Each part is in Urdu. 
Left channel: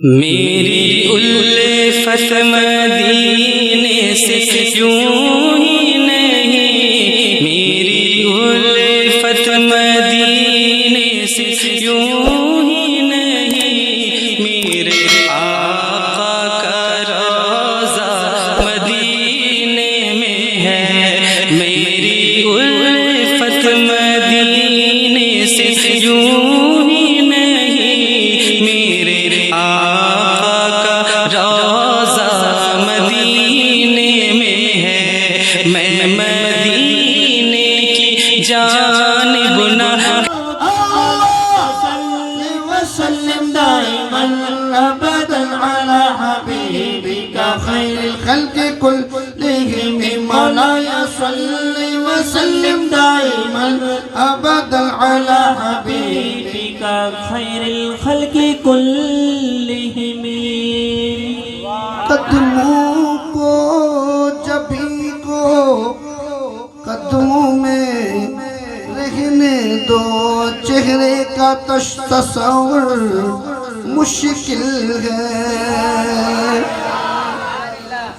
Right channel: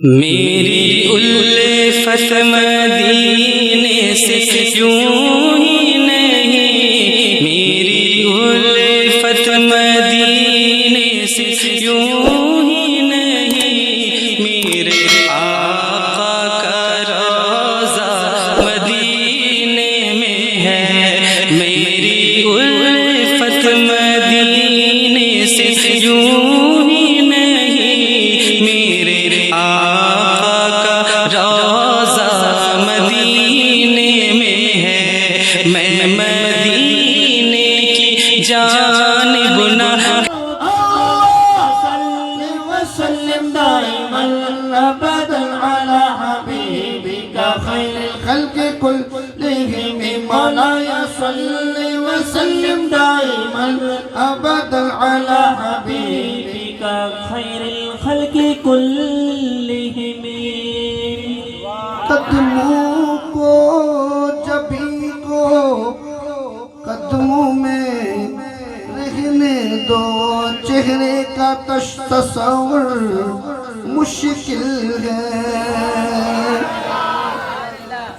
میری الفت مدینے سے یوں ہی نہیں، میری الفت مدینے سے یوں ہی نہیں، میرے آقا کا روضہ مدینے میں ہے، میری الفت مدینے سے یوں ہی نہیں، میرے آقا کا روضہ مدینے میں ہے، میں مدینے کی جانب نہ وسلم دائما ابدا على حبيبك خير الخلق كلهم مولاي صل وسلم دائما ابدا على حبيبك خير الخلق كلهم قدموں کو جبھی کو قدموں میں رہنے دو، چہرے کا تصور مشکل ہے،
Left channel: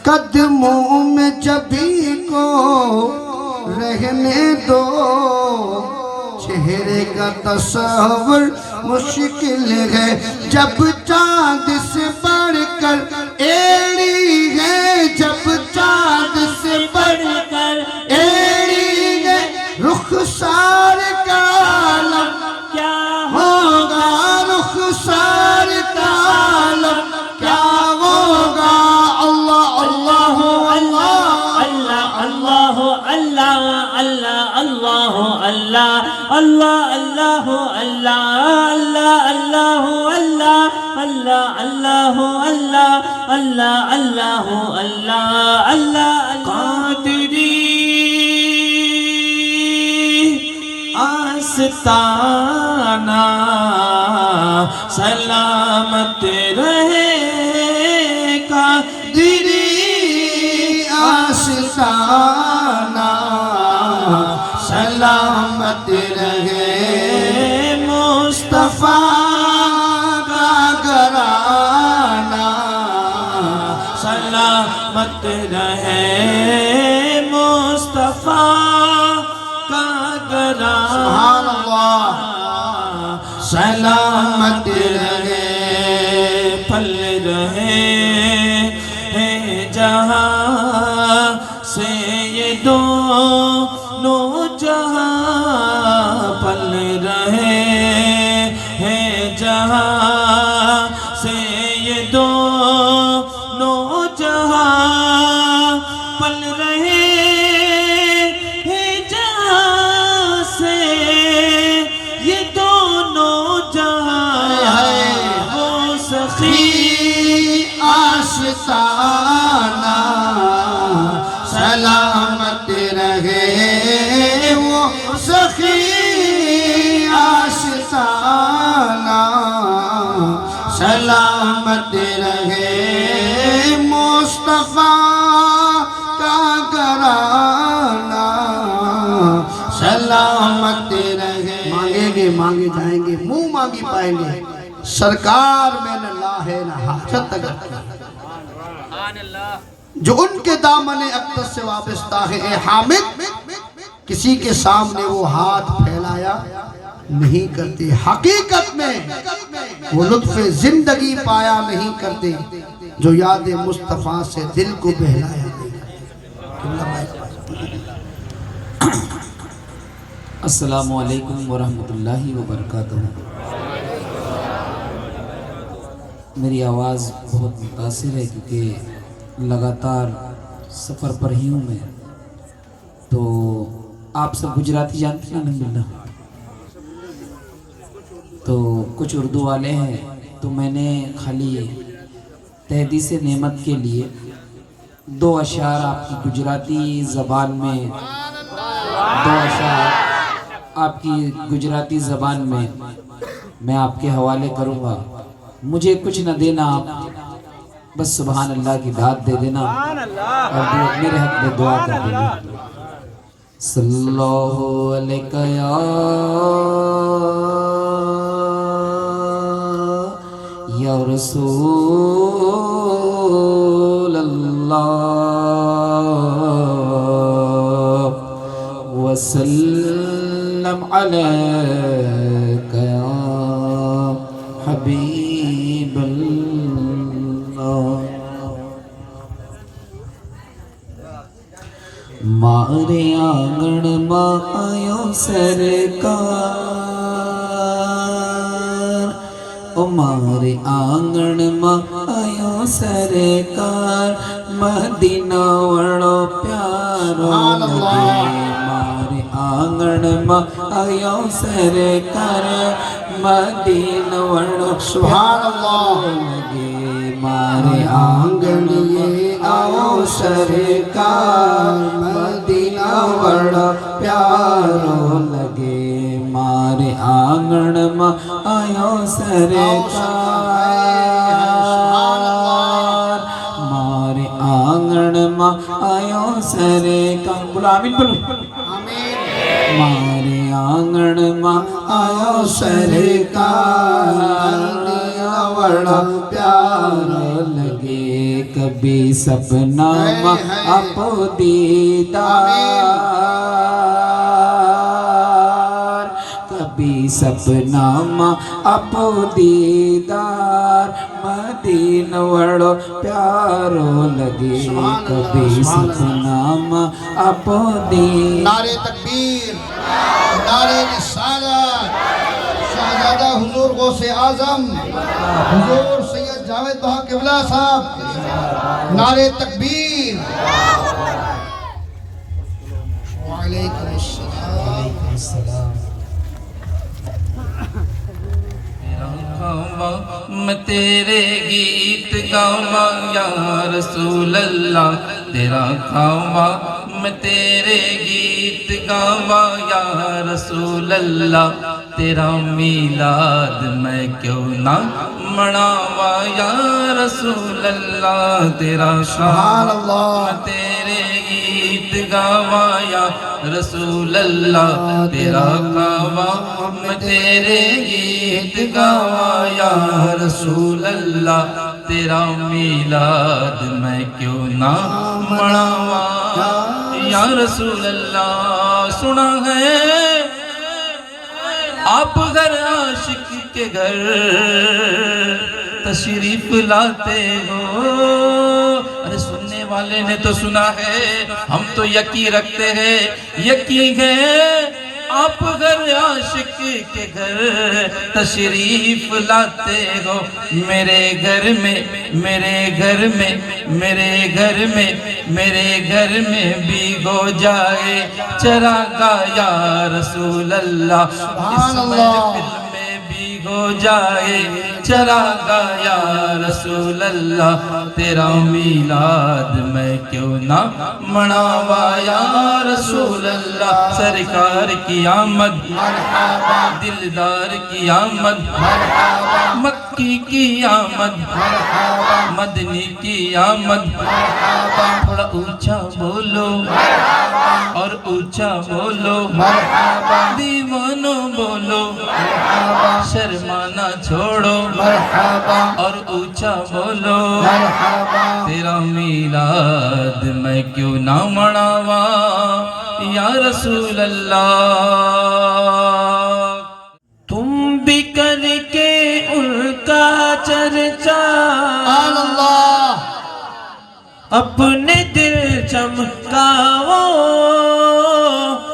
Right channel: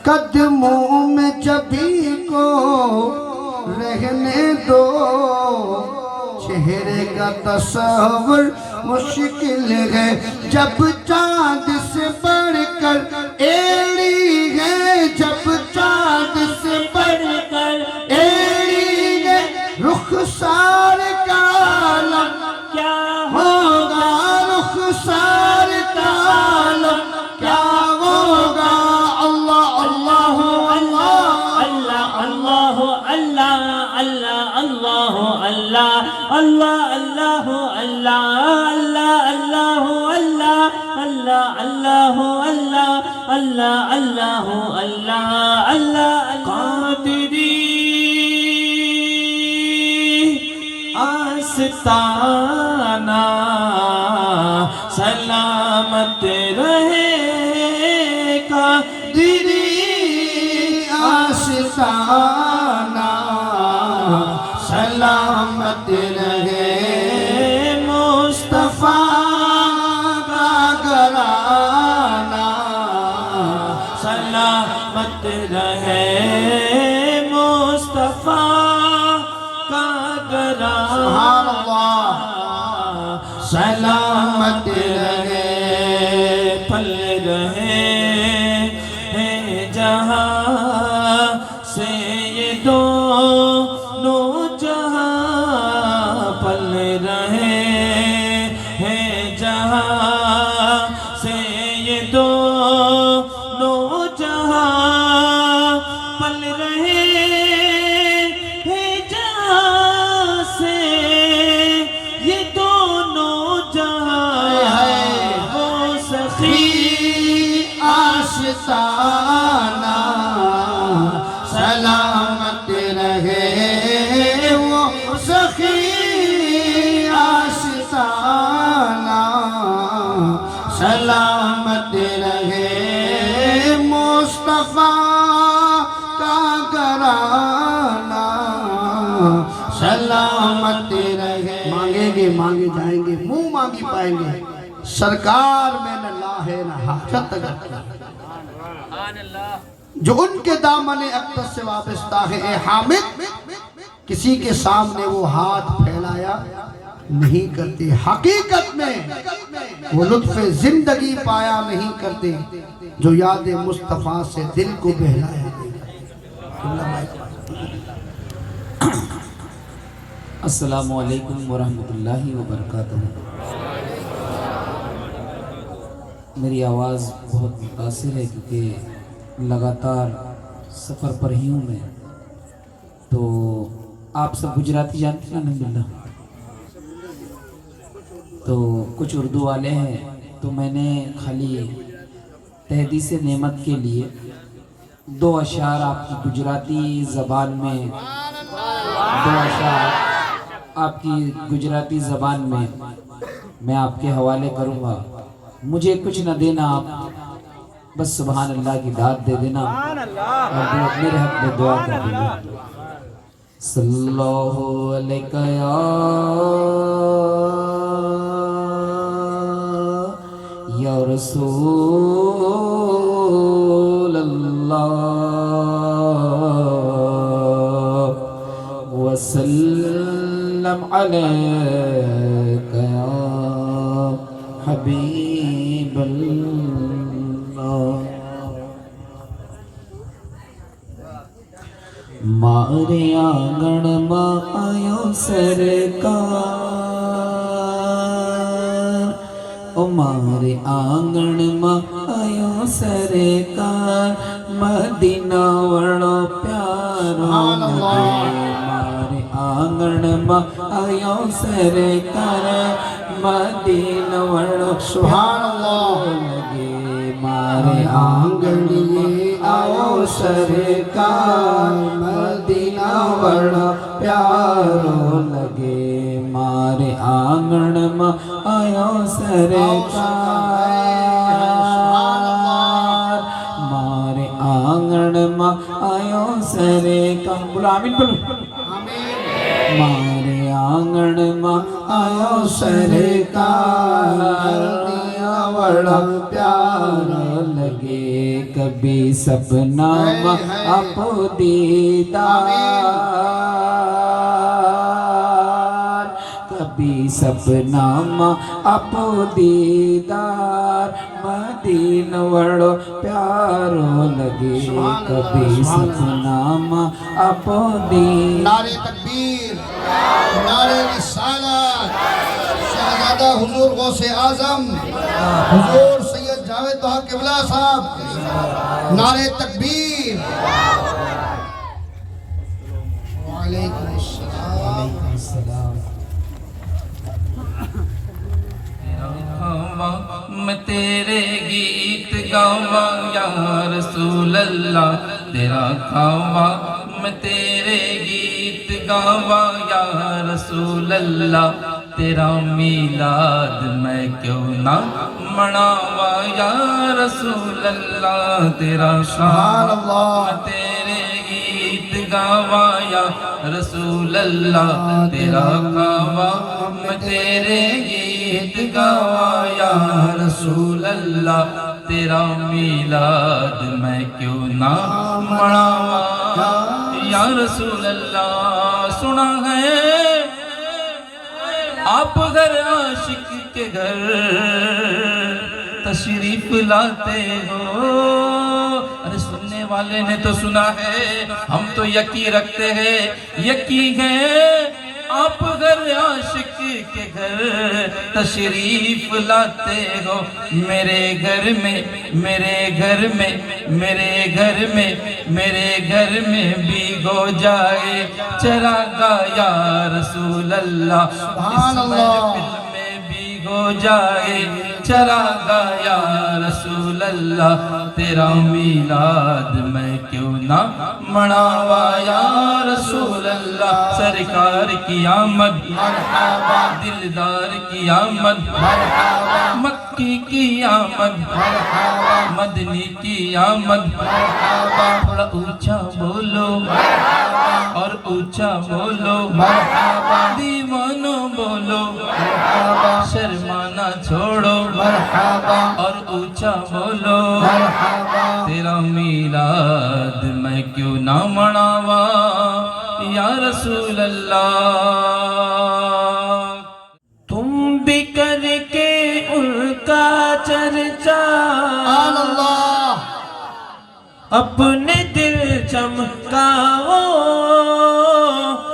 قدموں میں جبھی کو رہنے دو، چہرے کا تصور مشکل ہے، جب چاند سے بڑھ کر ایڑی ہے، جب چاند سے بڑھ کر ایڑی ہے، رخسار کا عالم کیا ہوگا، رخسار کا عالم کیا ہوگا، اللہ اللہ اللہ اللہ اللہ اللہ اللہ اللہ اللہ اللہ اللہ اللہ اللہ اللہ اللہ اللہ اللہ اللہ قادری آستانہ سلامت رہے، قادری آستانہ سلامت رہے، مصطفیٰ کا گھرانہ سلامت رہے، مصطفیٰ کا گھرانہ سلامت رہے، پھل رہے جہاں سے یہ دونوں جہاں، پھل رہے جہاں سے یہ دونوں جہاں، پل رہے جہاں سے یہ دونوں جہاں، وہ سخی آشتانہ سلامت رہے، وہ سخی آشتانہ سلامت رہے، مصطفیٰ کا گھرانہ سلامت رہے، مانگیں گے مانگے جائیں گے، منہ مانگی پائیں گے، سرکار میں نہ لا ہے نہ حاجت اگر، جو ان کے دامن اقدس سے وابستہ ہے، اے حامد کسی کے سامنے وہ ہاتھ پھیلایا نہیں کرتے، حقیقت میں وہ لطف زندگی پایا نہیں کرتے، جو یاد مصطفیٰ سے دل کو بہلایا نہیں کرتے۔ السلام علیکم ورحمۃ اللہ وبرکاتہ۔ میری آواز بہت متاثر ہے کیونکہ لگاتار سفر پر ہی ہوں میں، تو آپ سب گجراتی جانتے ہیں الحمدللہ، تو کچھ اردو والے ہیں، تو میں نے خالی تحدیث نعمت کے لیے دو اشعار آپ کی گجراتی زبان میں، دو اشعار آپ کی گجراتی زبان میں آپ کے حوالے کروں گا، مجھے کچھ نہ دینا، آپ بس سبحان اللہ کی داد دے دینا اور میرے حق میں دعا کر دینا۔ صلی اللہ علیہ یا رسول اللہ وسلم علیک یا حبیب اللہ مارے آنگن میں آیو سرکار مارے آنگن میں آیو سرکار مدینہ وڑو پیارو لگے مارے آنگن میں آیو سرکار مدینہ وڑو پیارو لگے مارے آنگن یہ آؤ سرکار مدینہ بڑا پیارو لگے مارے آنگن میں آؤ سرکار مارے آنگن میں آؤ سرکار بولو آمین بولو مارے آنگن میں آؤ سرکار مدینہ بڑا پیارو لگے کبھی سپنا میں آپ دیدار کبھی سپنا میں آپ دیدار مدینہ وڑو پیارو لگے کبھی سپنا میں آپ دیدار نعرے تکبیر نعرے رسالت شہزادہ حضور غوث اعظم حضور سید جاوید بہا قبلہ صاحب نعرے تکبیر وعلیکم السلام میں تیرے گیت گاواں یا رسول اللہ تیرا کھاواں میں تیرے گیت گاواں یا رسول اللہ تیرا میلاد میں کیوں نہ مناواں یا رسول اللہ تیرا سبحان اللہ تیرے گیت گاواں یا رسول اللہ تیرا کھاواں میں تیرے گیت گاواں یا رسول اللہ تیرا میلاد میں کیوں نہ مناواں یا رسول اللہ سنا ہے آپ گھر عاشق کے گھر تشریف لاتے ہو ارے سننے والے نے تو سنا ہے ہم تو یقین رکھتے ہیں یقین ہے آپ گھر عاشق کے گھر تشریف لاتے ہو میرے گھر میں میرے گھر میں میرے گھر میں میرے گھر میں بھیگو جائے چراغا یا رسول اللہ اس محفل میں بھیگو جائے چراغا یا رسول اللہ تیرا میلاد میں کیوں نہ مناواں یا رسول اللہ سرکار کی آمد دلدار کی آمد مکی کی آمد مدنی کی آمد تھوڑا اونچا بولو اور اونچا بولو دیوانوں بولو شرمانا چھوڑو اور اونچا بولو تیرا میلاد میں کیوں نہ مناواں یا رسول اللہ تم بھی کر کے ان کا چرچا اپنے دل چمکاؤ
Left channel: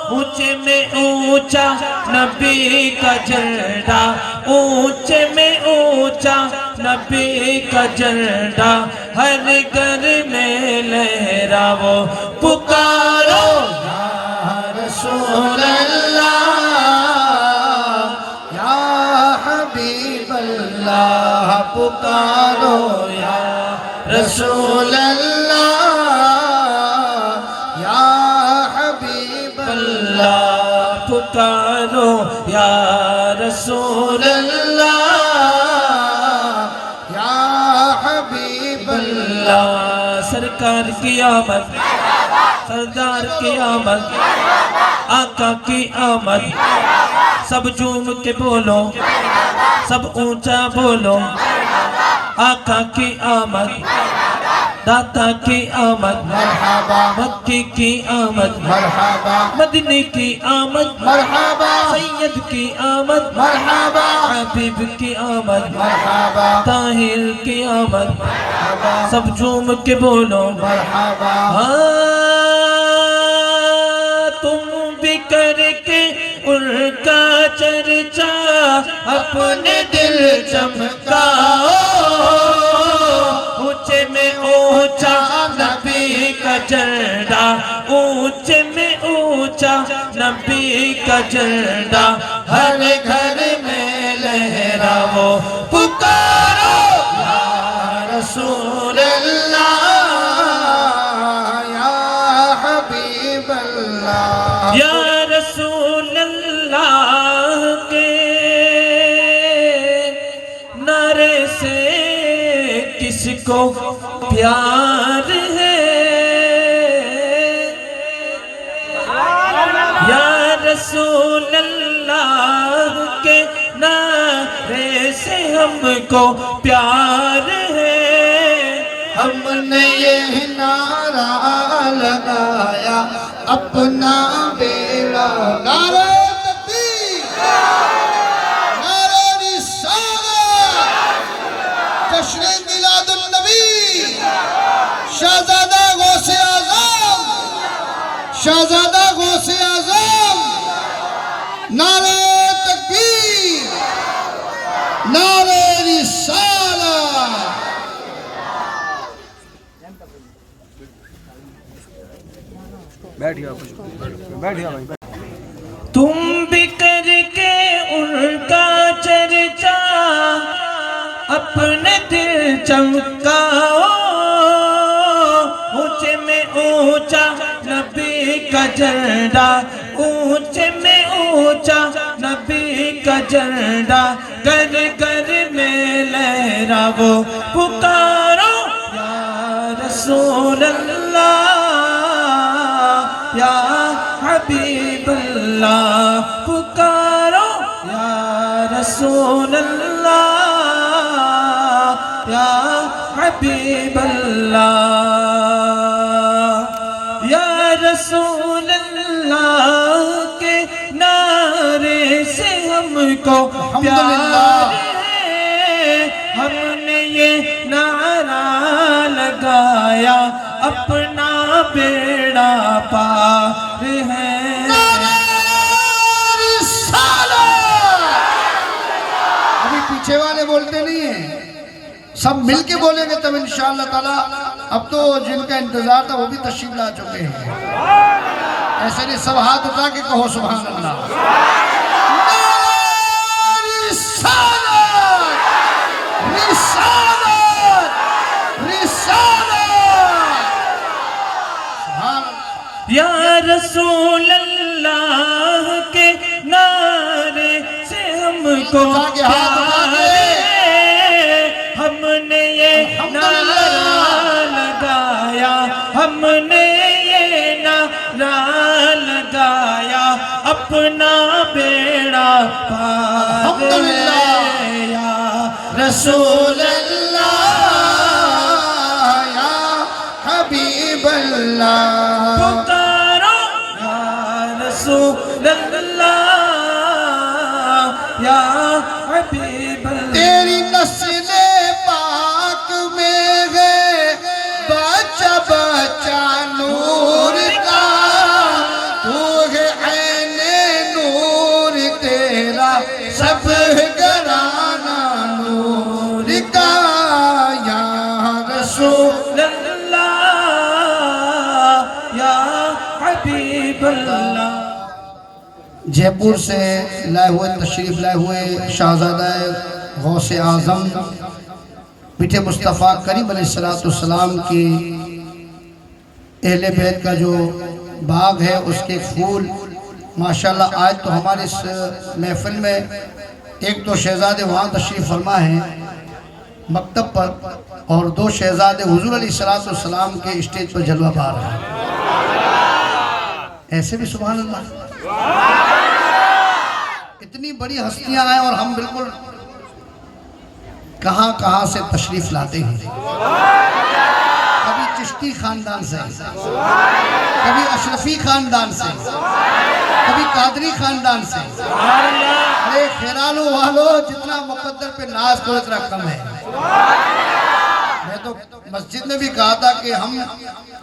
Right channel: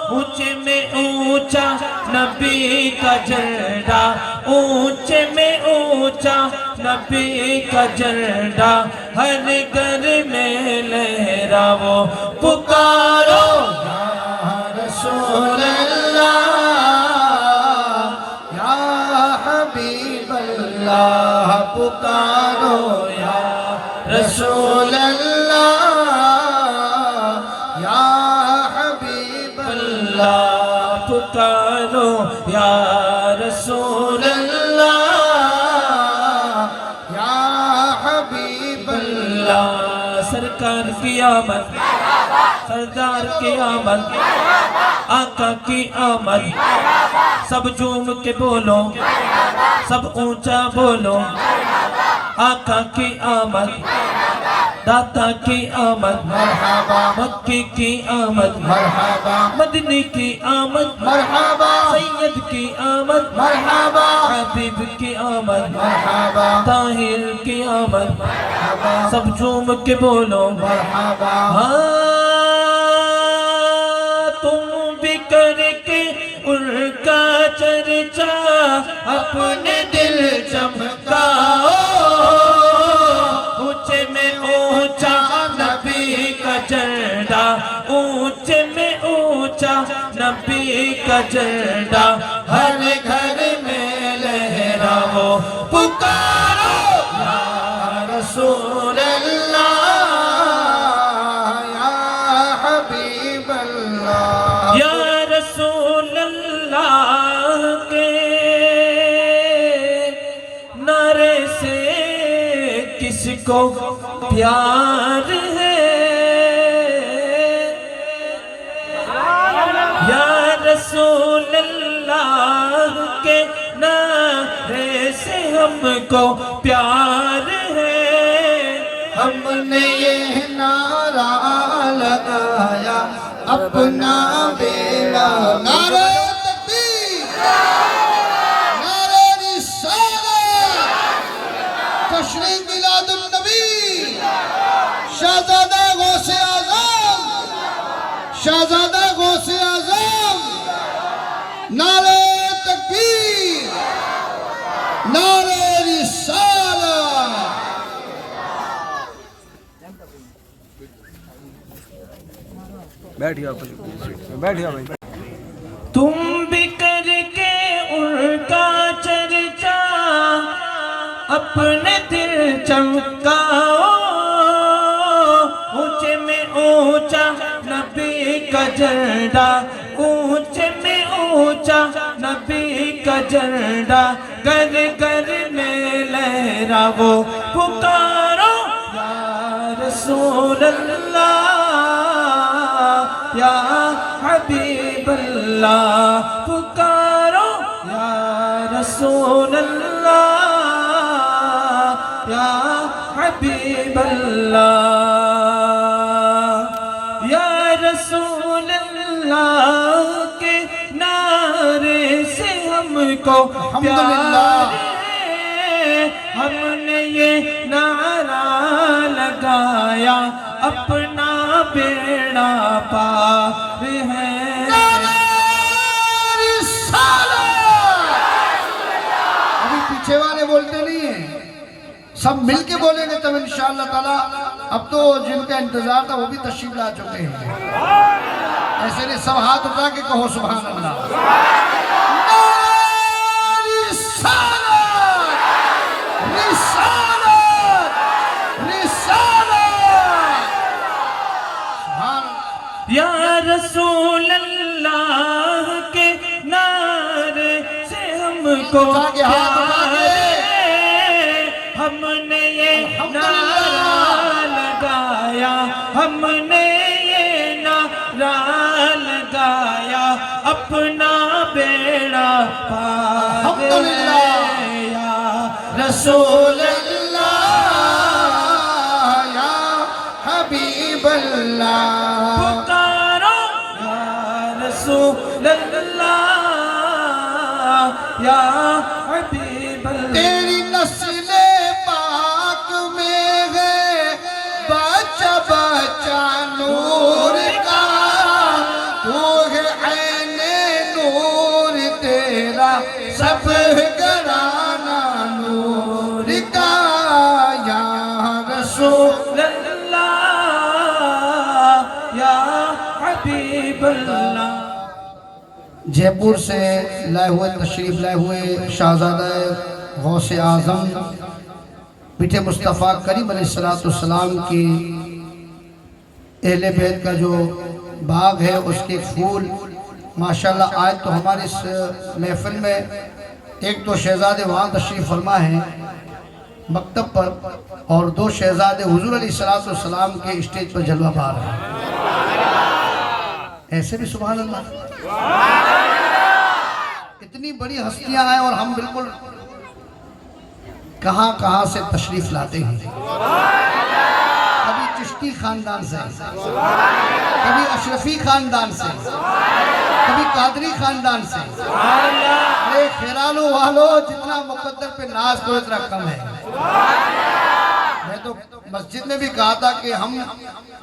اونچے میں اونچا نبی کا جھنڈا اونچے میں اونچا نبی کا جھنڈا ہر گھر میں لہراؤ پکارو یا رسول اللہ یا حبیب اللہ پکارو یا رسول اللہ یا حبیب اللہ پکارو یا رسول اللہ یا حبیب اللہ سرکار کی آمد سردار کی آمد آقا کی آمد سب جھوم کے بولو سب اونچا بولو آقا کی آمد داتا کی آمد مرحبا مکے کی آمد مرحبا مدینے کی آمد مرحبا سید کی آمد مرحبا حبیب کی آمد مرحبا طاہر کی آمد مرحبا سب جھوم کے بولو مرحبا ہاں تم بھی کر کے ان کا چرچا اپنے دل چمکاؤ اونچے میں اونچا نبی کا جھنڈا اونچے میں اونچا نبی کا جھنڈا ہر گھر میں لہراؤ پکارو یا رسول اللہ یا حبیب اللہ یا رسول اللہ کے نعرے سے کس کو پیار ہے یا رسول اللہ کے نعرے سے ہم کو پیار ہے ہم نے یہ نعرہ لگایا اپنا بیڑا نعرہ تکبیر نعرہ رسالت جشن میلاد النبی شہزادہ غوث اعظم شہزادہ غوث اعظم نعرہ تکبیر نعرہ رسالت تم بھی کر کے ان کا چرچا اپنے دل چمکاؤ اونچے میں اونچا نبی کا جھنڈا اونچے میں اونچا نبی کا جھنڈا گھر گھر میں لہراؤ پکارو یا رسول اللہ یا حبیب اللہ پکارو یا رسول اللہ یا حبیب اللہ یا رسول اللہ کے نعرے سے ہم کو پیار ہے ہم نے یہ نعرہ لگایا اپنا بیڑا پار ہے ابھی پیچھے والے بولتے نہیں ہیں سب مل کے بولیں گے تب انشاءاللہ تعالی اب تو جن کا انتظار تھا وہ بھی تشریف لا چکے ہیں ایسے نہیں سب ہاتھ اٹھا کے کہو سبحان اللہ رسالت رسالت رسالت سبحان اللہ یا رسول اللہ کے نعرے سے ہم کو پیار ہے ہم نے یہ نعرہ لگایا ہم نے یہ نعرہ لگایا اپنا بیڑا پار ہے یا رسول اللہ یا حبیب اللہ پکارو یا رسول اللہ یا حبیب اللہ تیری نسل پاک میں ہے بچہ بچہ نور کا تو ہے عین نور تیرا سب گرانا نور کا یا رسول اللہ یا حبیب اللہ جے پور سے لائے ہوئے تشریف لائے ہوئے شہزادہ غوث اعظم میٹھے مصطفیٰ کریم علیہ السلام کی اہل بیت کا جو باغ ہے اس کے پھول ماشاءاللہ آج تو ہمارے اس محفل میں ایک دو شہزادے وہاں تشریف فرما ہیں مکتب پر اور دو شہزادے حضور علیہ السلام کے اسٹیج پر جلوہ پا رہے ہیں ایسے بھی سبحان اللہ اتنی بڑی ہستیاں آئیں اور ہم بالکل کہاں کہاں سے تشریف لاتے ہیں. کبھی چشتی خاندان سے، کبھی اشرفی خاندان سے، کبھی قادری خاندان سے. ارے خیرالو والو، جتنا مقدر پہ ناز کو اتنا کم ہے. میں تو مسجد میں بھی کہا تھا کہ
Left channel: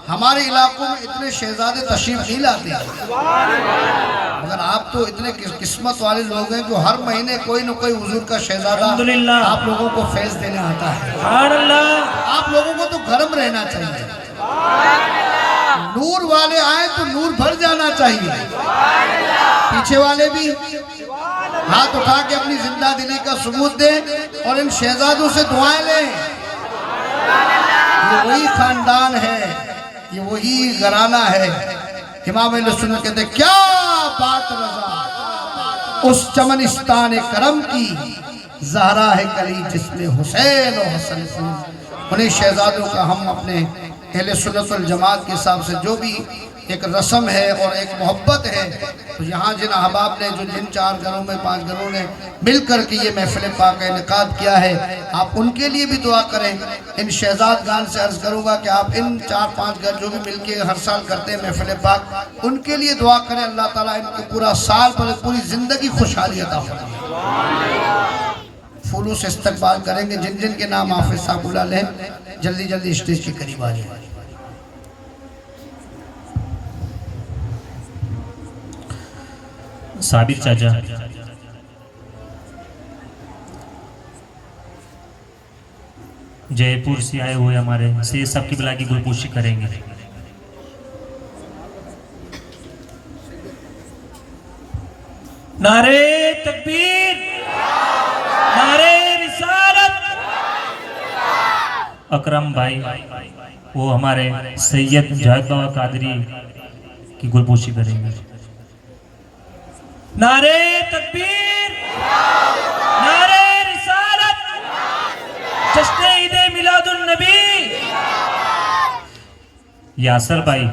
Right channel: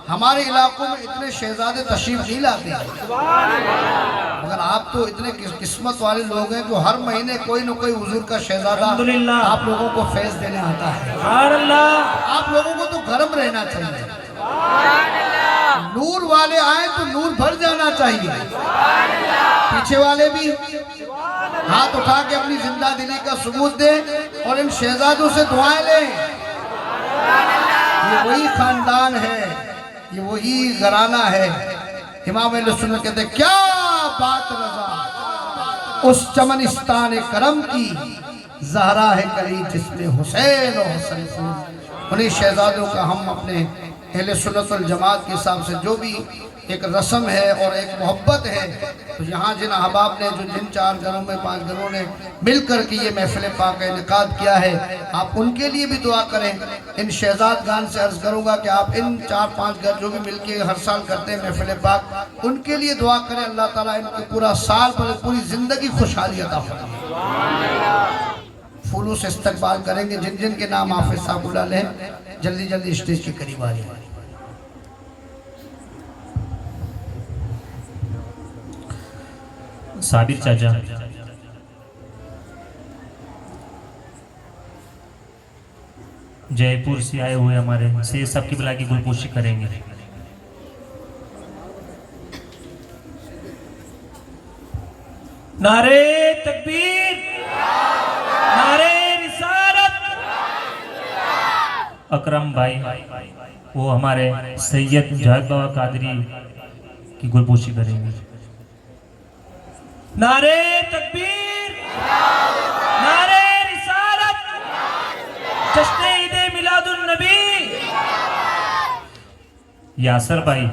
ہمارے علاقوں میں اتنے شہزادے تشریف نہیں لاتے ہیں، مگر آپ تو اتنے قسمت والے لوگ ہیں جو ہر مہینے کوئی نہ کوئی حضور کا شہزادہ آپ لوگوں کو فیض دینے ہوتا ہے. آپ لوگوں کو تو گرم رہنا چاہیے. نور والے آئیں تو نور بھر جانا چاہیے. پیچھے والے بھی ہاتھ اٹھا کے اپنی زندہ دلی کا ثبوت دیں اور ان شہزادوں سے دعائیں لیں. یہ وہی خاندان ہے، یہ وہی گھرانہ ہے. امام اہل سنت کہتے ہیں کیا بات رضا اس چمنستان کرم کی، زہرا ہے کلی جس میں حسین و حسن. انہیں شہزادوں کا ہم اپنے اہل سنت والجماعت کے حساب سے جو بھی ایک رسم ہے اور ایک محبت ہے، تو یہاں جن احباب نے جن 4 گھروں میں 5 گھروں نے مل کر کے یہ محفل پاک کا انعقاد کیا ہے، آپ ان کے لیے بھی دعا کریں. ان شہزاد گان سے عرض کروں گا کہ آپ ان 4-5 گھر جو بھی مل کے ہر سال کرتے ہیں محفل پاک، ان کے لیے دعا کریں. اللہ تعالیٰ ان کے پورا سال پر پوری زندگی خوشحالی عطا فرمائے. پھولوں سے استقبال کریں گے جن جن کے نام حافظ صاحب بلا لیں. جلدی جلدی اسٹیج کے قریب آ جائیں. ثابت چاچا، جے پور سے آئے ہوئے ہمارے سید صاحب کی بلا کی گلپوشی کریں گے. نعرے تکبیر، نعرے رسالت. اکرم بھائی وہ ہمارے سید جاوید بابا قادری کی گلپوشی کریں گے. نعرے تکبیر، نعرے رسالت، جشن عید میلاد النبی. یاسر بھائی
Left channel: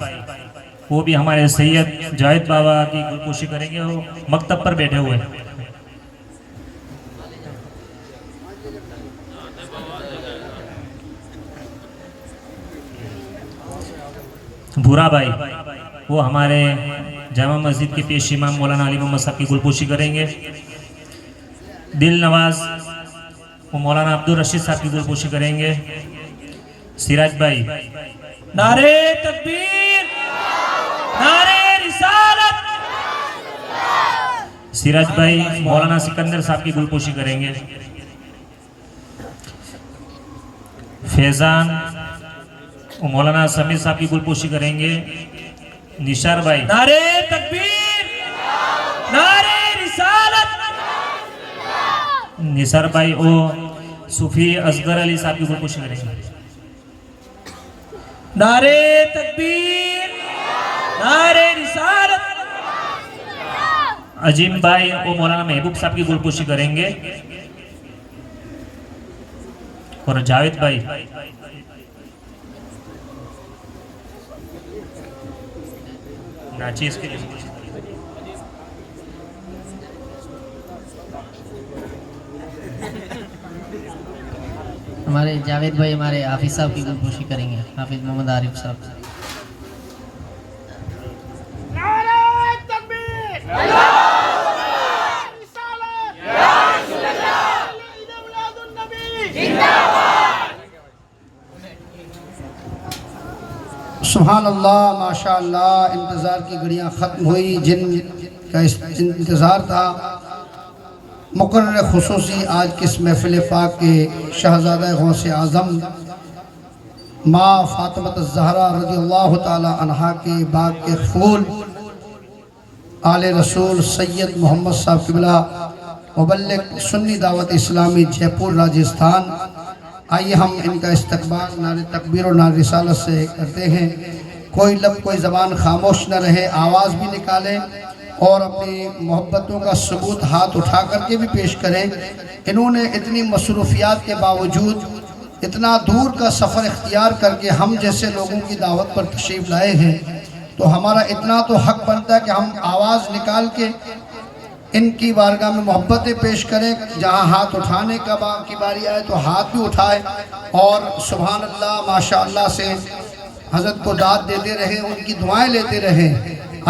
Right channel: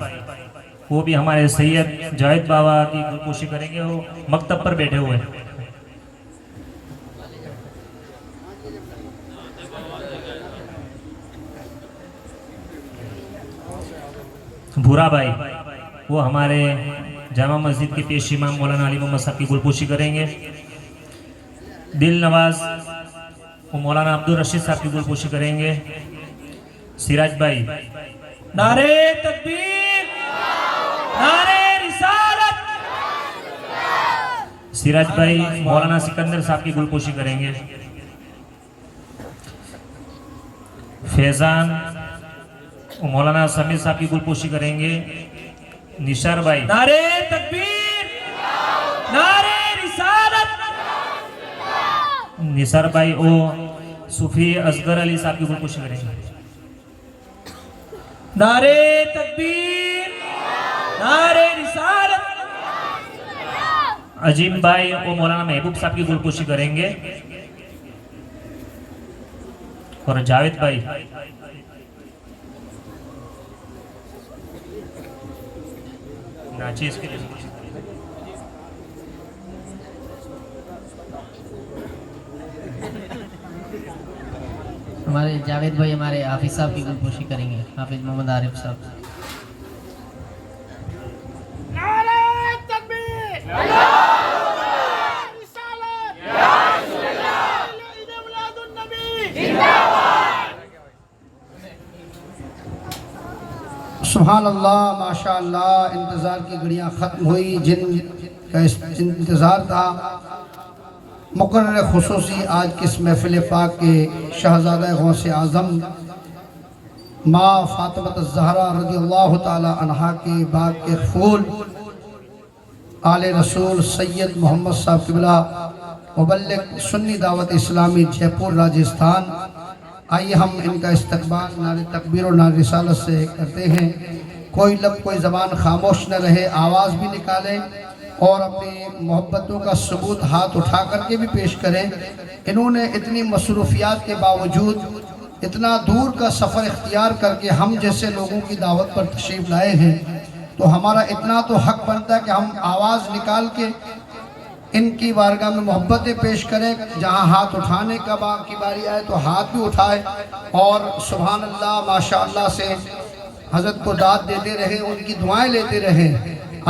وہ بھی ہمارے سید جاوید بابا کی گلپوشی کریں گے، وہ مکتب پر بیٹھے ہوئے. بھورا بھائی وہ ہمارے جامع مسجد کے پیش امام مولانا علی محمد صاحب کی گلپوشی کریں گے. دل نواز وہ مولانا عبدالرشید صاحب کی گلپوشی کریں گے. سراج بھائی نعرے تکبیر، نعرے رسالت. سراج بھائی مولانا سکندر صاحب کی گلپوشی کریں گے. فیضان وہ مولانا سمیر صاحب کی گلپوشی کریں گے. نشار بھائی نعرے تکبیر، نعرے رسالت. نثار بھائی وہ صوفی اصغر علی صاحب کی گلپوشی کریں گے. نعرے تکبیر، نعرے رسالت. عظیم بھائی وہ مولانا محبوب صاحب کی گلپوشی کریں گے. اور جاوید بھائی چیز کے لیے ہمارے جاوید بھائی ہمارے حافظ صاحب کی گلپوشی کریں گے. حافظ محمد عارف صاحب. سبحان اللہ، ماشاء اللہ. انتظار کی گھڑیاں ختم ہوئی. جن کا انتظار تھا مقرر خصوصی آج کے اس محفل پاک کے شہزادہ غوث اعظم ماں فاطمہ الزہرا رضی اللہ تعالی عنہا کے باغ کے پھول آل رسول سید محمد صاحب قبلہ مبلغ سنی دعوت اسلامی جے پور راجستھان. آئیے ہم ان کا استقبال نعرے تکبیر اور نعرے رسالت سے کرتے ہیں. کوئی لب کوئی زبان خاموش نہ رہے، آواز بھی نکالیں اور اپنی محبتوں کا ثبوت ہاتھ اٹھا کر کے بھی پیش کریں. انہوں نے اتنی مصروفیات کے باوجود اتنا دور کا سفر اختیار کر کے ہم جیسے لوگوں کی دعوت پر تشریف لائے ہیں، تو ہمارا اتنا تو حق بنتا ہے کہ ہم آواز نکال کے ان کی بارگاہ میں محبتیں پیش کریں. جہاں ہاتھ اٹھانے کی باری آئے تو ہاتھ بھی اٹھائے اور سبحان اللہ ماشاءاللہ سے حضرت کو داد دیتے رہیں, ان کی دعائیں لیتے رہیں.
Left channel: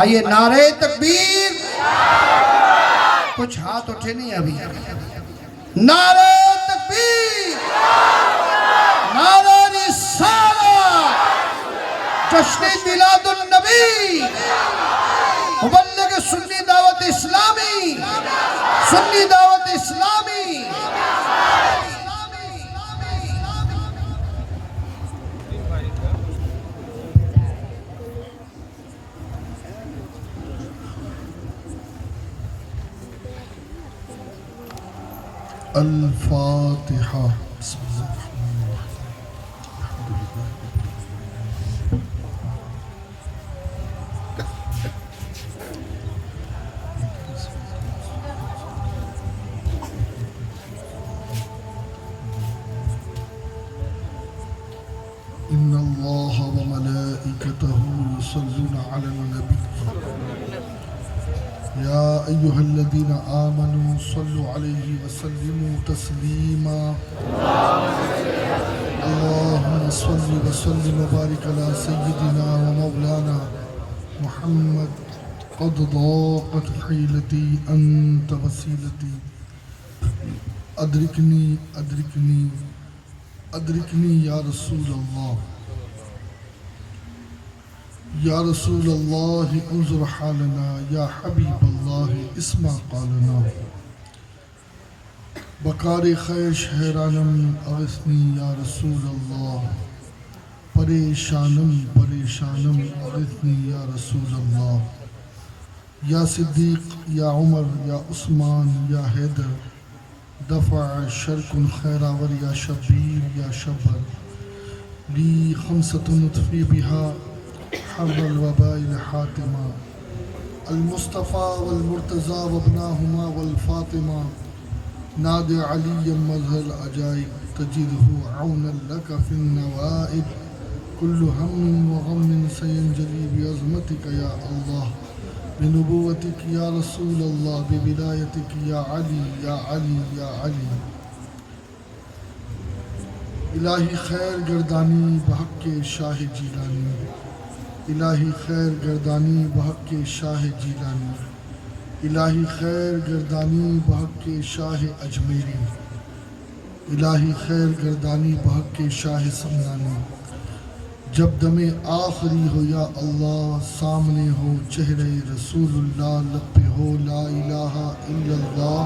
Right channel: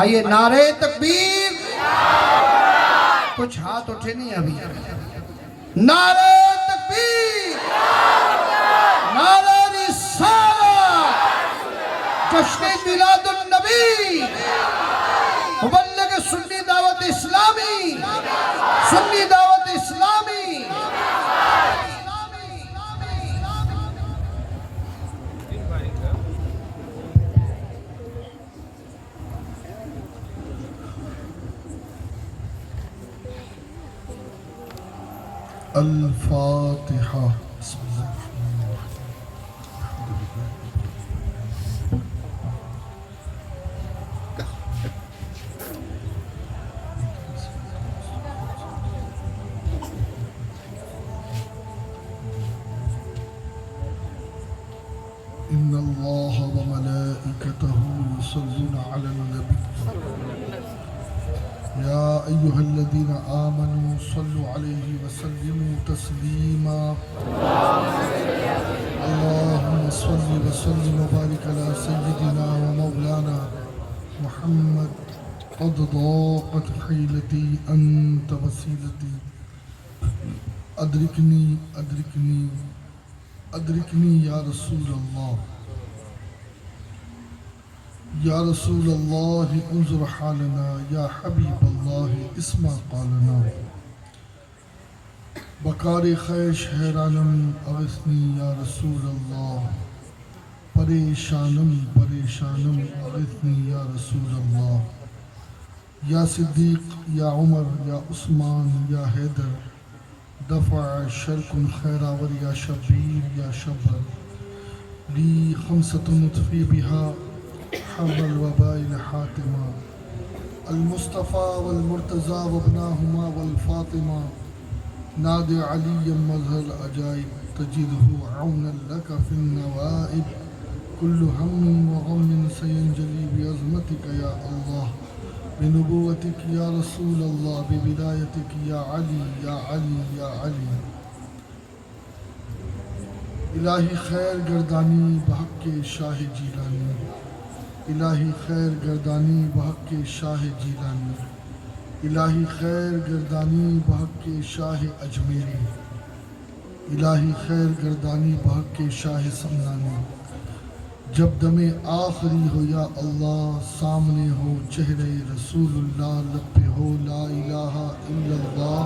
آئیے نعرہ تکبیر. کچھ ہاتھ اٹھے نہیں ابھی. نعرہ تکبیر, نعرہ رسالت, جشن میلاد النبی, مبلغ سنی دعوت اسلامی, سنی دعوت اسلامی. الفاتحہ. إن الله وملائكته يصلون على النبي يا أيها الذين آمنوا صلوا عليه وسلموا تسليما اللهم صل وسلم وبارك على سيدنا ومولانا محمد قد ضاقت حيلتي أنت وسيلتي أدركني أدركني أدركني يا رسول الله يا رسول الله انظر حالنا يا حبيب الله اسمع قالنا بکار خیش حیرانم اغثنی یا رسول اللہ پریشانم پریشانم اغثنی یا رسول اللہ یا صدیق یا عمر یا عثمان یا حیدر دفع شرک خیراور یا شبیر یا شبر لی خمسة نطفی بها حرب الوباء حاتمہ المصطفى والمرتضى وابناهما والفاطمہ نادى عليا مظهر العجائب تجده عونا لك في النوائب كل هم وغم سينجلي بعظمتك يا الله بنبوتك يا رسول الله ببدايتك يا علي يا علي يا علي الہی خیر گردانی بحق شاہ جیلانی الہی خیر گردانی بحق شاہ جیلانی الہی خیر گردانی بحق شاہ اجمیری الہی خیر گردانی بحق شاہ سمنانی جب دم آخری ہو یا اللہ سامنے ہو چہرے رسول اللہ لب پہ ہو لا الہ الا اللہ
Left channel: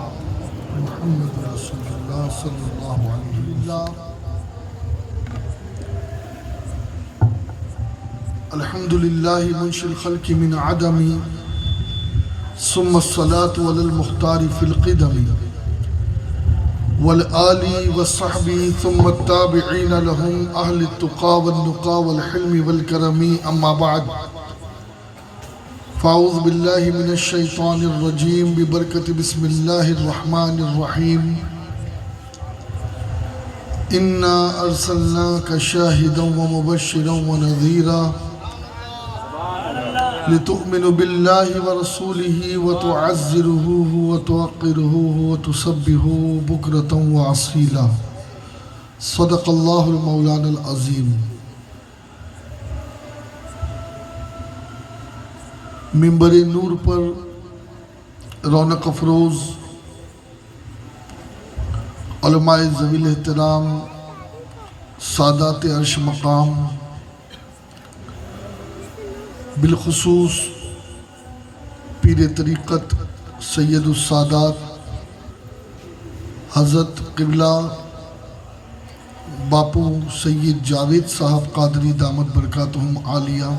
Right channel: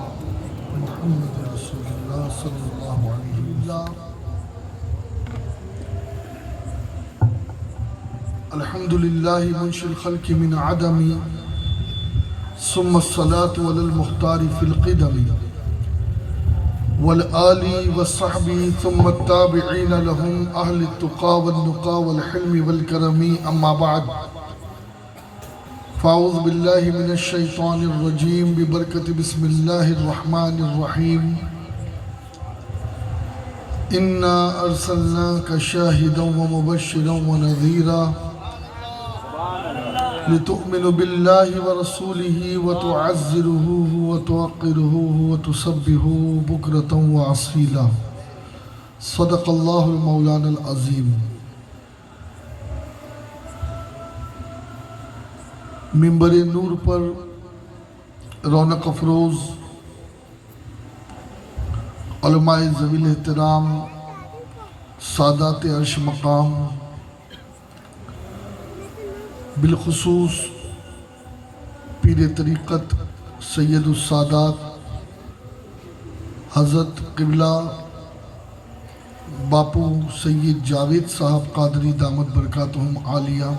محمد رسول اللہ صلی اللہ علیہ وسلم. الحمد للہ منشی الخلق من عدم ثم الصلاة على المختار في القدم والآل والصحب ثم التابعين لهم أهل التقى والنقى والحلم والكرم أما بعد فأعوذ بالله من الشيطان الرجيم ببركة بسم الله الرحمن الرحيم إنا أرسلناك شاهدا ومبشرا ونذيرا لتؤمنوا بالله ورسوله وتعزروه وتوقروه وتسبحوه بكرة وأصيلا صدق الله المولانا العظيم. منبر نور پر رونق افروز علماء ذوی الاحترام سادات عرش مقام بالخصوص پیر طریقت سید السادات حضرت قبلہ باپو سید جاوید صاحب قادری دامت برکاتہم عالیہ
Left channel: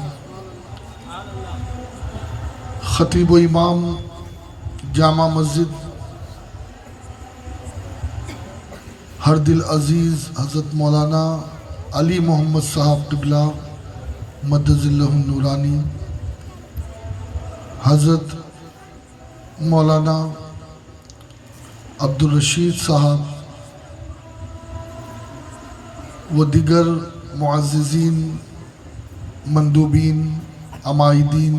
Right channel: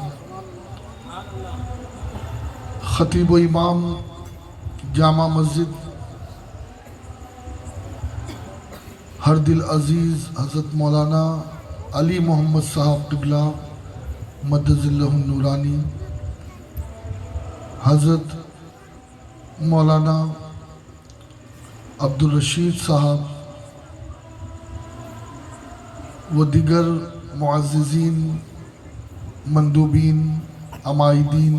خطیب و امام جامع مسجد ہر دل عزیز حضرت مولانا علی محمد صاحب قبلہ مدد اللہ نورانی حضرت مولانا عبدالرشید صاحب و دیگر معززین مندوبین عمائدین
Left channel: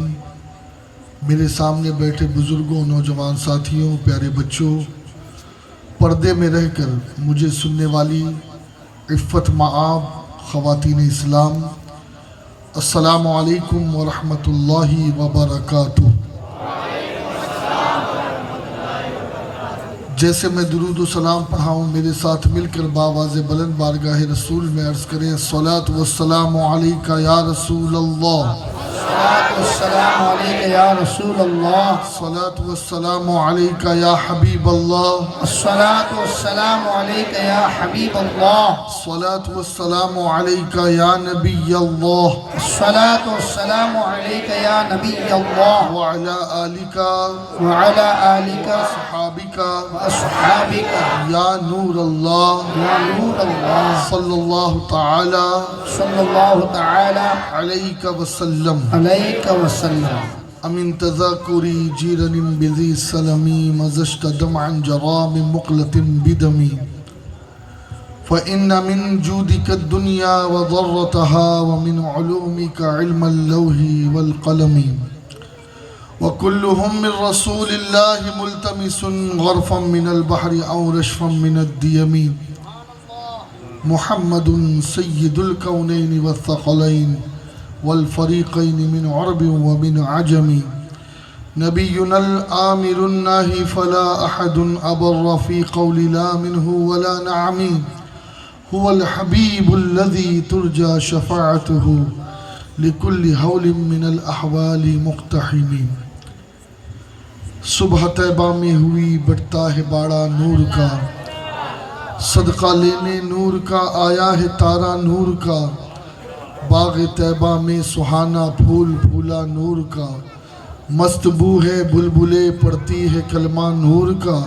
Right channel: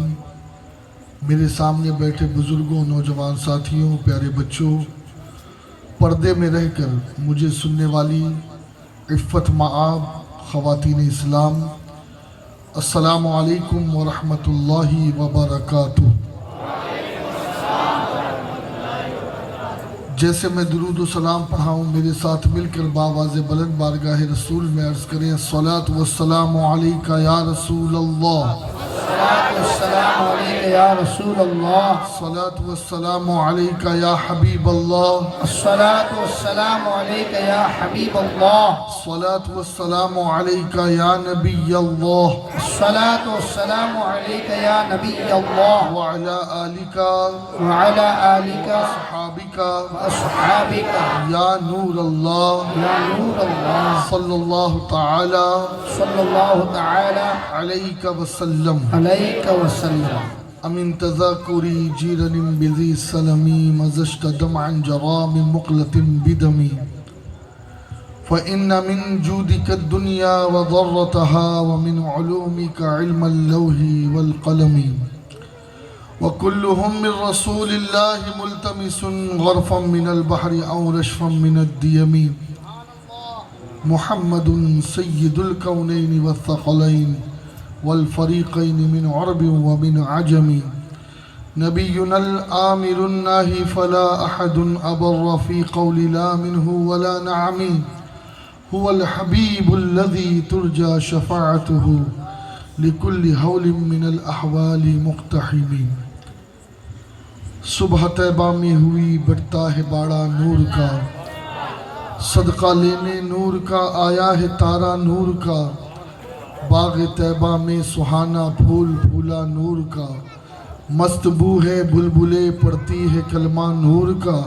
میرے سامنے بیٹھے بزرگوں، نوجوان ساتھیوں، پیارے بچوں، پردے میں رہ کر مجھے سننے والی عفت مآب خواتین اسلام، السلام علیکم ورحمۃ اللہ وبرکاتہ۔ جیسے میں درود و سلام پڑھاؤں، میرے ساتھ مل کر بآواز بلند بارگاہ رسول میں عرض کریں، الصلاۃ والسلام علیکہ یا رسول اللہ، السلام علیکہ یا رسول اللہ، الصلاۃ والسلام علیکہ یا حبیب اللہ، الصلاۃ والسلام علیکہ یا حبیب اللہ، الصلاۃ والسلام علیکہ یا نبی اللہ، الصلاۃ والسلام علیکہ یا نبی اللہ، وعلی آلک وعلی آلک صحابک واصحابک یا نور اللہ، یا نور اللہ، صلی اللہ تعالی صلی اللہ تعالی علیہ وسلم۔ علیہ وسلم۔ امن تذاکری جیرن بذی سلمی مزشت دمعا جرا من مقلة بدمی فإن من جودك الدنيا وضرتها ومن علومك علم اللوح والقلم وكلهم من رسول الله ملتمس غرفا من البحر أو رشفا من الديم محمد سيد الكونين والثقلين والفريقين من عرب ومن عجم نبينا الآمر الناهي فلا أحد أبر في قول لا منه ولا نعم هو الحبيب الذي ترجى شفاعته لكل هول من الأحوال مقتحم۔ صبح طیبہ میں ہوئی بڑھتا ہے باڑا نور کا، صدقہ لینے نور کا آیا ہے تارا نور کا، باغ طیبہ میں سہانا پھول پھولا نور کا، مست بو ہے بلبلے پڑتی ہے کلمہ نور کا،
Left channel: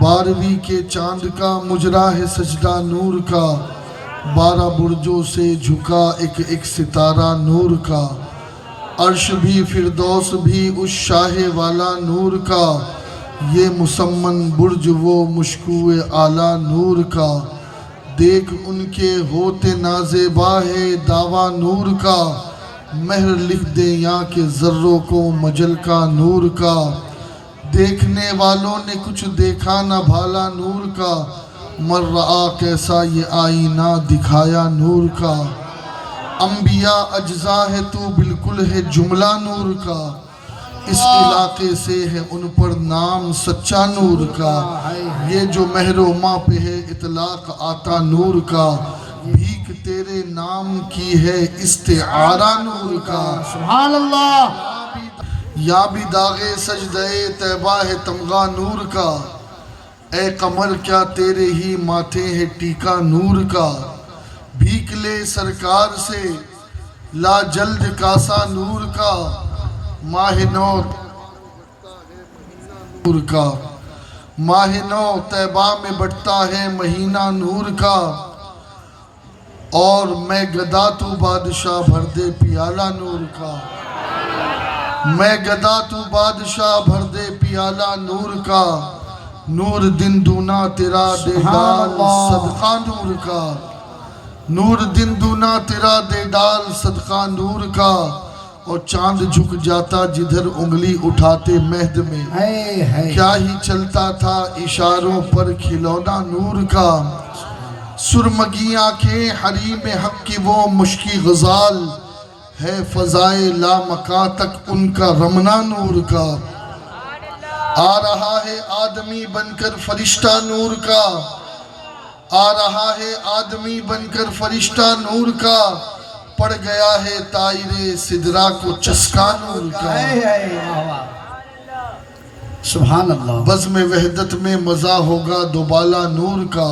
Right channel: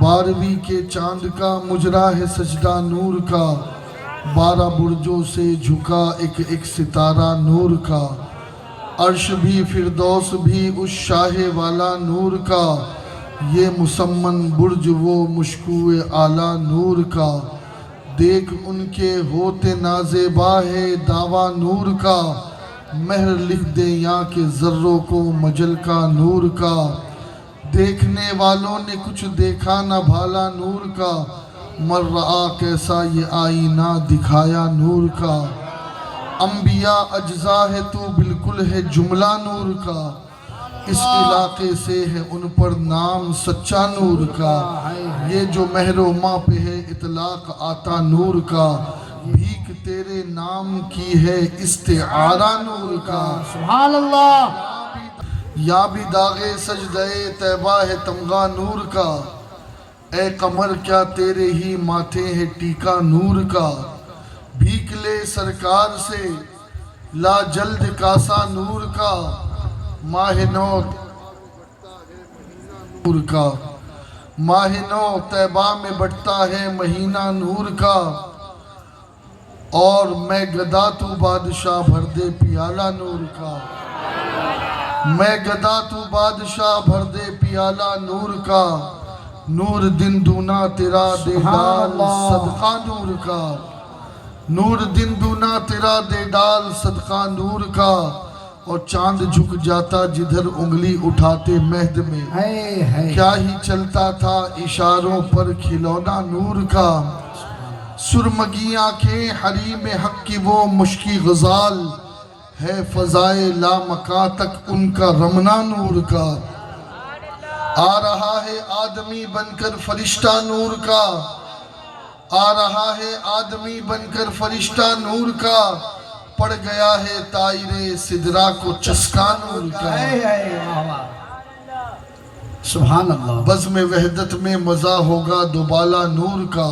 12ویں کے چاند کا مجرا ہے سجدہ نور کا، 12 برجوں سے جھکا ایک ایک ستارہ نور کا، عرش بھی فردوس بھی اس شاہ والا نور کا، یہ مسمن برج وہ مشکوہ اعلیٰ نور کا، دیکھ ان کے ہوتے نازیبا ہے دعویٰ نور کا، مہر لکھ دے یہاں کے ذروں کو مجل کا نور کا، دیکھنے والوں نے کچھ دیکھا نہ بھالا نور کا، مر رہا کیسا یہ آئینہ دکھایا نور کا، انبیاء اجزا ہے تو بالکل ہے جملہ نور کا، اس علاقے سے ہے ان پر نام سچا نور کا، یہ جو مہر و ماں پہ ہے اطلاق آتا نور کا، بھیک تیرے نام کی ہے استعارہ نور کا، سبحان اللہ۔ یا بھی داغے سجدہ طیبہ ہے تمغہ نور کا، اے قمر کیا تیرے ہی ماتھے ہے ٹیکا نور کا، بھیک لے سرکار سے لا جلد کاسا نور کا، ماہ نو نور کا، ماہ نو طیبہ میں بڑھتا ہے مہینہ نور کا، اور میں گدا تو بادشاہ بھر دے پیالہ نور کا، میں گدا تو بادشاہ بھر دے پیالہ نور کا، نور دن دونا تیرا دے ڈال صدقہ نور کا، نور دن دونا تیرا دے ڈال صدقہ نور کا، اور چاند جھک جاتا جدھر انگلی اٹھاتے مہد میں، کیا ہی چلتا تھا اشاروں پر کھلونا نور کا، سرمگی آنکھیں حریم حق کی وہ مشکی غزال ہے، فضائے لامکاں تک ان کا رمنا نور کا، آ رہا ہے آدمی بن کر فرشتہ نور کا، آ رہا ہے آدمی بن کر فرشتہ نور کا، پڑ گیا ہے طائر سدرا کو چسکا نور کا، سبحان اللہ۔ بزم وحدت میں مزہ ہوگا دوبالا نور کا،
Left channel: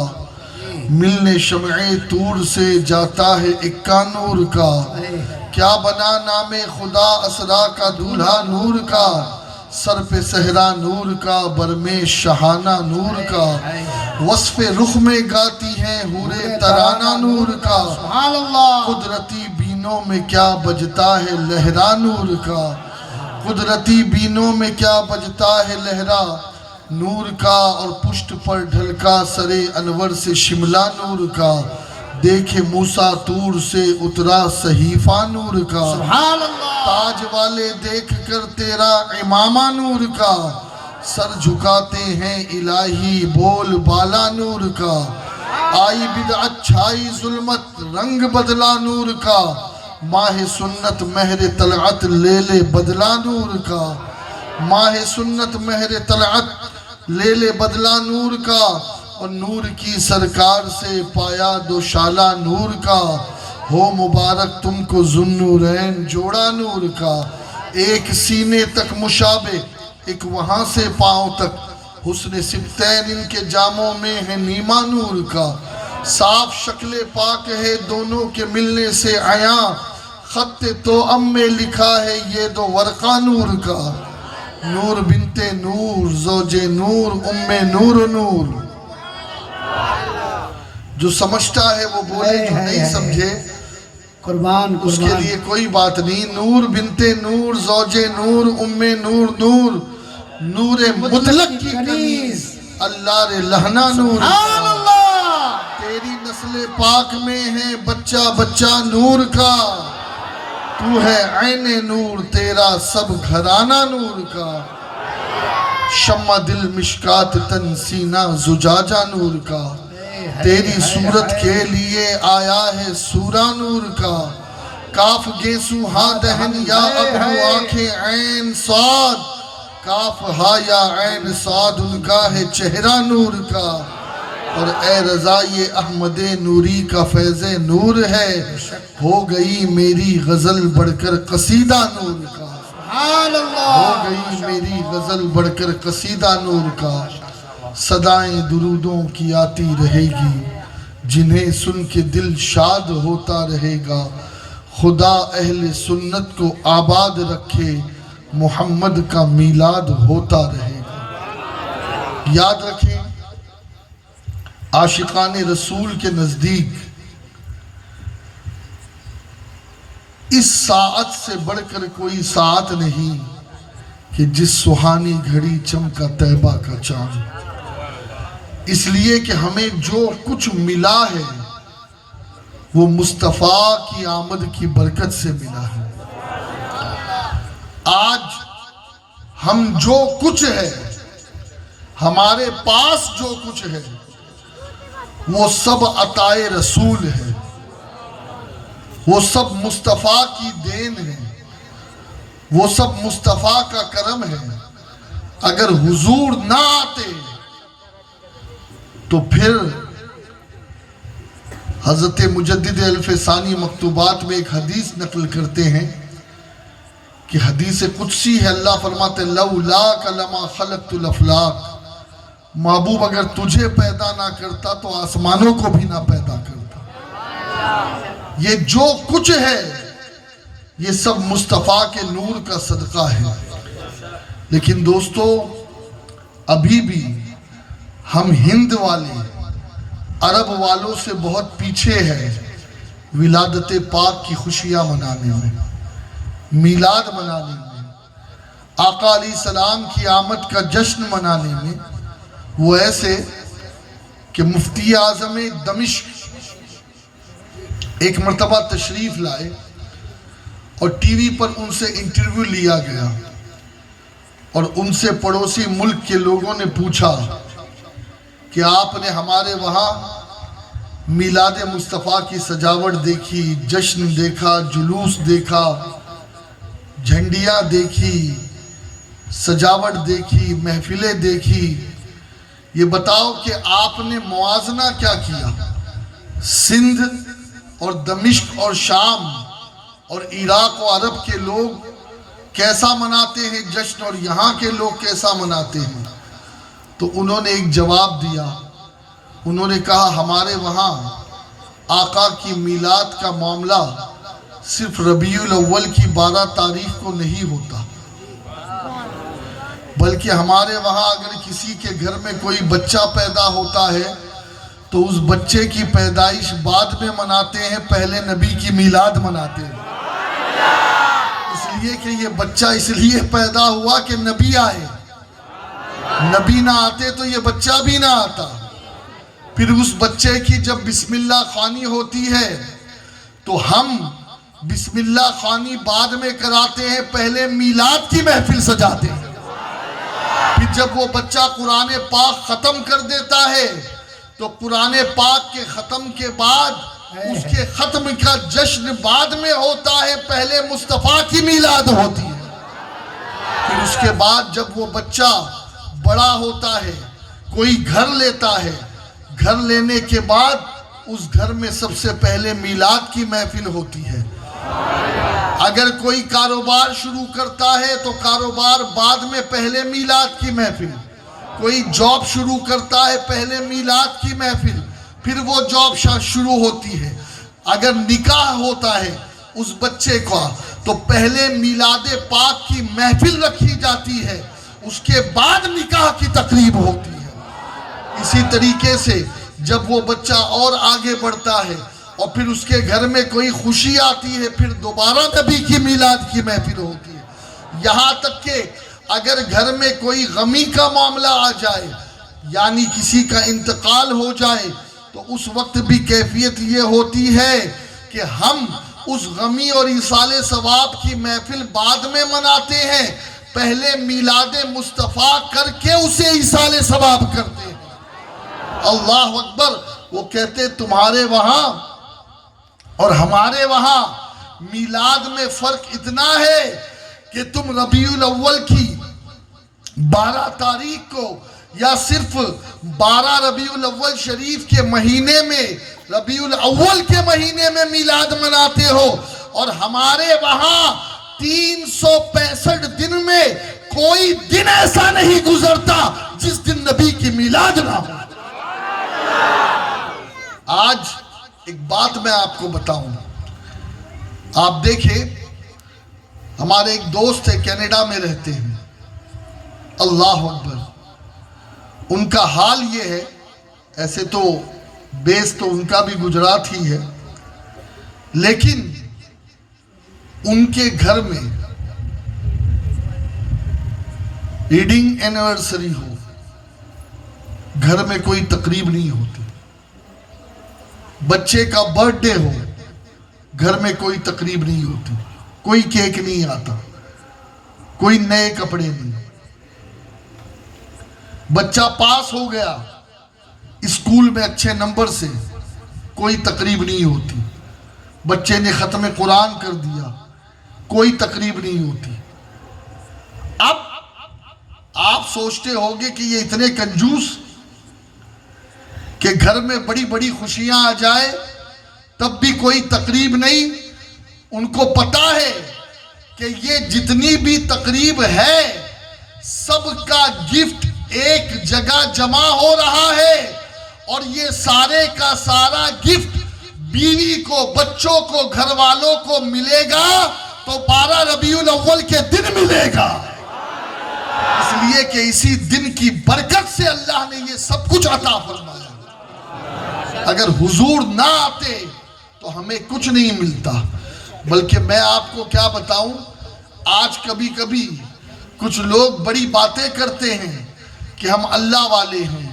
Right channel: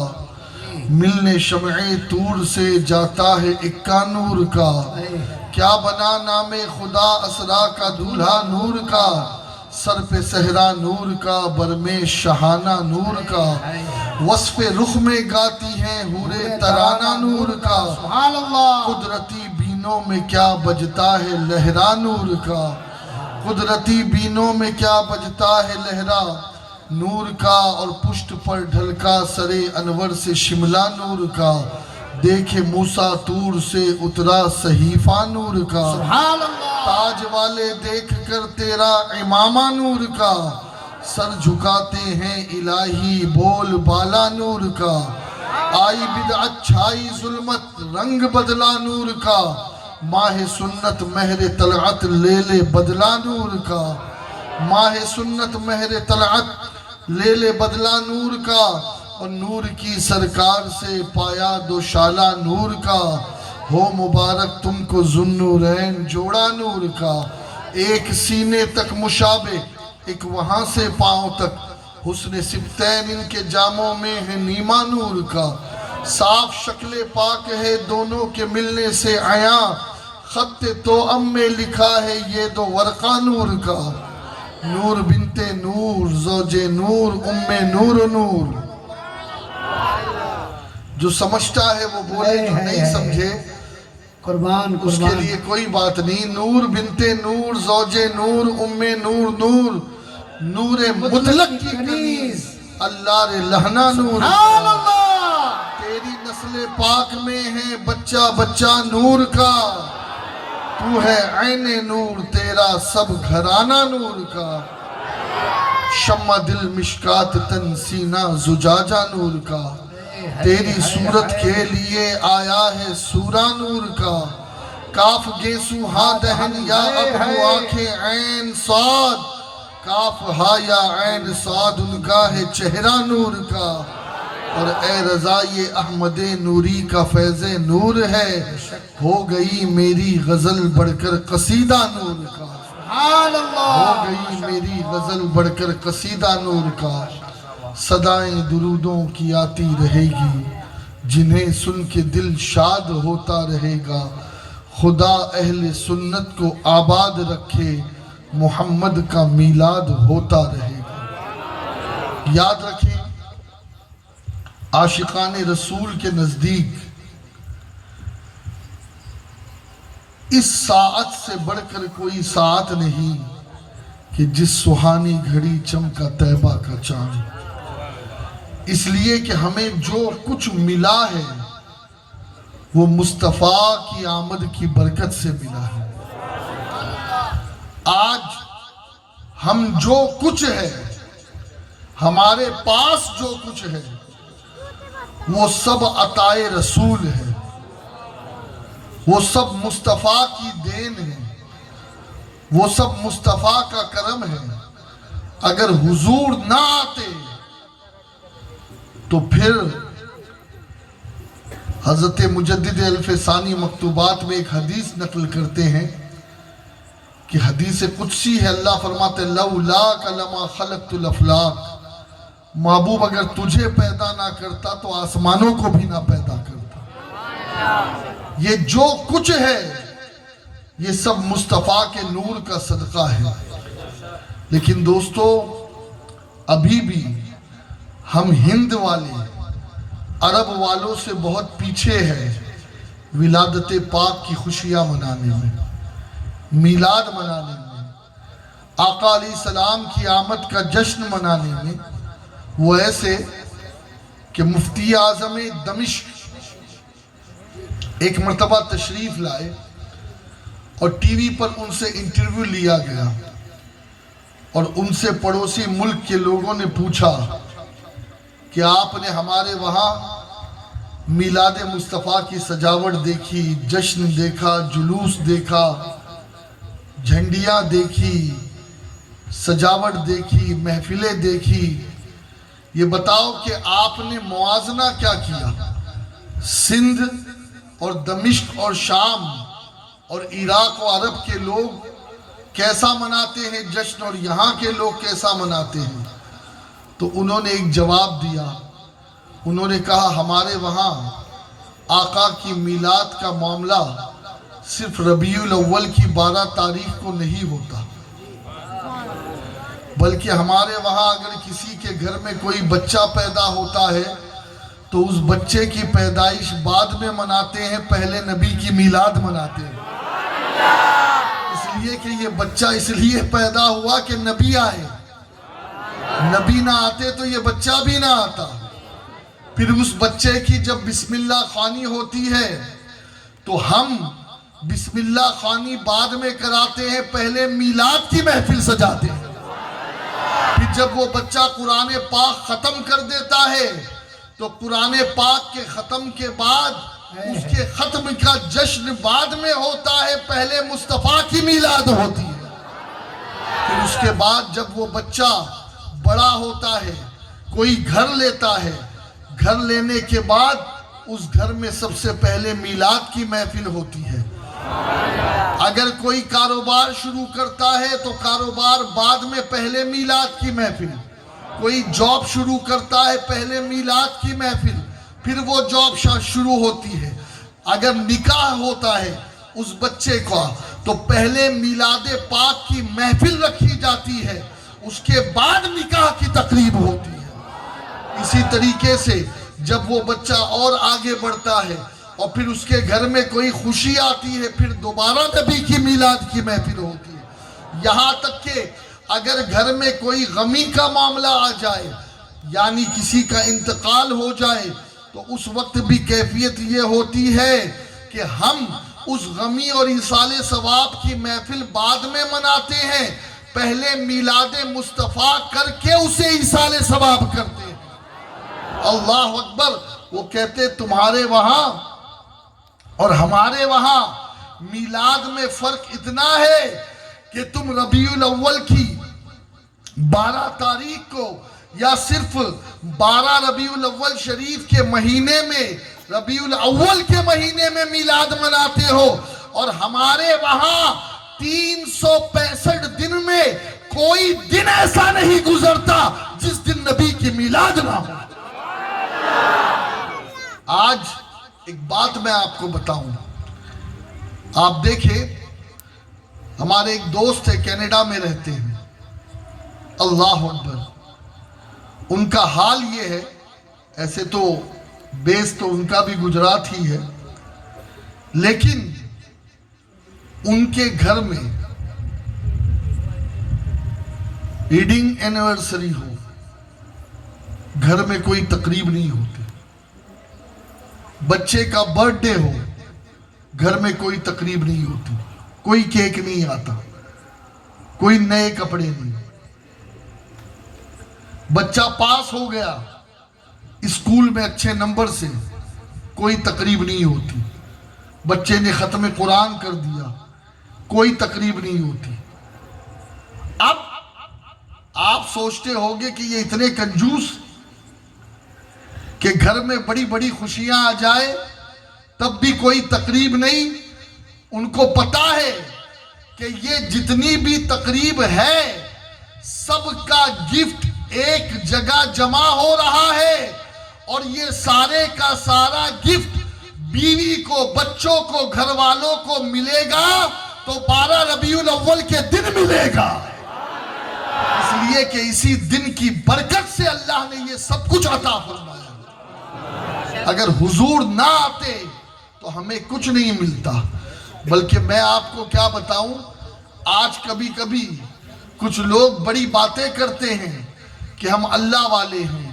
ملنے شمع طور سے جاتا ہے اکا نور کا، کیا بنا نام خدا اسرا کا دولہا نور کا، سر پہ صحرا نور کا، برمے شہانہ نور کا، وصف رخ میں گاتی ہیں حورے ترانہ نور کا، سبحان اللہ۔ قدرتی بینوں میں کیا بجتا ہے لہرا نور کا، قدرتی بینوں میں کیا بجتا ہے لہرا نور کا، اور پشت پر ڈھلکا سرے انور سے شملہ نور کا، دیکھے موسیٰ طور سے اترا صحیفہ نور کا، سبحان اللہ، تاج والے دیکھ کر تیرا امامہ نور کا، سر جھکاتے ہیں الہی بول بالا نور کا، آئی بدعت چھائی ظلمت رنگ بدلا نور کا، ماہ سنت مہر طلعت لے لے بدلا نور کا، ماہ سنت مہر طلعت لے لے بدلا نور کا، اور نور کی سرکار سے پایا دوشالہ نور کا، ہو مبارک تم کو ذوالنورین جوڑا نور کا، ایک سینے تک مشابہ ایک وہاں سے پاؤں تک، حسن سبتین ان کے جاموں میں ہے نیما نور کا، صاف شکل پاک ہے دونوں کے ملنے سے عیاں، خط توأم میں لکھا ہے یہ دو ورقہ نور کا، نور بنت نور زوج نور ام نور و نور۔ جو سمجھتا ہے وہ بولے، جو نہیں سمجھے قربان اس کے لیے کوئی بات نہیں۔ نور بنت نور زوج نور ام نور نور، نور مطلق کی کنیز اللہ رے لہنا نور کا، تیری نسل پاک میں ہے بچہ بچہ نور کا، تو ہے عین نور تیرا سب گھرانہ نور کا، شمع دل مشکات تن سینہ زجاجہ نور کا، تیری صورت کے لیے آیا ہے سورہ نور کا، کاف گیسو ہاں دہن یا ابو آنکھیں عین صاد، کاف ہا یا عین صاد ان کا ہے چہرہ نور کا، اور اے رضائی احمد نوری کا فیض نور ہے، ہو گئی میری غزل بڑھ کر قصیدہ نور کا، ہو گئی میری غزل بڑھ کر قصیدہ نور کا، صدائیں درودوں کی آتی رہے گی جنہیں سن کے دل شاد ہوتا رہے گا، خدا اہل سنت کو آباد رکھے محمد کا میلاد ہوتا رہے گا۔ یاد رکھیں عاشقان رسول کے نزدیک اس ساعت سے بڑھ کر کوئی ساعت نہیں کہ جس سہانی گھڑی چمکا طیبہ کا چاند، اس لیے کہ ہمیں جو کچھ ملا ہے وہ مصطفیٰ کی آمد کی برکت سے ملا ہے۔ آج ہم جو کچھ ہے، ہمارے پاس جو کچھ ہے، وہ سب عطائے رسول ہے، وہ سب مصطفیٰ کی دین ہے، وہ سب مصطفیٰ کا کرم ہے۔ اگر حضور نہ آتے تو پھر حضرت مجدد الف ثانی مکتوبات میں ایک حدیث نقل کرتے ہیں کہ حدیث قدسی ہے، اللہ فرماتے لولاک لما خلقت الافلاک، محبوب اگر تجھے پیدا نہ کرتا تو آسمانوں کو بھی نہ پیدا کرتا۔ یہ جو کچھ ہے یہ سب مصطفیٰ کے نور کا صدقہ ہے۔ لیکن دوستو ابھی بھی ہم ہند والے عرب والوں سے بہت پیچھے ہیں ولادت پاک کی خوشیاں منانے میں، میلاد منانے میں، آقا علیہ السلام کی آمد کا جشن منانے میں۔ وہ ایسے کہ مفتی اعظم دمشق ایک مرتبہ تشریف لائے اور ٹی وی پر ان سے انٹرویو لیا گیا، اور ان سے پڑوسی ملک کے لوگوں نے پوچھا کہ آپ نے ہمارے وہاں میلاد مصطفیٰ کی سجاوٹ دیکھی، جشن دیکھا، جلوس دیکھا، جھنڈیاں دیکھی، سجاوٹ دیکھی، محفلیں دیکھی، یہ بتاؤ کہ آپ نے موازنہ کیا کیا؟ سندھ اور دمشق اور شام اور عراق و عرب کے لوگ کیسا مناتے ہیں جشن اور یہاں کے لوگ کیسا مناتے ہیں؟ تو انہوں نے ایک جواب دیا، انہوں نے کہا ہمارے وہاں آقا کی میلاد کا معاملہ صرف ربیع الاول کی 12 تاریخ کو نہیں ہوتا، بلکہ ہمارے وہاں اگر کسی کے گھر میں کوئی بچہ پیدا ہوتا ہے تو اس بچے کی پیدائش بعد میں مناتے ہیں، پہلے نبی کی میلاد مناتے ہیں، اس لیے کہ یہ بچہ اس لیے پیدا ہوا کہ نبی آئے، نبی نہ آتے تو یہ بچہ بھی نہ آتا۔ پھر اس بچے کی جب بسم اللہ خوانی ہوتی ہے تو ہم بسم اللہ خوانی بعد میں کراتے ہیں، پہلے میلاد کی محفل سجاتے ہیں۔ پھر جب وہ بچہ قرآن پاک ختم کر دیتا ہے تو قرآن پاک کے ختم کے بعد اس کے ختم کا جشن بعد میں ہوتا ہے، پہلے مصطفیٰ کی میلاد ہوتی ہے۔ پھر اس کے بعد جب وہ بچہ بڑا ہوتا ہے، کوئی گھر لیتا ہے، گھر لینے کے بعد اس گھر میں سب سے پہلے میلاد کی محفل ہوتی ہے۔ اگر کوئی کاروبار شروع کرتا ہے تو کاروبار بعد میں، پہلے میلاد کی محفل۔ کوئی جاب شروع کرتا ہے، پہلے میلاد کی محفل، پھر وہ جاب شروع ہوتی ہے۔ اگر نکاح ہوتا ہے اس بچے کا تو پہلے میلاد پاک کی محفل رکھی جاتی ہے، اس کے بعد نکاح کی تقریب ہوتی ہے۔ اسی طریقے سے جب وہ بچہ اور آگے بڑھتا ہے اور پھر اس کے گھر میں کوئی خوشی آتی ہے، پھر دوبارہ نبی کی میلاد کی محفل ہوتی ہے۔ یہاں تک کہ اگر گھر میں کوئی غمی کا معاملہ آ جائے، یعنی کسی کا انتقال ہو جائے، تو اس وقت بھی کیفیت یہ ہوتی ہے کہ ہم اس غمی اور ایصال ثواب کی محفل بعد میں مناتے ہیں، پہلے میلاد مصطفیٰ کر کے اسے ایصال ثواب کرتے ہیں۔ اللہ اکبر۔ وہ کہتے تمہارے وہاں اور ہمارے وہاں میلاد میں فرق اتنا ہے کہ تم ربیع الاول کی 12 تاریخ کو یا صرف 12 ربیع الاول شریف کے مہینے میں، ربیع الاول کے مہینے میں میلاد مناتے ہو، اور ہمارے وہاں 365 دن میں کوئی دن ایسا نہیں گزرتا جس دن نبی کی میلاد نہ ہو۔ آج ایک بات میں آپ کو بتاؤں، آپ دیکھیں ہمارے ایک دوست ہے کینیڈا میں رہتے ہیں، اللہ اکبر، ان کا حال یہ ہے، ایسے تو بیس تو ان کا بھی گجرات ہی ہے، لیکن ان کے گھر میں ویڈنگ اینیورسری ہو، گھر میں کوئی تقریب نہیں ہوتی، بچے کا برتھ ڈے ہو، گھر میں کوئی تقریب نہیں ہوتی، کوئی کیک نہیں آتا، کوئی نئے کپڑے نہیں، بچہ پاس ہو گیا اسکول میں اچھے نمبر سے، کوئی تقریب نہیں ہوتی، بچے نے ختم قرآن کر دیا، کوئی تقریب نہیں ہوتی۔ اب آپ سوچتے ہوگے کہ یہ اتنے کنجوس کہ گھر میں بڑی بڑی خوشیاں آ جائے تب بھی کوئی تقریب نہیں۔ ان کو پتا ہے کہ یہ جتنی بھی تقریب ہے سب کا گفٹ ایک جگہ جمع ہو رہا ہے، اور یہ سارے کا سارا گفٹ بیوی کو، بچوں کو، گھر والوں کو ملے گا تو 12 ربیع الاول کے دن ملے گا، اس لیے کہ اسی دن کی برکت سے اللہ نے یہ سب کچھ عطا فرمایا۔ اگر حضور نہ آتے تو ہمیں کچھ نہیں ملتا۔ بلکہ میں آپ کو کیا بتاؤں، آج کبھی کبھی کچھ لوگ بڑی باتیں کرتے ہیں کہ ہم اللہ والے ہیں،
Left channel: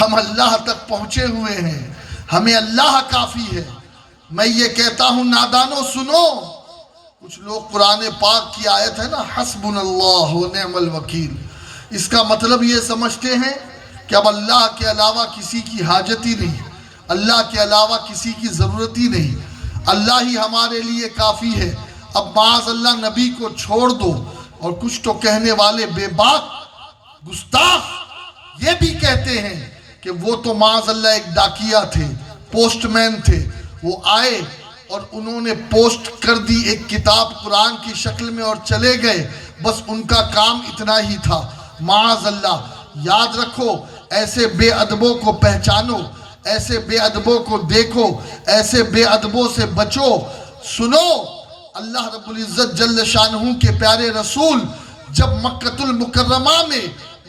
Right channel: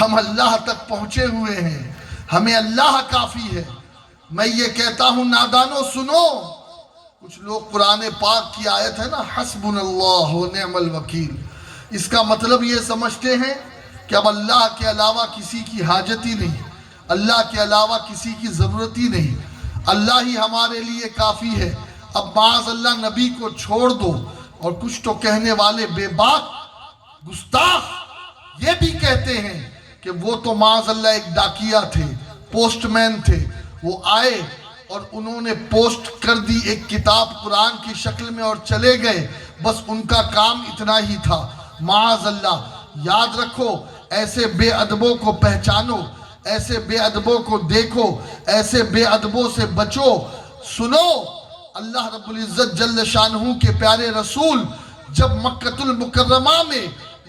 ہم اللہ تک پہنچے ہوئے ہیں، ہمیں اللہ کافی ہے۔ میں یہ کہتا ہوں نادانو سنو، کچھ لوگ قرآن پاک کی آیت ہے نا، حسبنا اللہ و نعم الوکیل، اس کا مطلب یہ سمجھتے ہیں کہ اب اللہ کے علاوہ کسی کی حاجت ہی نہیں، اللہ کے علاوہ کسی کی ضرورت ہی نہیں، اللہ ہی ہمارے لیے کافی ہے، اب معاذ اللہ نبی کو چھوڑ دو۔ اور کچھ تو کہنے والے بے باک گستاخ یہ بھی کہتے ہیں کہ وہ تو معاذ اللہ ایک ڈاکیا تھے، پوسٹ مین تھے، وہ آئے اور انہوں نے پوسٹ کر دی ایک کتاب قرآن کی شکل میں اور چلے گئے، بس ان کا کام اتنا ہی تھا۔ معاذ اللہ، یاد رکھو، ایسے بے ادبوں کو پہچانو، ایسے بے ادبوں کو دیکھو، ایسے بے ادبوں سے بچو۔ سنو، اللہ رب العزت جل شانہ کے پیارے رسول جب مکۃ المکرمہ میں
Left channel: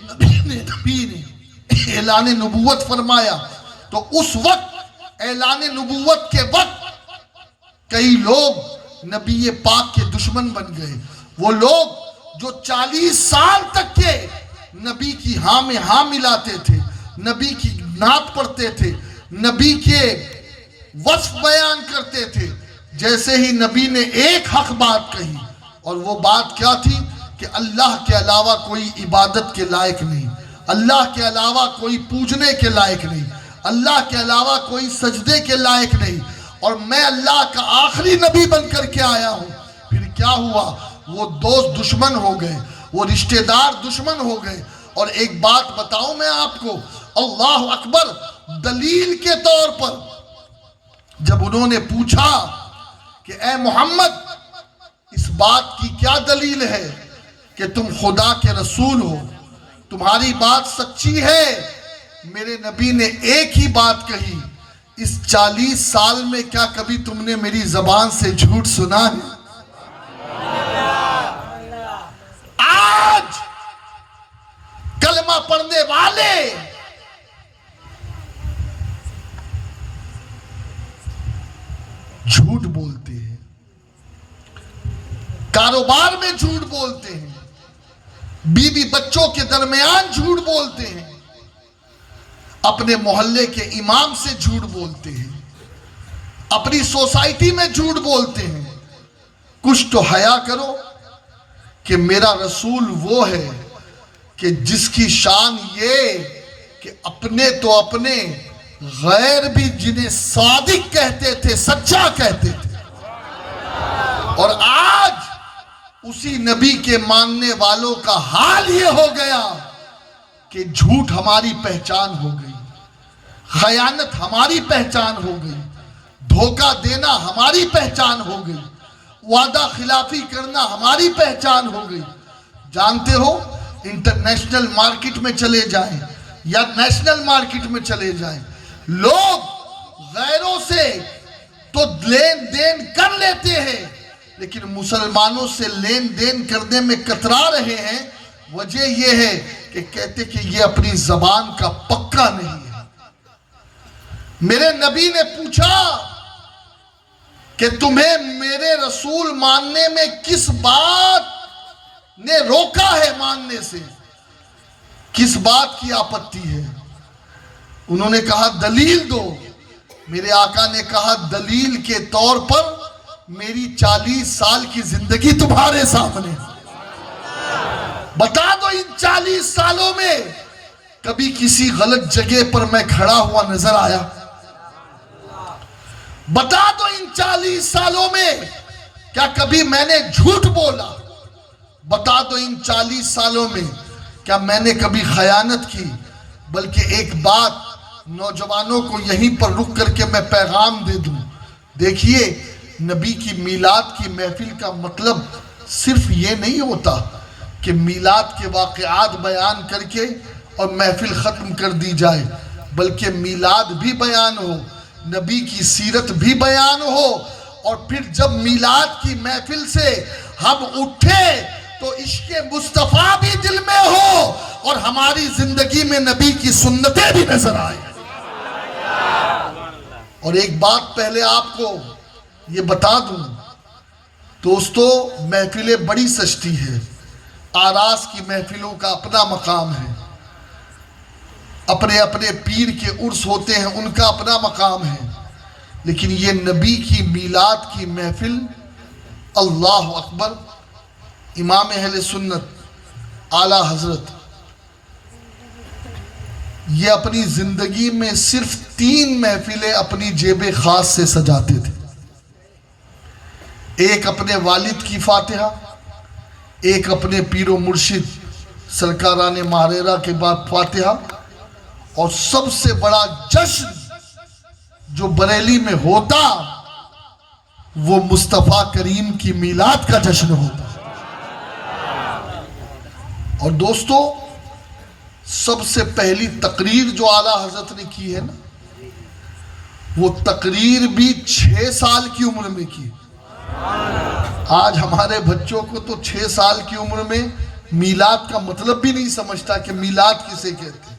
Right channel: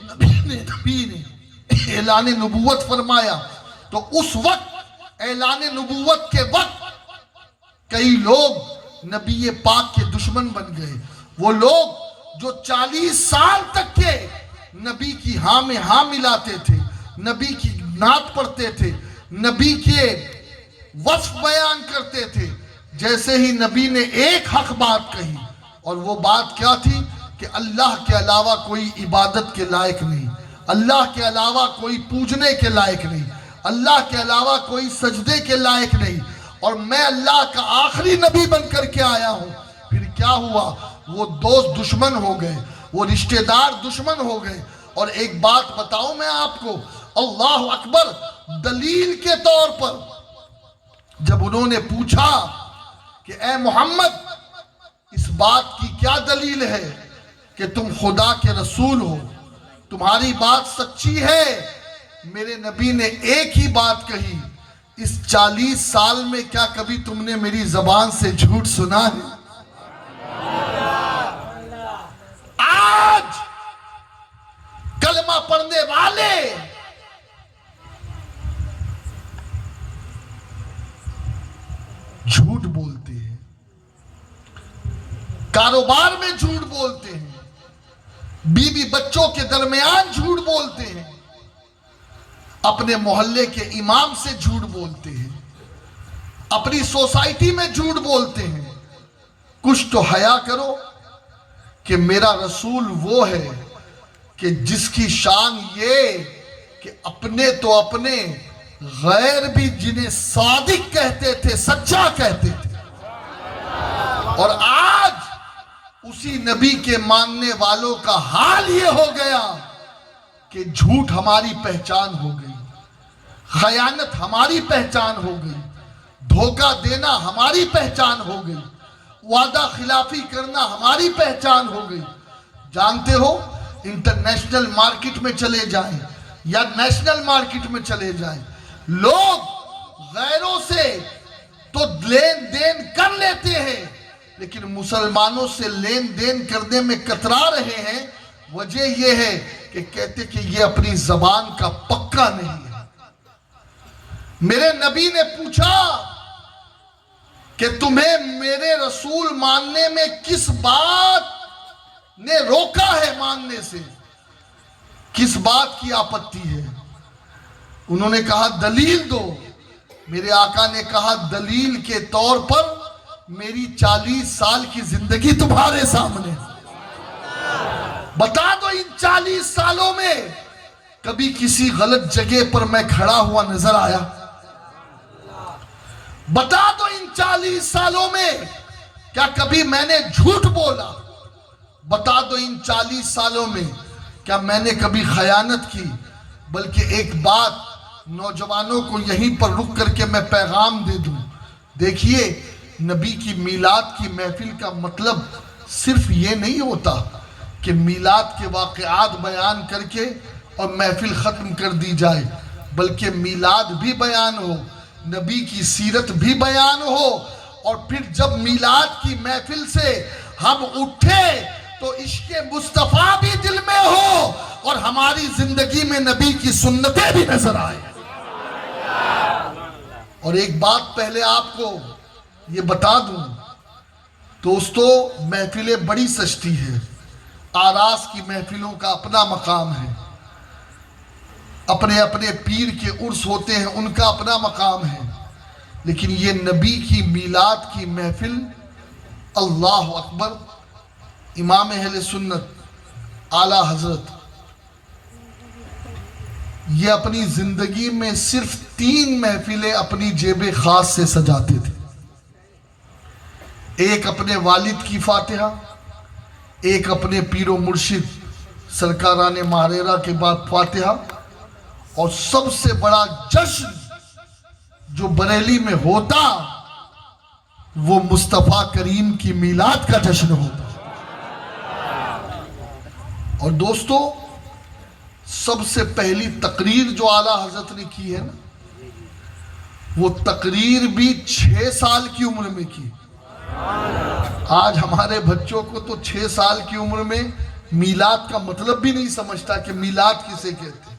نبی نے اعلان نبوت فرمایا تو اس وقت اعلان نبوت کے وقت کئی لوگ نبی پاک کے دشمن بن گئے۔ وہ لوگ جو 40 سال تک کے نبی کی ہاں میں ہاں ملاتے تھے، نبی کی نعت پڑھتے تھے، نبی کے وصف بیان کرتے تھے. جیسے ہی نبی نے ایک حق بات کہی، اور وہ بات کیا تھی کہ اللہ کے علاوہ کوئی عبادت کے لائق نہیں، اللہ کے علاوہ کوئی پوجنے کے لائق نہیں، اللہ کے علاوہ کوئی سجدے کے لائق نہیں، اور میں اللہ کا آخری نبی بن کر کے آیا ہوں. پھر کیا ہوا؟ وہ دوست دشمن ہو گئے، وہ رشتہ دار دشمن ہو گئے. اور ایک بات بتاؤں میں آپ کو، اللہ اکبر، دلیل کے طور پر جب انہوں نے پوچھا کہ اے محمد اس بات کی کیا دلیل ہے کہ تم خدا کے رسول ہو، تمہاری بات سچی ہے، میرے نبی نے ایک ہی بات کہی، اس 40 سال میں کیا کبھی تم نے میری زبان سے جھوٹ سنا ہے؟ آج کلمہ پڑھنے والے جھوٹ بولتے ہیں، کاروبار میں جھوٹ بولتے ہیں، بیوی بچوں کے درمیان جھوٹ بولتے ہیں، اپنے محلے کے امام سے جھوٹ بولتے ہیں، اپنی سوسائٹی میں جھوٹ بولتے ہیں. کچھ تو حیا کرو کہ میرا رسول وہ ہے کہ جس کی شان یہ کہ اپنے تو اپنے، غیر بھی جنہیں صادق کہتے تھے، سچا کہتے تھے. اور آج اسی نبی کے ماننے والوں کا حال یہ ہو گیا کہ جھوٹ ہماری پہچان ہو گئی، خیانت ہماری پہچان ہو گئی، دھوکہ دینا ہماری پہچان ہو گئی، وعدہ خلافی کرنا ہماری پہچان ہو گئی. جانتے ہو، انٹرنیشنل مارکیٹ میں چلے جائیں یا نیشنل مارکیٹ میں چلے جائیں، لوگ غیروں سے تو لین دین کر لیتے ہیں، لیکن مسلمانوں سے لین دین کرنے میں کترا رہے ہیں. وجہ یہ ہے کہ کہتے کہ یہ اپنی زبان کا پکا نہیں ہے. میرے نبی نے پوچھا کہ تمہیں میرے رسول ماننے میں کس بات نے روکا ہے ماننے سے، کس بات کی آپتی ہے؟ انہوں نے کہا دلیل دو. میرے آقا نے کہا دلیل کے طور پر میری 40 سال کی زندگی تمہارے سامنے، بتا دو ان 40 سالوں میں کبھی کسی غلط جگہ پر میں کھڑا ہوا نظر آیا؟ بتا دو ان 40 سالوں میں کیا کبھی میں نے جھوٹ بولا؟ بتا دو ان 40 سالوں میں کیا میں نے کبھی خیانت کی؟ بلکہ ایک بات نوجوانوں کو یہیں پر رک کر کے میں پیغام دے دوں. دیکھیے، نبی کی میلاد کی محفل کا مطلب صرف یہ نہیں ہوتا کہ میلاد کے واقعات بیان کر کے اور محفل ختم کر دی جائے، بلکہ میلاد بھی بیان ہو، نبی کی سیرت بھی بیان ہو، اور پھر جب میلاد کی محفل سے ہم اٹھے تو عشق مصطفیٰ بھی دل میں ہو اور ہماری زندگی میں نبی کی سنتیں بھی نظر آئے. اور ایک بات پہلے آپ کو یہ بتا دوں دوستو، محفلیں بڑی سستی ہے، آراس کی محفلوں کا اپنا مقام ہے، اپنے اپنے پیر کے عرس ہوتے ہیں، ان کا اپنا مقام ہے، لیکن یہ نبی کی میلاد کی محفل، اللہ اکبر، امام اہل سنت اعلیٰ حضرت یہ اپنی زندگی میں صرف 3 محفلیں اپنی جیب خاص سے سجاتے تھے. ایک اپنے والد کی فاتحہ، ایک اپنے پیر و مرشد سرکاران ماریرہ کے بعد فاتحہ، اور سب سے بڑا جشن جو بریلی میں ہوتا وہ مصطفیٰ کریم کی میلاد کا جشن ہوتا. اور دوستو، سب سے پہلی تقریر جو اعلیٰ حضرت نے کی ہے نا، وہ تقریر بھی 6 سال کی عمر میں کی. آج ہمارے بچوں کو تو 6 سال کی عمر میں میلاد کا مطلب بھی نہیں سمجھتا کہ میلاد کسے کہتے ہیں،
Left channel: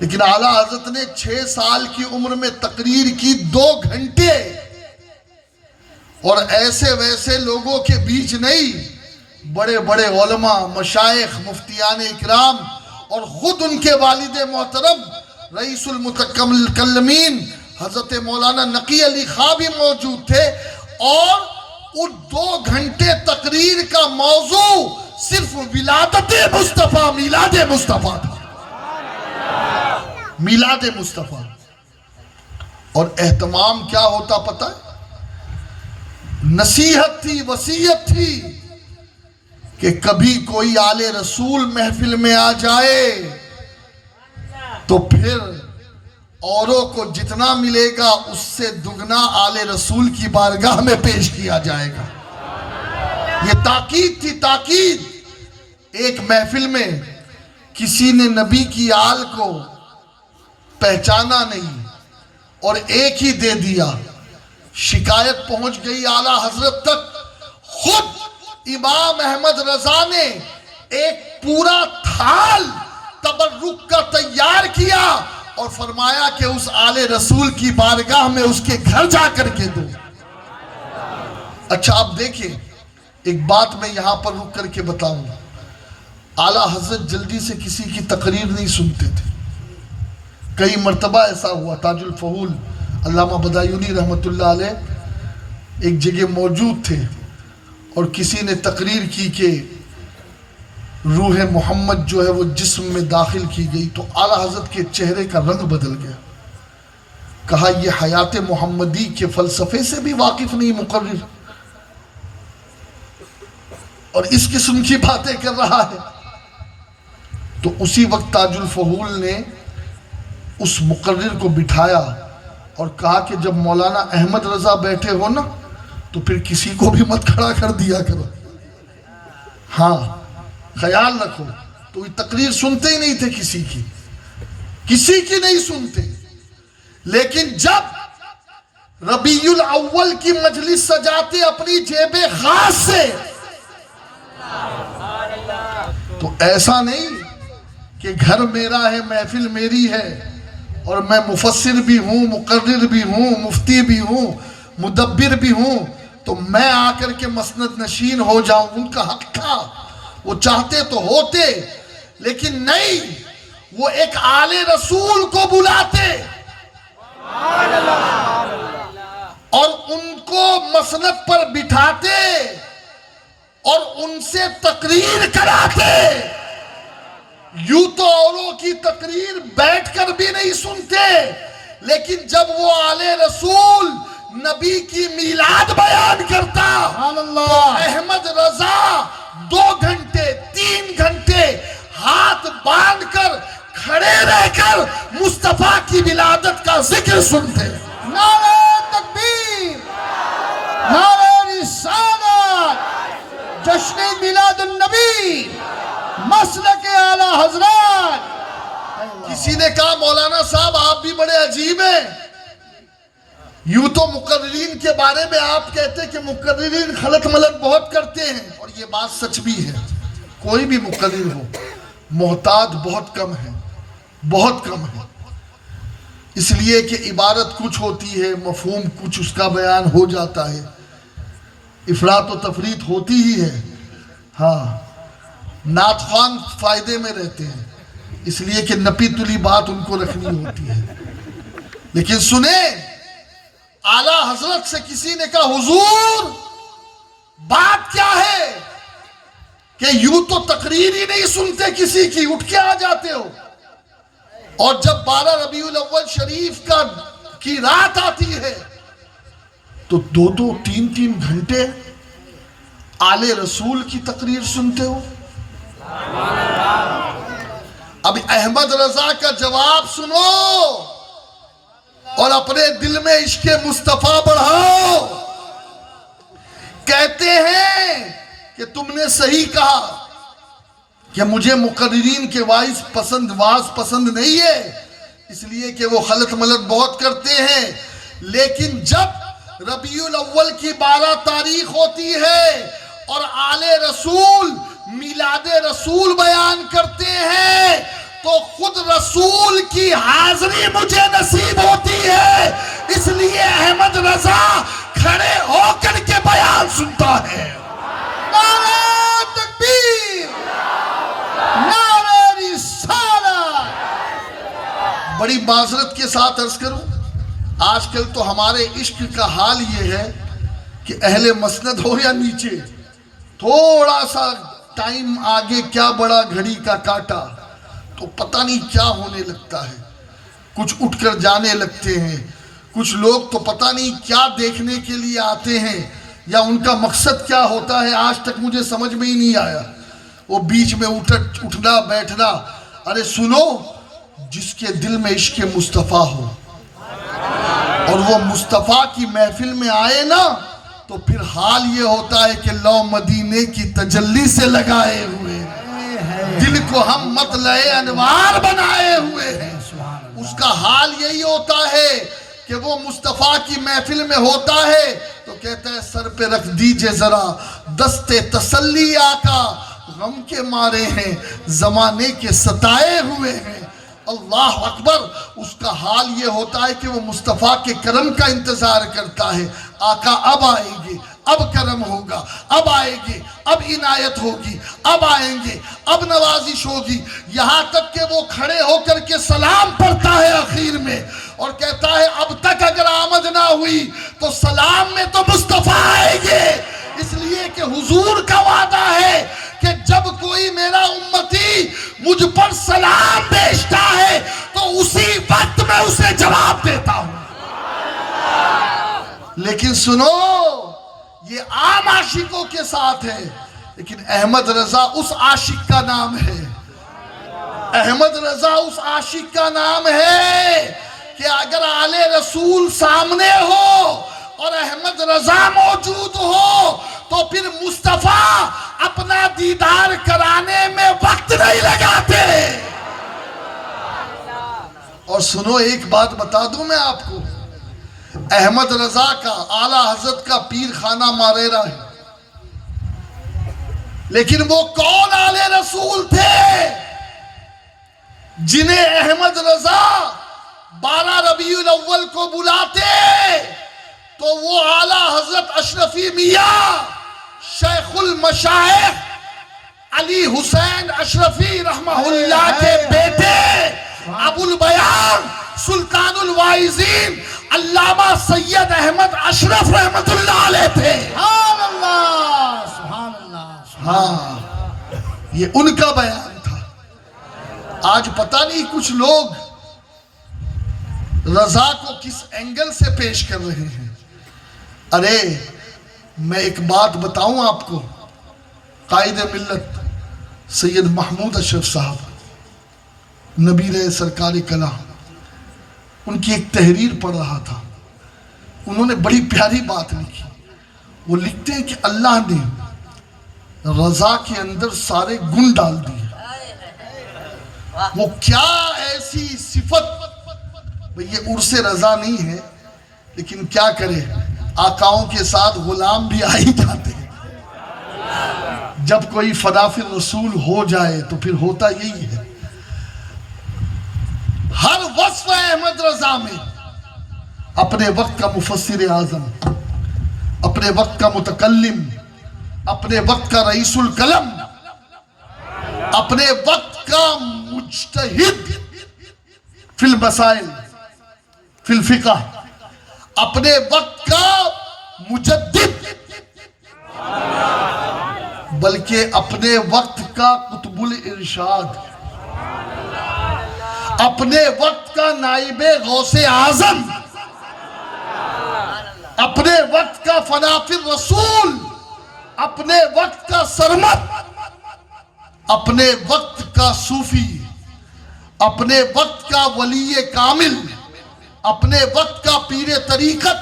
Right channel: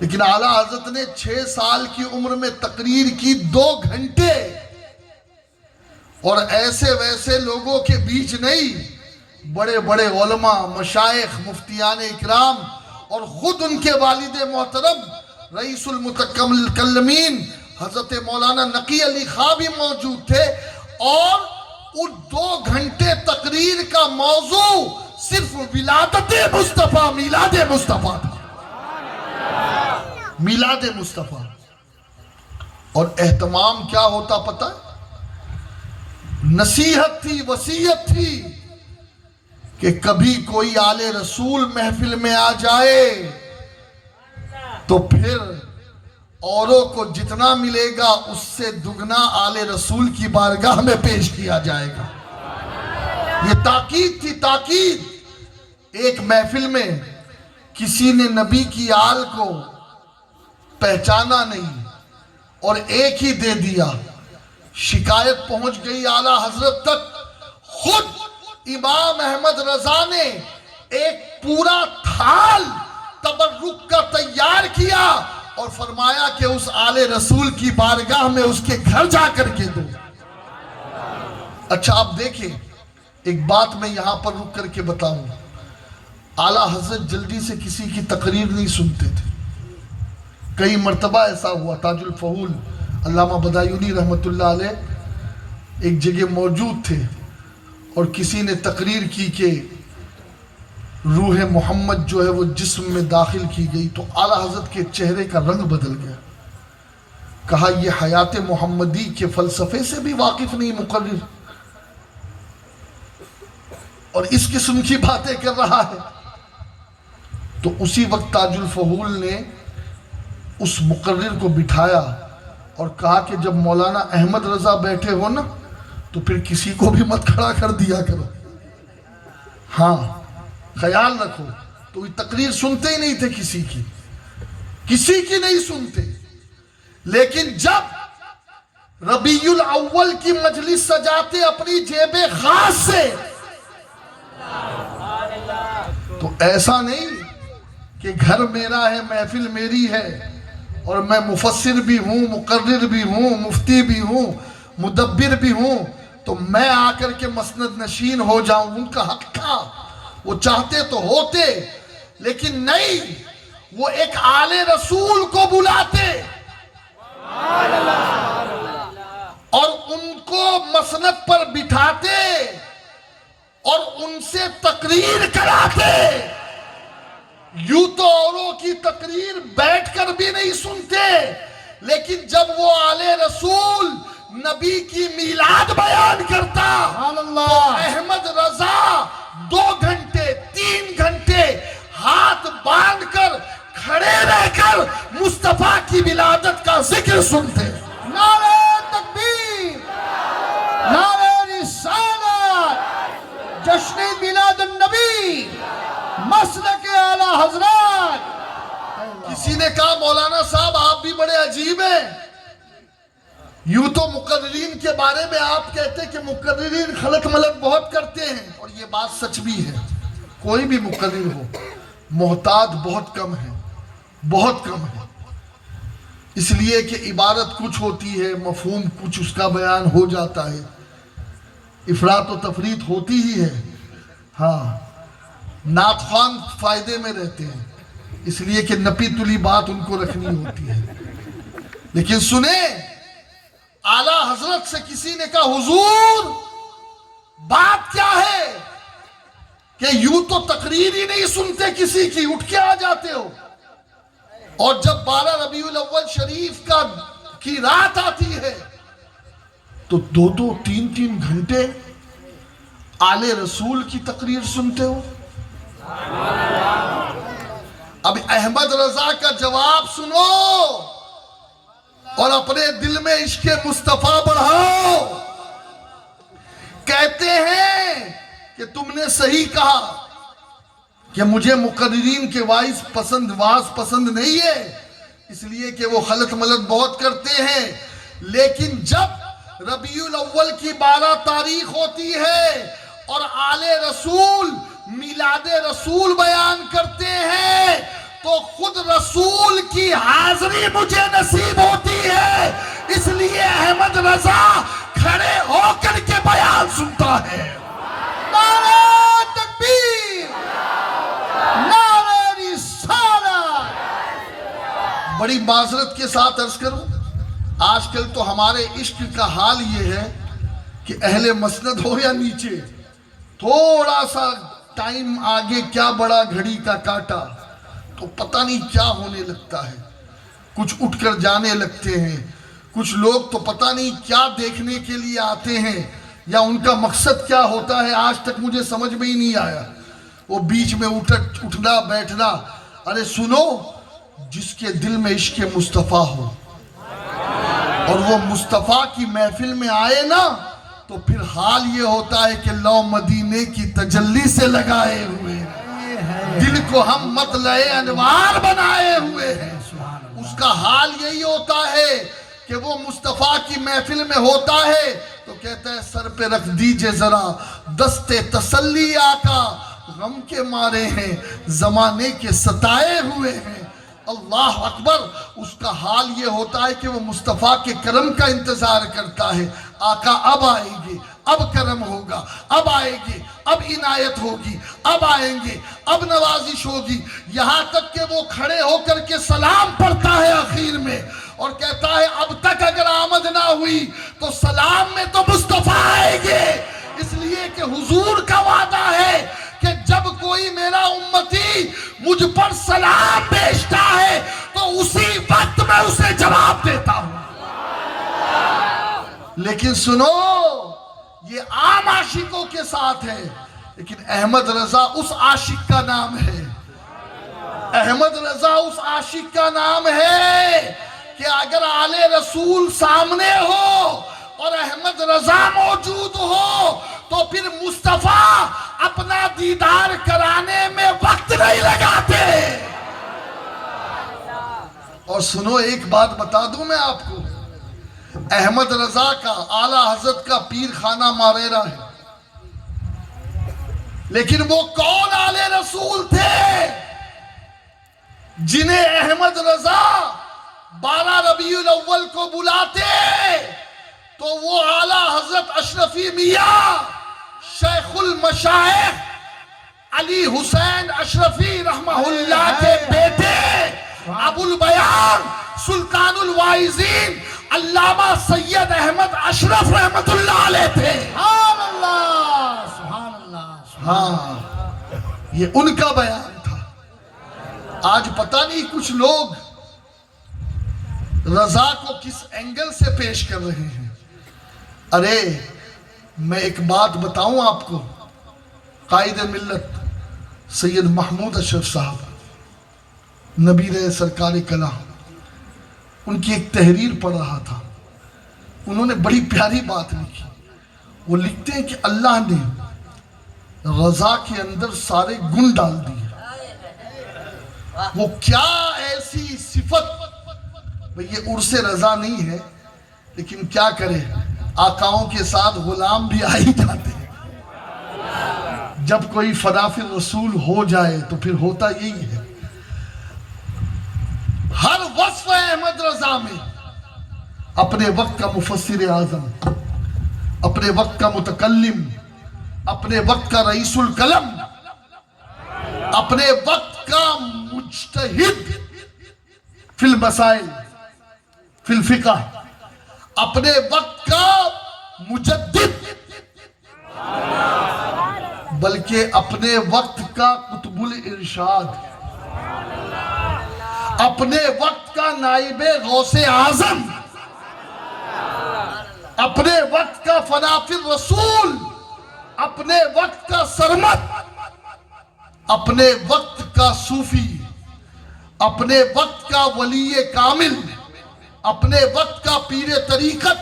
لیکن اعلیٰ حضرت نے 6 سال کی عمر میں تقریر کی 2 گھنٹے، اور ایسے ویسے لوگوں کے بیچ نہیں، بڑے بڑے علماء، مشائخ، مفتیان اکرام اور خود ان کے والد محترم رئیس المتکلمین حضرت مولانا نقی علی خان بھی موجود تھے، اور ان 2 گھنٹے تقریر کا موضوع صرف ولادت مصطفیٰ، میلاد مصطفیٰ تھا، میلاد مصطفیٰ. اور اہتمام کیا ہوتا پتہ؟ نصیحت تھی، وصیت تھی کہ کبھی کوئی آل رسول محفل میں آ جائے تو پھر اوروں کو جتنا ملے گا اس سے دگنا آل رسول کی بارگاہ میں پیش کیا جائے گا. یہ تاکید تھی، تاکید. ایک محفل میں کسی نے نبی کی آل کو پہچانا نہیں اور ایک ہی دے دیا. شکایت پہنچ گئی اعلیٰ حضرت تک. خود امام احمد رضا نے ایک پورا تھال تبرک کا تیار کیا اور فرمایا کہ اس آل رسول کی بارگاہ میں اس کے گھر جا کر کے دو. اچھا آپ دیکھیں، ایک بات میں یہاں پر رک کر کے بتاؤں. اعلیٰ حضرت جلدی سے کسی کی تقریر نہیں سنتے تھے. کئی مرتبہ ایسا ہوا، تاج الفہول علامہ بدایونی رحمت اللہ علیہ ایک جگہ موجود تھے اور کسی نے تقریر کی کہ روح محمد جو ہے وہ جسم میں داخل کی گئی، تو اعلیٰ حضرت کے چہرے کا رنگ بدل گیا. کہا یہ حیات محمدی کے فلسفے سے بھی واقف نہیں مقرر، اور اس قسم کی باتیں کر رہا ہے. تو اسی وقت تاج الفہول نے اس مقرر کو بٹھایا اور کہا کہ جب مولانا احمد رضا بیٹھے ہو نا تو پھر کسی کو بھی مت کھڑا کر دیا کرو. ہاں خیال رکھو. تو یہ تقریر سنتے ہی نہیں تھے، کسی کی نہیں سنتے. لیکن جب ربیع الاول کی مجلس سجاتے اپنی جیب خاص سے، تو ایسا نہیں کہ گھر میرا ہے، محفل میری ہے اور میں مفسر بھی ہوں، مقرر بھی ہوں، مفتی بھی ہوں، مدبر بھی ہوں، تو میں آ کر کے مسند نشین ہو جاؤں. ان کا حق تھا، وہ چاہتے تو ہوتے، لیکن نہیں. وہ ایک آل رسول کو بلاتے اور ان کو مسند پر بٹھاتے اور ان سے تقریر کراتے. یوں تو اوروں کی تقریر بیٹھ کر بھی نہیں سنتے، لیکن جب وہ آل رسول نبی کی میلاد بیان کرتا تو احمد رضا 2 گھنٹے 3 گھنٹے ہاتھ باندھ کر کھڑے رہ کر مصطفیٰ کی ولادت کا ذکر سنتے. نعرہ تکبیر، نعرہ رسالت، جشن میلاد النبی، مسلک اعلیٰ حضرات. کسی نے کہا مولانا صاحب آپ بھی بڑے عجیب ہیں، یوں تو مقررین کے بارے میں آپ کہتے کہ مقررین خلط ملط بہت کرتے ہیں، اور یہ بات سچ بھی ہے. کوئی بھی مقرر ہو، محتاط بہت کم ہے، بہت کم ہے. اس لیے کہ عبارت کچھ ہوتی ہے، مفہوم کچھ اس کا بیان ہو جاتا ہے، افراط و تفریط ہوتی ہی ہے. ہاں نعت خوان فائدے میں رہتے ہیں، اس لیے کہ نپی تلی بات ان کو رکھنی ہوتی ہے. لیکن سنیں، اعلیٰ حضرت سے کسی نے کہا حضور بات کیا ہے کہ یوں تو تقریر ہی نہیں سنتے کسی کی، اٹھ کے آ جاتے ہو، اور جب 12 ربیع الاول شریف کی رات آتی ہے تو 2 3 گھنٹے آل رسول کی تقریر سنتے ہو. اب احمد رضا کا جواب سنو اور اپنے دل میں عشق مصطفیٰ بڑھاؤ. کہتے ہیں کہ تم نے صحیح کہا کہ مجھے مقررین کے واعظ پسند نہیں ہے، اس لیے کہ وہ خلط ملط بہت کرتے ہیں. لیکن جب ربیع الاول کی 12 تاریخ ہوتی ہے اور آل رسول میلاد رسول بیان کرتے ہیں تو خود رسول کی حاضری مجھے نصیب ہوتی ہے، اس لیے احمد رضا کھڑے ہو کر کے بیان سنتا ہے. نعرہ تکبیر، نعرہ رسالت. بڑی معذرت کے ساتھ عرض کروں، آج کل تو ہمارے عشق کا حال یہ ہے کہ اہل مسند ہو یا نیچے، تھوڑا سا ٹائم آگے کیا بڑا گھڑی کا کاٹا تو پتہ نہیں کیا ہونے لگتا ہے، کچھ اٹھ کر جانے لگتے ہیں، کچھ لوگ تو پتہ نہیں کیا دیکھنے کے لیے آتے ہیں یا ان کا مقصد کیا ہوتا ہے، آج تک مجھے سمجھ میں ہی نہیں آیا۔ وہ بیچ میں اٹھنا بیٹھنا، ارے سنو، جس کے دل میں عشق مصطفیٰ ہو اور وہ مصطفیٰ کی محفل میں آئے نا، تو پھر حال یہ ہوتا ہے کہ لو مدینے کی تجلی سے لگائے ہوئے دل کو ہم مطلع انوار بنائے ہوئے ہیں۔ اس کا حال یہی ہوتا ہے کہ وہ مصطفیٰ کی محفل میں ہوتا ہے تو کہتا ہے سر پہ رکھ دیجئے ذرا دست تسلی آقا، غم کے مارے ہیں زمانے کے ستائے ہوئے ہیں۔ اللہ اکبر۔ اس کا حال یہ ہوتا ہے کہ وہ مصطفیٰ کے کرم کا انتظار کرتا ہے، آقا اب آئیں گے، اب کرم ہوگا، اب آئیں گے، اب عنایت ہوگی، اب آئیں گے، اب نوازش ہوگی، یہاں تک کہ وہ کھڑے ہو کر کے سلام پڑھتا ہے آخر میں اور کہتا ہے اب تک اگر آمد نہ ہوئی تو سلام میں تو مصطفیٰ آئیں گے، اس لیے کہ حضور کا وعدہ ہے کہ جب کوئی میرا امتی مجھ پر سلام بھیجتا ہے تو اسی وقت میں اسے جواب دیتا ہوں۔ لیکن سنو، یہ عام عاشقوں کے ساتھ ہے، لیکن احمد رضا اس عاشق کا نام ہے، احمد رضا اس عاشق کا نام ہے کہ اگر آل رسول سامنے ہو اور احمد رضا موجود ہو تو پھر مصطفیٰ اپنا دیدار کرانے میں وقت نہیں لگاتے۔ اور سنو، ایک بات بتا دوں میں آپ کو، احمد رضا کا اعلیٰ حضرت کا پیر خانہ ماریرا ہے، لیکن وہ کون آل رسول تھے جنہیں احمد رضا 12 ربیع الاول کو بلاتے تو وہ اعلیٰ حضرت اشرفی میاں شیخ المشائخ علی حسین اشرفی رحمہ اللہ کے بیٹے ابو البیان سلطان الواعظین علامہ سید احمد اشرف رحمت اللہ علیہ تھے۔ سبحان اللہ، سبحان اللہ۔ ہاں، یہ ان کا بیان تھا۔ آج پتہ نہیں کچھ لوگ رضا کو کس اینگل سے پیش کر رہے ہیں۔ ارے میں ایک بات بتاؤں آپ کو، قائد ملت سید محمود اشرف صاحب نبی رہے سرکار کلام، ان کی ایک تحریر پڑھ رہا تھا، انہوں نے بڑی پیاری بات لکھی۔ وہ لکھتے ہیں کہ اللہ نے رضا کے اندر سارے گن ڈال دیے۔ وہ کیا ایسی صفت، یہ عرص رضا نہیں ہے، لیکن کیا کرے، آقاؤں کے ساتھ غلام بھی آ ہی جاتے ہیں۔ جب کوئی فدا فی الرسول ہو جائے تو پھر ہوتا یہی ہے۔ ہر وصف احمد رضا میں اپنے وقت کا مفسر اعظم، اپنے وقت کا متکلم، اپنے وقت کا رئیس القلم، اپنے وقت کا مجتہد فی المسائل فی الفقہ، اپنے وقت کا مجدد، بلکہ اپنے وقت کا قطب الارشاد، اپنے وقت کا نائب غوث اعظم، اپنے وقت کا فدا فی الرسول، اپنے وقت کا سرمد، اپنے وقت کا صوفی، اپنے وقت کا ولی کامل، اپنے وقت کا پیر طریقت،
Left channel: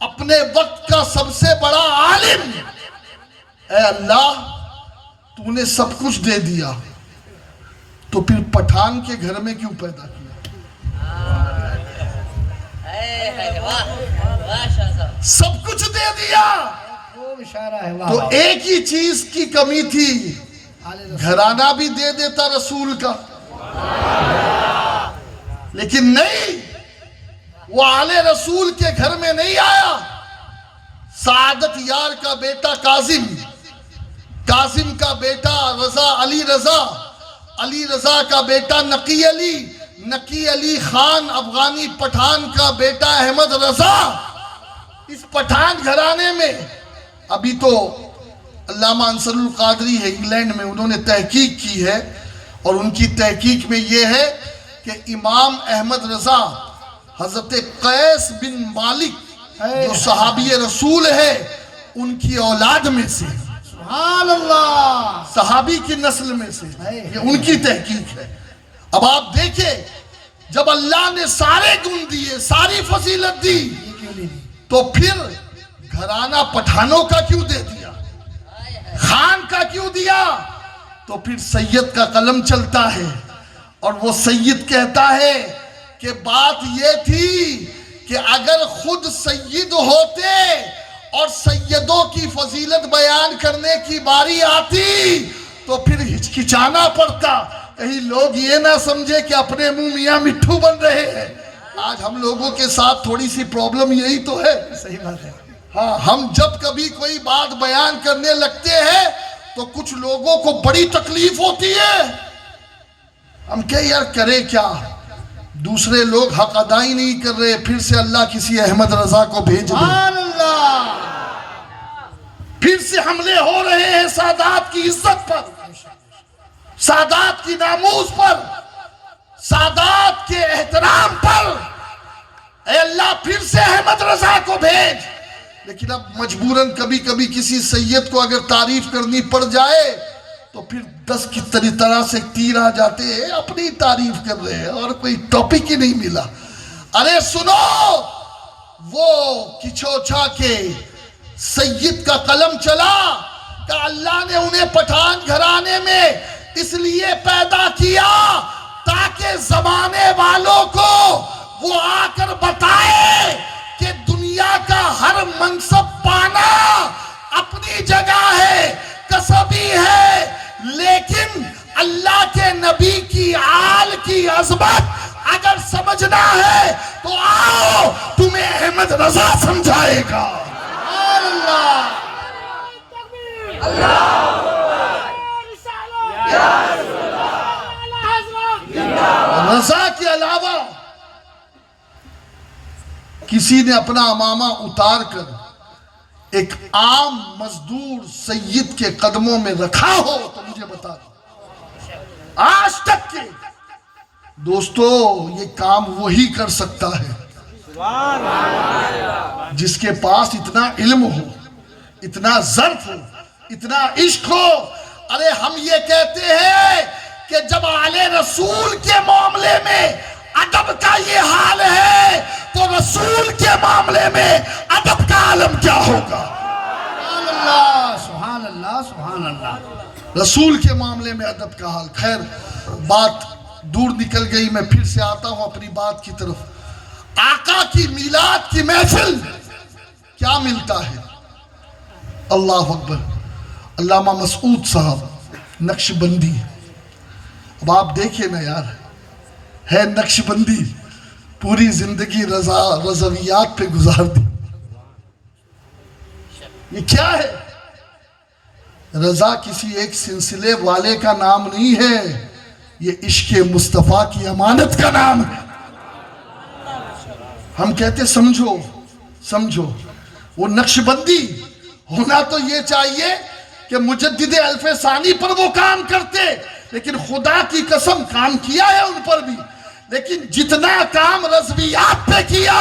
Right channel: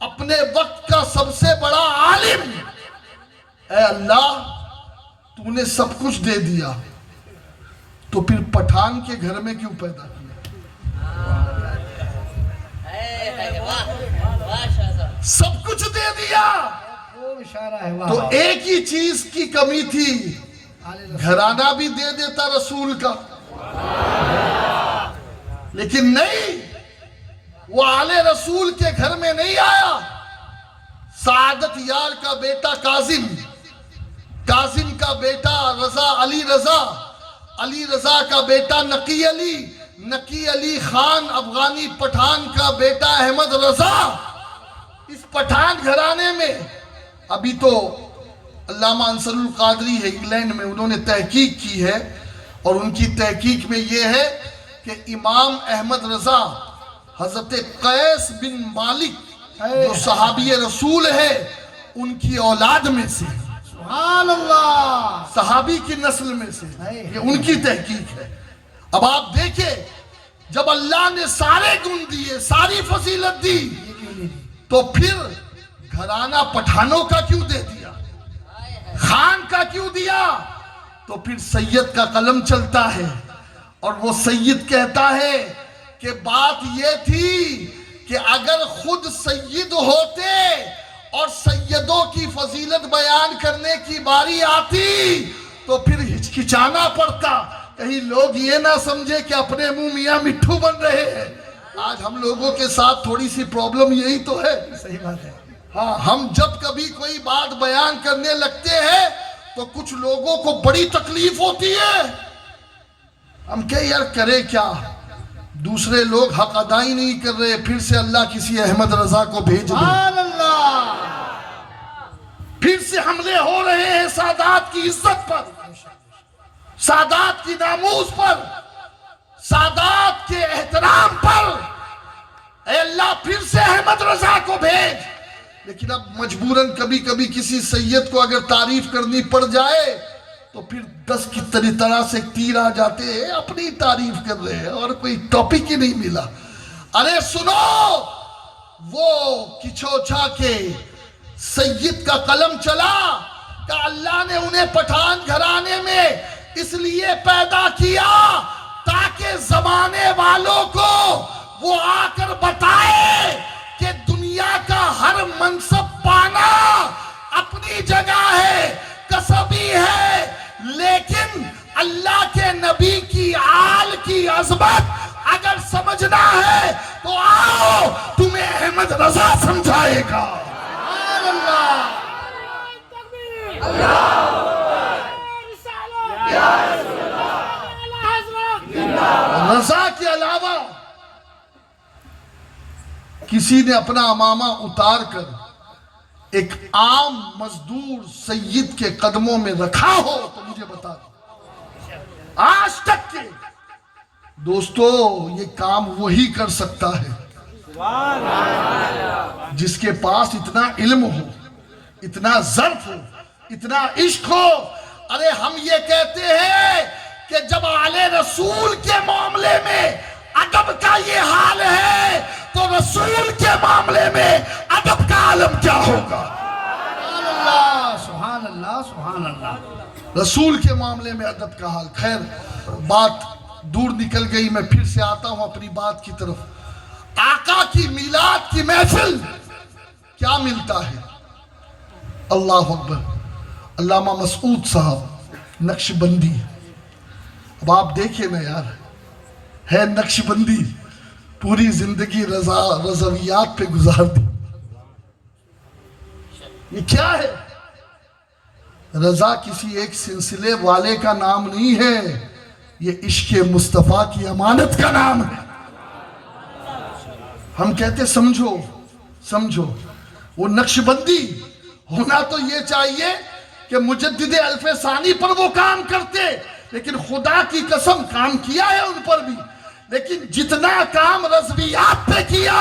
اپنے وقت کا سب سے بڑا عالم۔ اے اللہ، تو نے سب کچھ دے دیا تو پھر پٹھان کے گھر میں کیوں پیدا کیا؟ سب کچھ دے دیا تو ایک ہی چیز کی کمی تھی، گھرانہ بھی دے دیتا رسول کا، لیکن نہیں، وہ آل رسول کے گھر میں نہیں آیا۔ سعادت یار کا بیٹا کاظم، کاظم کا بیٹا رضا، علی رضا، علی رضا کا بیٹا نقی علی، نقی علی خان افغانی پٹھان کا بیٹا احمد رضا اس پٹھان گھرانے میں، ابھی تو علامہ انصر القادری ہے انگلینڈ میں، انہوں نے تحقیق کی ہے اور ان کی تحقیق میں یہ ہے کہ امام احمد رضا حضرت قیس بن مالک جو صحابی رسول ہے ان کی اولاد میں سے، سبحان اللہ، صحابی کی نسل میں سے، یہ ان کی تحقیق ہے۔ اب آپ دیکھیں جب اللہ نے سارے گن دیے، ساری فضیلت دی، تو پھر گھرانہ پٹھانوں کا کیوں دے دیا، خان کا کیوں دیا؟ تو پھر سید کا قلم چلتا ہے اور وہ سید کہتا ہے کہ بات یہ تھی کہ اگر خود سید ہوتے اور سیدوں کی فضیلت بیان کرنے کی باری آتی تو پھر ہچکچانا پڑتا، کہیں لوگ یہ نہ سمجھے کہ اپنے منہ میاں مٹھو بن رہے ہیں۔ آج ہم لوگوں کے ساتھ تھوڑی سی پرابلم یہی تو ہے، صحیح بات ہے، ہاں، ہم جب کبھی کوئی بات بیان کرنے لگتے ہیں تو کچھ لوگوں کو بڑی تکلیف ہوتی ہے، ہم کہ یار کرے کیا، دوسرے لوگ حق ادائی نہیں کر رہے، پھر سے اللہ کسی احمد رضا کو بھیج دے، سبحان اللہ، پھر سے حملے ہو رہے ہیں سادات کی عزت پر، سادات کی ناموس پر، سادات کے احترام پر، اے اللہ پھر سے احمد رضا کو بھیج۔ لیکن اب مجبوراً کبھی کبھی کسی سید کو اگر تعریف کرنی پڑ جائے تو پھر 10 کی طرح سے تیر آ جاتے ہیں، اپنی تعریف کر رہے ہیں اور کوئی ٹاپک ہی نہیں ملا۔ ارے سنو، وہ کچھوچا کے سید کا قلم چلا کہ اللہ نے انہیں پٹھان گھرانے میں اس لیے پیدا کیا تاکہ زمانے والوں کو وہ آ کر بتائے کہ دنیا کا ہر منصب پانا اپنی جگہ ہے، کسبی ہے، لیکن اللہ کے نبی کی آل کی عظمت اگر سمجھنا ہے تو آؤ، تمہیں احمد رضا سمجھائے گا۔ رضا کے علاوہ کسی نے اپنا امامہ اتار کر ایک عام مزدور سید کے قدموں میں رکھا ہو تو مجھے بتا دو، آج تک کے دوستو یہ کام وہی کر سکتا ہے جس کے پاس اتنا علم ہو، اتنا ظرف ہو، اتنا عشق ہو۔ ارے ہم یہ کہتے ہیں کہ جب آل رسول کے معاملے میں ادب کا یہ حال ہے تو رسول کے معاملے میں ادب کا عالم کیا ہوگا؟ سبحان اللہ، سبحان اللہ، رسول کے معاملے میں ادب کا حال۔ خیر بات دور نکل گئی، میں پھر سے آتا ہوں اپنی بات کی طرف۔ آقا کی میلاد کی محفل کیا ملتا ہے؟ اللہ اکبر، علامہ مسعود صاحب نقش بندی، اب آپ دیکھیں نا یار، ہے نقش بندی، پوری زندگی رضویات پہ گزار دی، یہ کیا ہے؟ رضا کسی ایک سلسلے والے کا نام نہیں ہے، یہ عشق مصطفیٰ کی امانت کا نام ہے۔ ہم کہتے سمجھو سمجھو، وہ نقش بندی ہونا تو یہ چاہیے کہ مجدد الف ثانی پر وہ کام کرتے، لیکن خدا کی قسم کام کیا ہے ان پر بھی، لیکن جتنا کام رضویات پہ کیا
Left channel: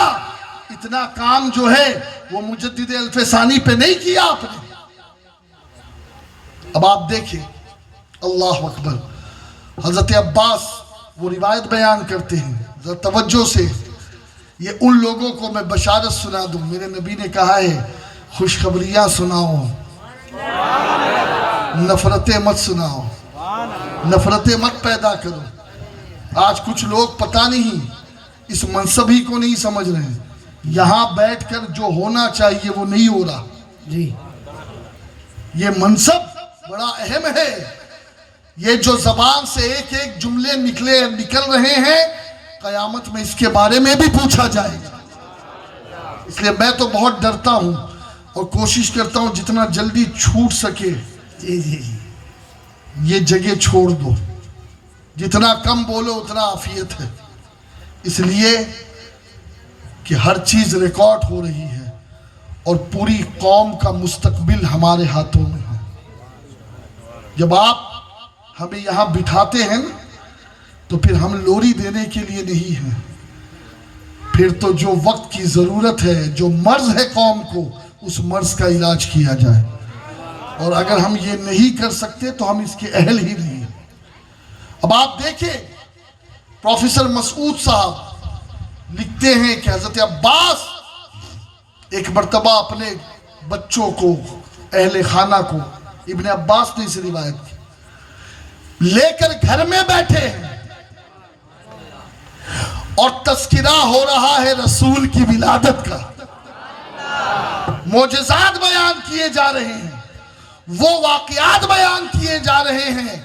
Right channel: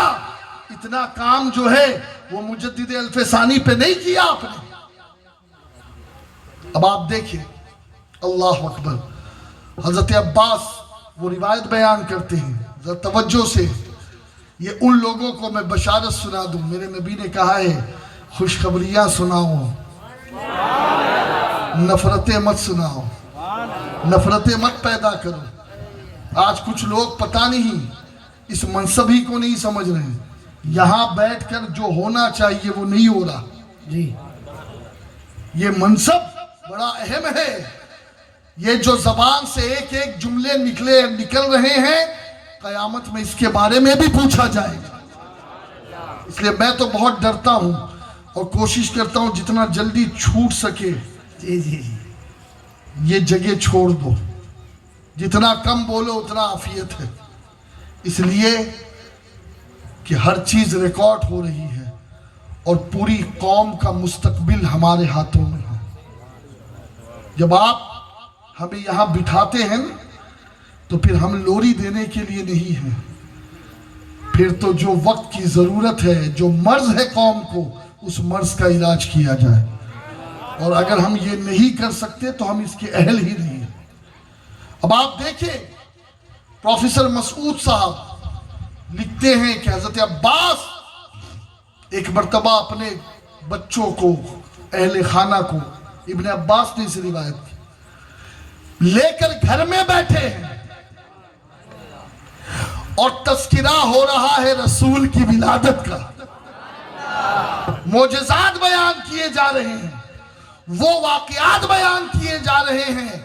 اتنا کام جو ہے وہ مجدد الف ثانی پہ نہیں کیا آپ نے۔ اب آپ دیکھیں، اللہ اکبر، حضرت عباس وہ روایت بیان کرتے ہیں، ذرا توجہ سے، یہ ان لوگوں کو میں بشارت سنا دوں، میرے نبی نے کہا ہے خوشخبریاں سناؤ، نفرتیں مت سناؤ، نفرتیں مت پیدا کرو۔ آج کچھ لوگ پتہ نہیں اس منصب ہی کو نہیں سمجھ رہے ہیں، یہاں بیٹھ کر جو ہونا چاہیے وہ نہیں ہو رہا جی، یہ منصب بڑا اہم ہے، یہ جو زبان سے ایک ایک جملے نکل رہے ہیں، قیامت میں اس کے بارے میں بھی پوچھا جائے گا۔ اس لیے میں تو بہت ڈرتا ہوں اور کوشش کرتا ہوں جتنا جلدی چھوٹ سکے جی جی جی، یہ جگہ چھوڑ دو، جتنا کم بولو اتنا عافیت ہے۔ اس لیے کہ ہر چیز ریکارڈ ہو رہی ہے اور پوری قوم کا مستقبل ہمارے ہاتھوں میں ہے. جب آپ ہمیں یہاں بٹھاتے ہیں تو پھر ہم لوری دینے کے لیے نہیں ہیں. پھر تو جو وقت کی ضرورت ہے, جو مرض ہے قوم کو, اس مرض کا علاج کیا جائے. اور اگر ہم یہ نہیں کر سکتے تو ہم اس کے اہل ہی نہیں ہیں. اب آپ دیکھیں, پروفیسر مسعود صاحب لکھتے ہیں کہ حضرت عباس ایک مرتبہ اپنے بچوں کو, اہل خانہ کو, ابن عباس نے اسے روایت کی, لے کر گھر میں بیٹھے ہیں اور تذکرہ ہو رہا ہے رسول کی ولادت کا, معجزات بیان کیے جا رہے ہیں, وہ واقعات بیان کیے جا رہے ہیں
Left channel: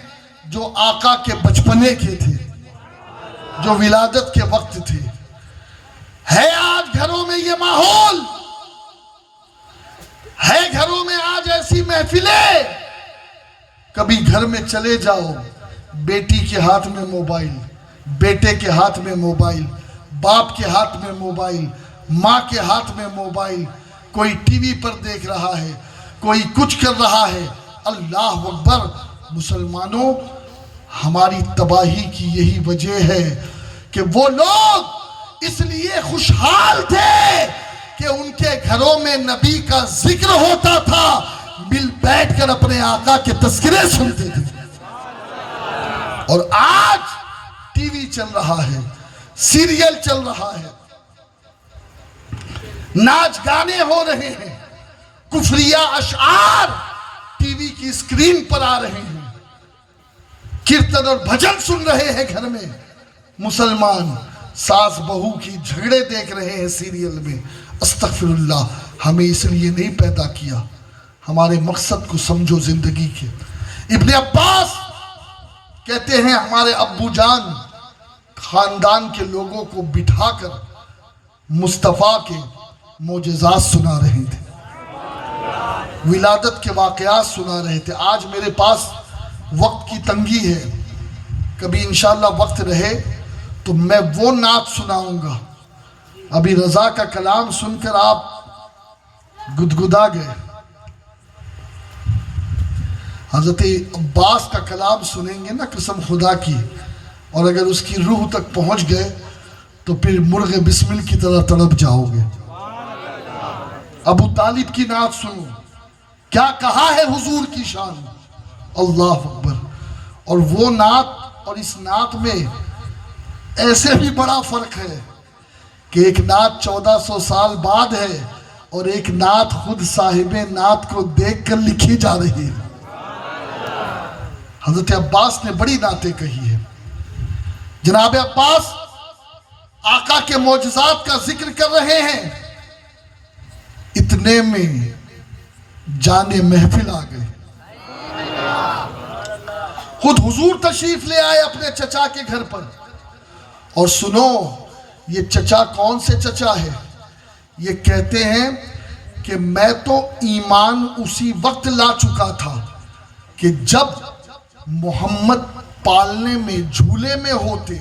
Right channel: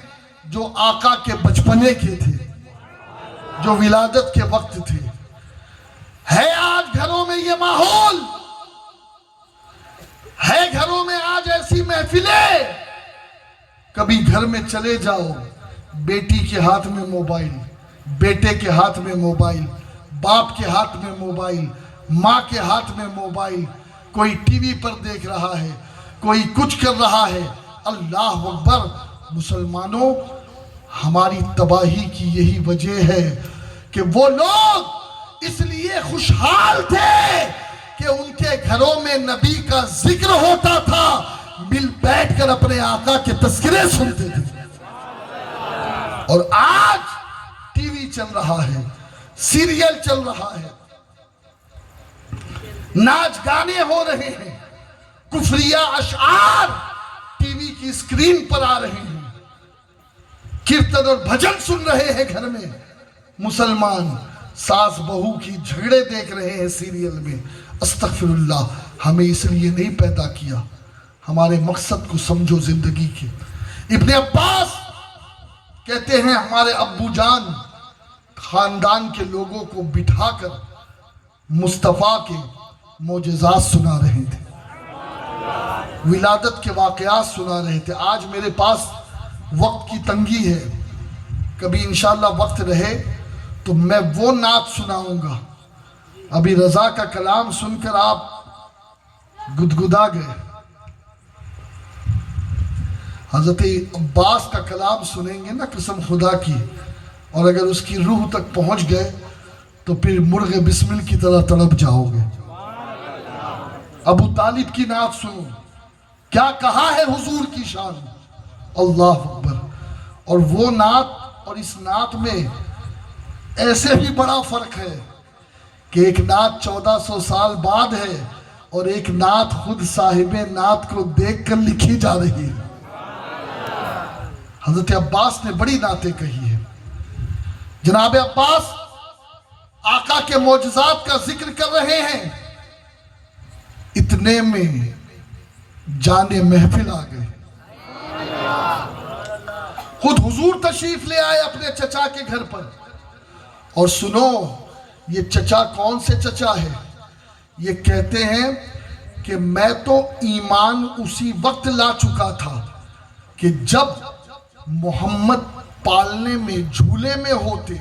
جو آقا کے بچپنے کے تھے, جو ولادت کے وقت تھے. ہے آج گھروں میں یہ ماحول, ہے گھروں میں آج ایسی محفلیں, کبھی گھر میں چلے جاؤ, بیٹی کے ہاتھ میں موبائل, بیٹے کے ہاتھ میں موبائل, باپ کے ہاتھ میں موبائل, ماں کے ہاتھ میں موبائل, کوئی ٹی وی پر دیکھ رہا ہے, کوئی کچھ کر رہا ہے. اللہ اکبر. مسلمانوں, ہماری تباہی کی یہی وجہ ہے کہ وہ لوگ اس لیے خوشحال تھے کہ ان کے گھروں میں نبی کا ذکر ہوتا تھا, مل بیٹھ کر اپنے آقا کے تذکرے سنتے تھے. اور آج ٹی وی چل رہا ہے, سیریل چل رہا ہے, ناچ گانے ہو رہے ہیں, کفریہ اشعار ٹی وی کی اسکرین پر آ رہے ہیں, کیرتن اور بھجن سن رہے ہیں گھر میں. مسلمان ساس بہو کی جھگڑے دیکھ رہے ہیں سیریل میں. استغفر اللہ, ہمیں اس لیے نہیں پیدا کیا. ہمارے مقصد کو سمجھو زندگی کے. ابن عباس کہتے ہیں ہمارے ابو جان خاندان کے لوگوں کو بٹھا کر مصطفیٰ کے معجزات سنا رہے تھے, ولادت کے واقعات سنا رہے تھے. آج میرے پاس وقت کی تنگی ہے, کبھی انشاءاللہ وقت رہے تو میں وہ نعت سناؤں گا. ابھی رضا کا کلام سن کر آپ گدگدا گئے, حضرت عباس کا کلام سنیں گے نا قسم خدا کی, اور اگر اس کی روح تک پہنچ گئے تو پھر مرغ بسمل کی طرح تڑپ جاؤ گے. ابو طالب کی نعت سنو, کیا کہا ہے حضور کی شان, اللہ اکبر. اور وہ نعت اور اس نعت میں ایسے بھی بڑا فرق ہے کہ ایک نعت 1400 سال بعد ہے اور ایک نعت خود صاحب نعت کو دیکھ کر لکھی جا رہی ہے. حضرت عباس نے بڑی نعتیں کہی ہیں. جناب عباس آقا کے معجزات کا ذکر کر رہے ہیں, اتنے میں جانے محفل آ گئے. خود حضور تشریف لے آئے اپنے چچا کے گھر پر. اور سنو, یہ چچا کون سے چچا ہے؟ یہ کہتے ہیں کہ میں تو ایمان اسی وقت لا چکا تھا کہ جب محمد پالنے میں جھولے میں ہوتے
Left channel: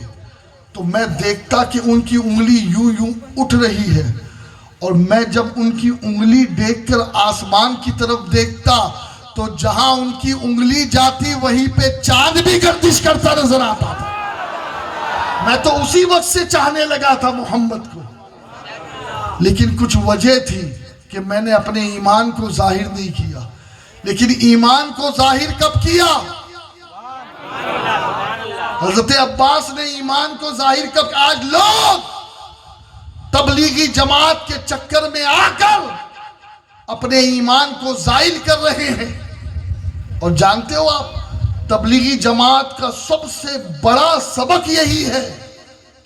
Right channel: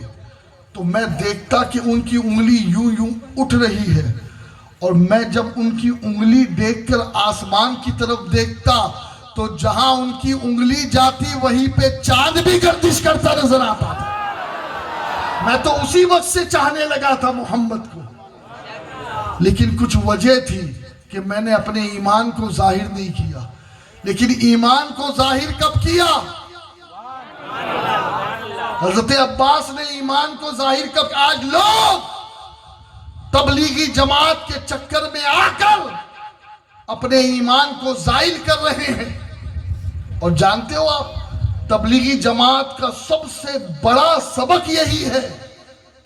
تو میں دیکھتا کہ ان کی انگلی یوں یوں اٹھ رہی ہے, اور میں جب ان کی انگلی دیکھ کر آسمان کی طرف دیکھتا تو جہاں ان کی انگلی جاتی وہیں پہ چاند بھی گردش کرتا نظر آتا تھا. میں تو اسی وقت سے چاہنے لگا تھا محمد کو, لیکن کچھ وجہ تھی کہ میں نے اپنے ایمان کو ظاہر نہیں کیا. لیکن ایمان کو ظاہر کب کیا؟ حضرت عباس نے ایمان کو ظاہر کب؟ آج لوگ تبلیغی جماعت کے چکر میں آ کر اپنے ایمان کو زائل کر رہے ہیں. اور جانتے ہو آپ, تبلیغی جماعت کا سب سے بڑا سبق یہی ہے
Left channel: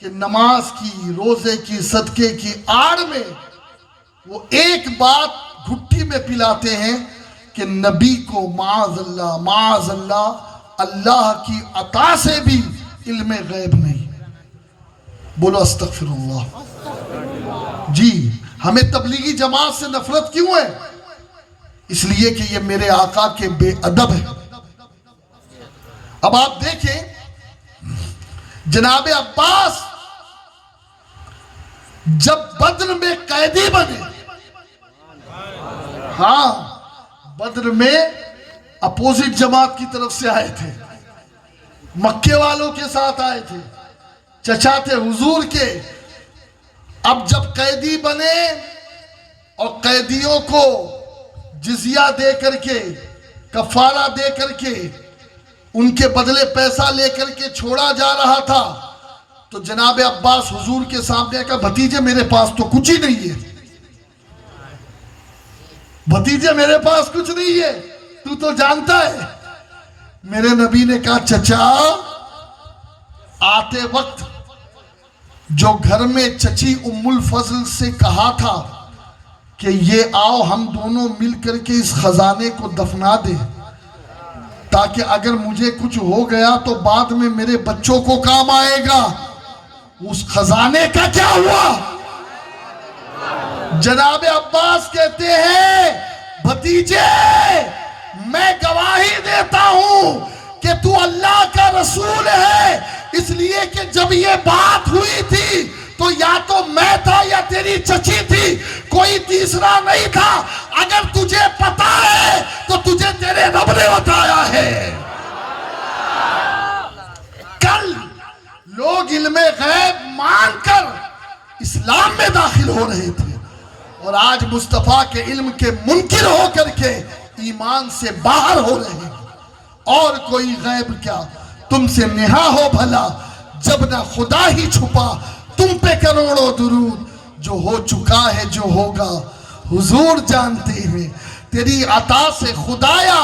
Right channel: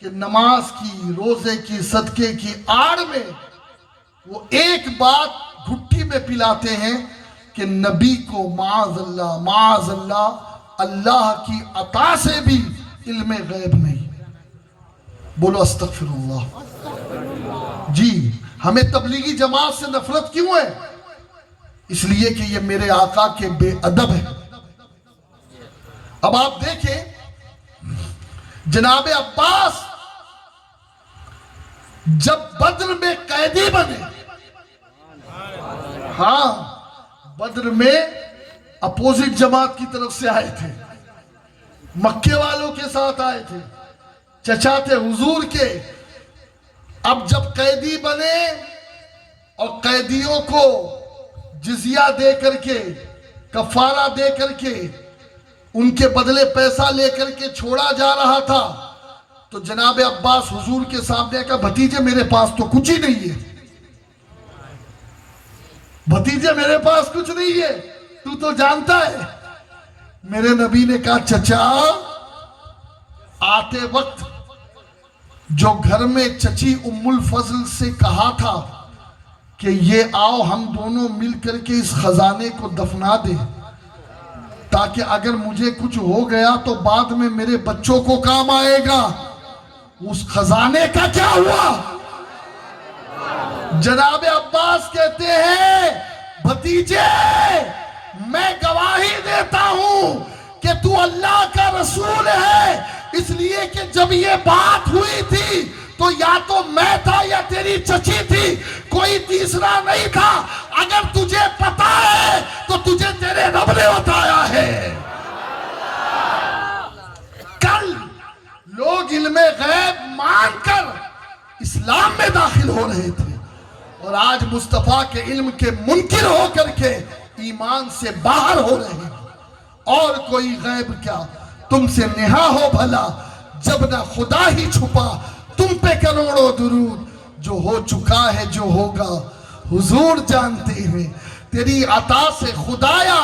کہ نماز کی, روزے کی, صدقے کی آڑ میں وہ ایک بات گھٹی میں پلاتے ہیں کہ نبی کو معاذ اللہ اللہ کی عطا سے بھی علم غیب نہیں. بولو استغفر اللہ. جی, ہمیں تبلیغی جماعت سے نفرت کیوں ہے؟ اس لیے کہ یہ میرے آقا کے بے ادب ہے. اب آپ دیکھیں, جناب عباس جب بدر میں قیدی بنے، ہاں بدر میں اپوزٹ جماعت کی طرف سے آئے تھے، مکے والوں کے ساتھ آئے تھے، چچا تھے حضور کے، اب جب قیدی بنے اور قیدیوں کو جزیہ دے کر کے، کفارہ دے کر کے، ان کے بدلے پیسہ لے کر کے چھوڑا جا رہا تھا، تو جناب عباس حضور کے سامنے کہا بھتیجے میرے پاس تو کچھ ہی نہیں ہے، بھتیجے میرے پاس کچھ نہیں ہے، تو جانتا ہے۔ میرے نبی نے کہا چچا آتے وقت جو گھر میں چچی ام الفضل سے کہا تھا کہ یہ آؤ ہم دونوں مل کر کے اس خزانے کو دفنا دیں تاکہ اگر مجھے کچھ ہو گیا تو بعد میں میرے بچوں کو کام آئے گا، اس خزانے کا کیا ہوا؟ جناب عباس کہتے ہیں بھتیجے میں گواہی دیتا ہوں کہ تو اللہ کا رسول ہے، اس لیے کہ جب یہ بات ہوئی تھی تو یا تو میں تھا یا تیری چچی تھی، کوئی تیسرا نہیں تھا، اگر تجھے پتا ہے تو تجھے تیرے رب نے بتایا ہے۔ کل لوگ علم غیب مان کر اسلام میں داخل ہو رہے تھے، اور آج مصطفیٰ کے علم کے منکر ہو کر کے ایمان سے باہر ہو رہے ہیں۔ اور کوئی غیب کیا، تم سے نہا ہو بھلا جب نہ خدا ہی چھپا، تم پہ کروڑوں درود، جو ہو چکا ہے جو ہوگا حضور جانتے ہیں، تیری عطا سے خدایا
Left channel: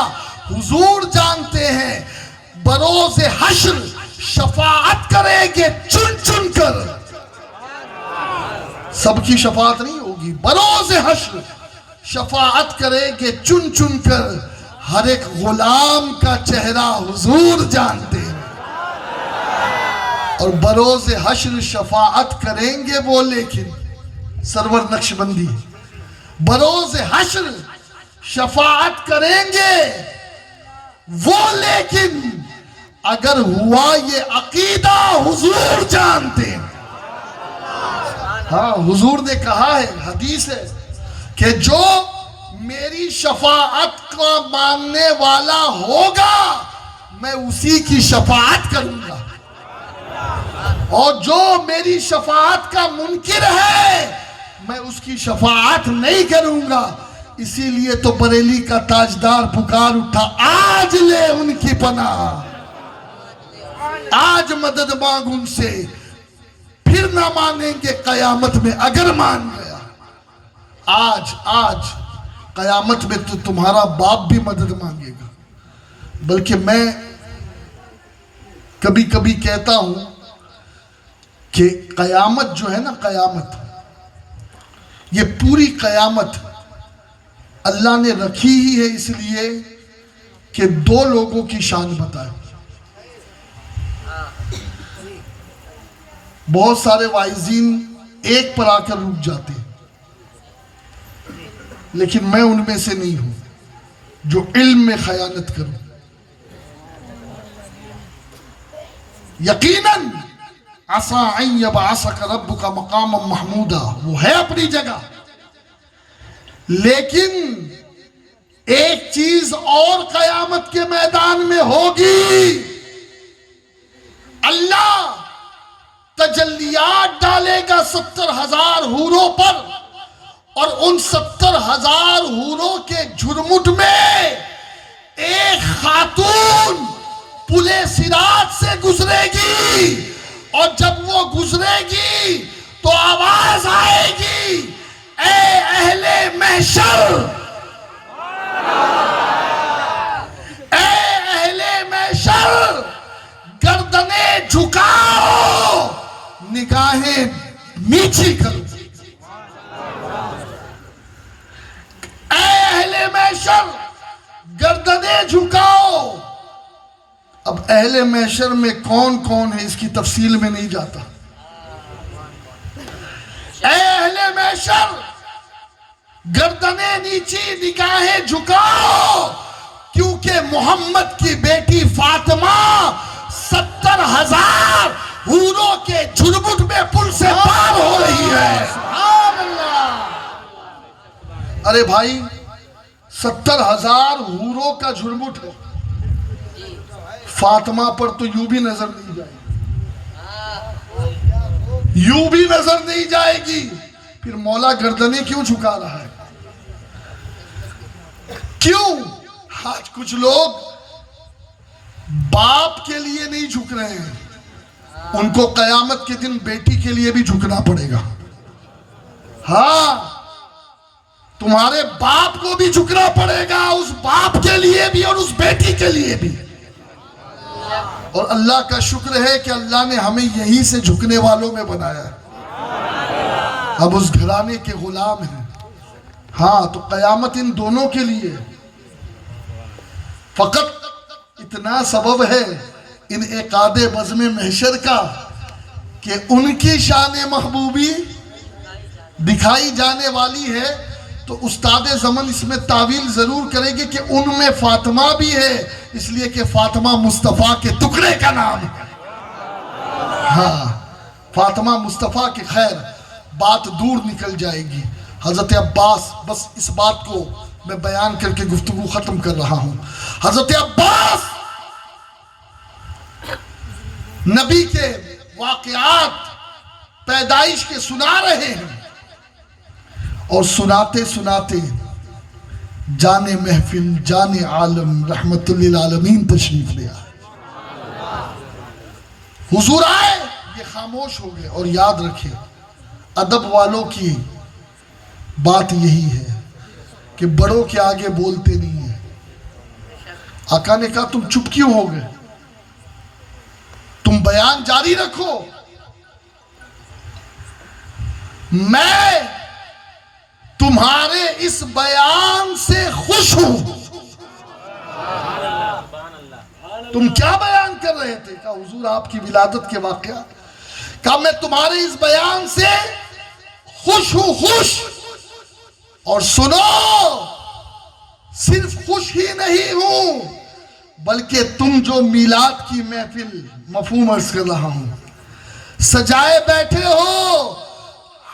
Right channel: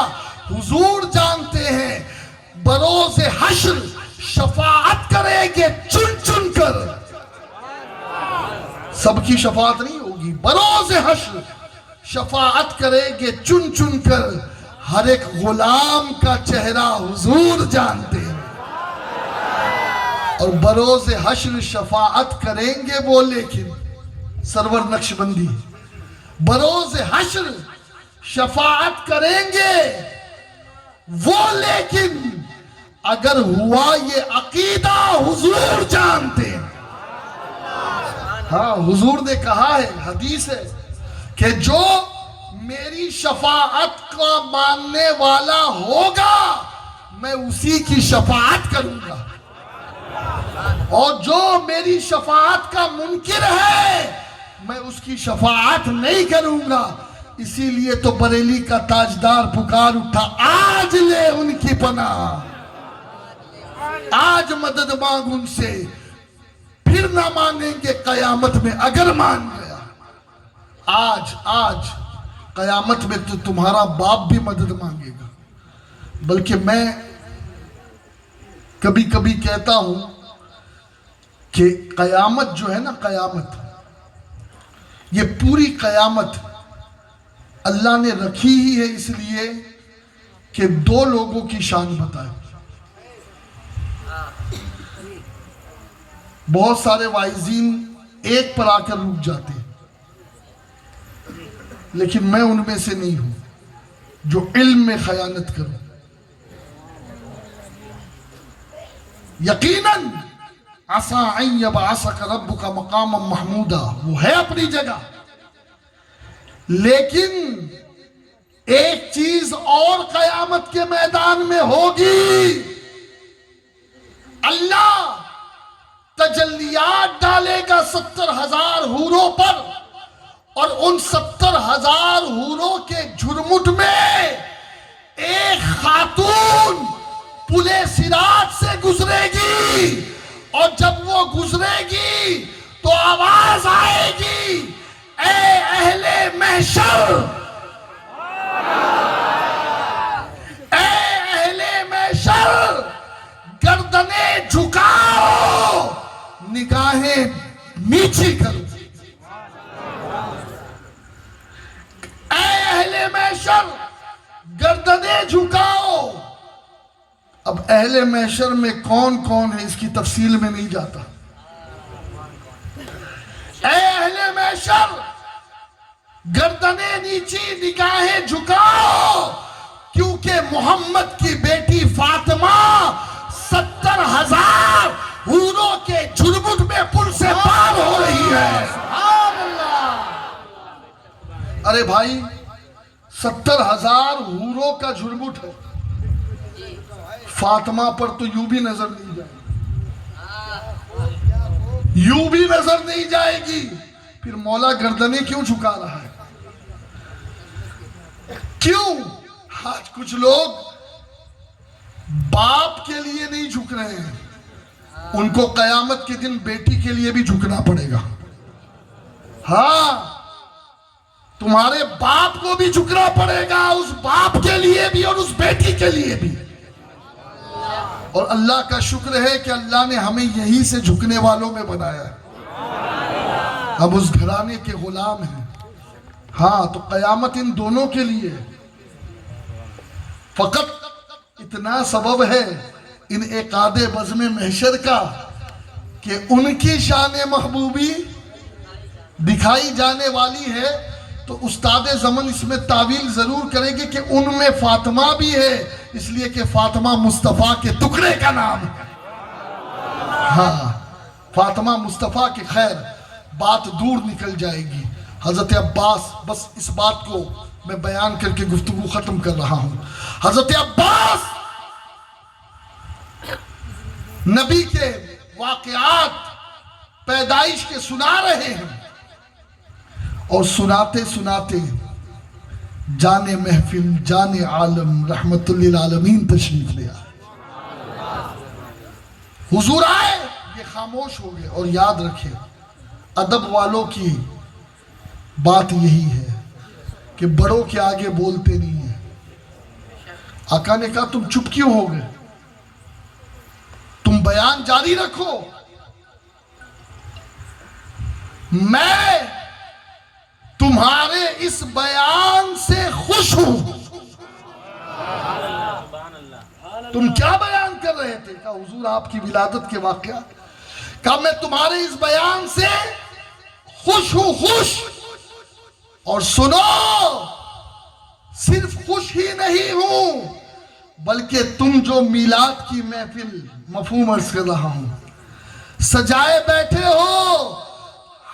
حضور جانتے ہیں، بروز حشر شفاعت کریں گے چن چن کر، سب کی شفاعت نہیں ہوگی، بروز حشر شفاعت کریں گے چن چن کر، ہر ایک غلام کا چہرہ حضور جانتے ہیں، اور بروز حشر شفاعت کریں گے وہ، لیکن سرور نقشبندی بروز حشر شفاعت کریں گے وہ، لیکن اگر ہوا یہ عقیدہ حضور جانتے ہیں۔ ہاں حضور نے کہا ہے، حدیث ہے کہ جو میری شفاعت کو ماننے والا ہوگا میں اسی کی شفاعت کروں گا، اور جو میری شفاعت کا منکر ہے میں اس کی شفاعت نہیں کروں گا۔ اسی لیے تو بریلی کا تاجدار پکار اٹھا، آج لے ان کی پناہ، آج مدد مانگ ان سے، پھر نہ مانیں گے قیامت میں اگر مان گیا۔ آج قیامت میں تو تمہارا باپ بھی مدد مانگے گا۔ بلکہ میں کبھی کبھی کہتا ہوں کہ قیامت جو ہے نا، قیامت یہ پوری قیامت اللہ نے رکھی ہی ہے اس لیے کہ دو لوگوں کی شان بتائے۔ بہت سارے واعظین ایک پر آ کر رک جاتے ہیں، لیکن میں ان میں سے نہیں ہوں جو علم میں خیانت کروں۔ یقیناً عسیٰ ان یبعثک ربک مقاما محمودا، وہ ہے اپنی جگہ، لیکن ایک چیز اور قیامت کے میدان میں ہوگی، اللہ تجلیات ڈالے گا 70,000 حوروں پر، اور ان 70,000 حوروں کے جھرمٹ میں ایک خاتون پلے صراط سے گزرے گی، اور جب وہ گزرے گی تو آواز آئے گی، اے اہل محشر، اے اہل محشر، گردنیں جھکاؤ، نگاہیں نیچی کرو، اے اہل محشر گردنیں جھکاؤ۔ اب اہل محشر میں کون کون ہے اس کی تفصیل میں نہیں جاتا۔ اے اہل محشر گردنیں نیچی، نگاہیں جھکاؤ، کیونکہ محمد کی بیٹی فاطمہ 70,000 حوروں کے جھرمٹ میں پل سے پار ہو رہی ہے. ارے بھائی 70,000 حوروں کا جھرمٹ ہے. فاطمہ پر تو یوں بھی نظر نہیں جائے گی, یوں بھی نظر نہیں جائے گی. پھر مولا گردنیں کیوں جھکا رہا ہے؟ کیوں؟ آج کچھ لوگ باپ کے لیے نہیں جھک رہے ہیں, ان کو قیامت کے دن بیٹی کے لیے بھی جھکنا پڑے گا. ہاں, تمہارے باپ کو بھی جھکنا پڑے گا, اس باپ کے لیے بھی اور اس بیٹی کے لیے بھی. اور اللہ کا شکر ہے کہ اللہ نے ہمیں یہی سے جھکنے والوں میں بنایا ہے. اب اس گھرانے کے غلام ہیں. ہاں, تو قیامت ان دونوں کے لیے. فقط اتنا سبب ہے ان عقاد بزم محشر کا کہ ان کی شان محبوبی دکھائی جانے والی ہے. تو استاد زمن اس میں تعویل ضرور کریں گے کہ ان میں فاطمہ بھی ہے, اس لیے کہ فاطمہ مصطفیٰ کے ٹکڑے کا نام ہے. ہاں, فاطمہ مصطفیٰ کی خیر بات دور نکل جائے گی. حضرت عباس, بس اس بات کو میں بیان کر کے گفتگو ختم کر رہا ہوں. حضرت عباس نبی کے واقعات پیدائش کے سنا رہے ہیں, اور سناتے سناتے جانے محفل جانے عالم رحمت للعالمین تشریف لے آئے. حضور آئے, یہ خاموش ہو گئے. اور یاد رکھے ادب والوں کی بات یہی ہے کہ بڑوں کے آگے بولتے نہیں ہیں. آقا نے کہا تم چپ کیوں ہو گئے, تم بیان جاری رکھو, میں تمہارے اس بیان سے خوش ہوں. تم کیا بیان کر رہے تھے؟ کہا حضور آپ کی ولادت کے واقعات. کہا میں تمہارے اس بیان سے خوش ہوں, خوش. اور سنو, صرف خوش ہی نہیں ہوں بلکہ تم جو میلاد کی محفل, مفہوم عرض کر رہا ہوں, سجائے بیٹھے ہو,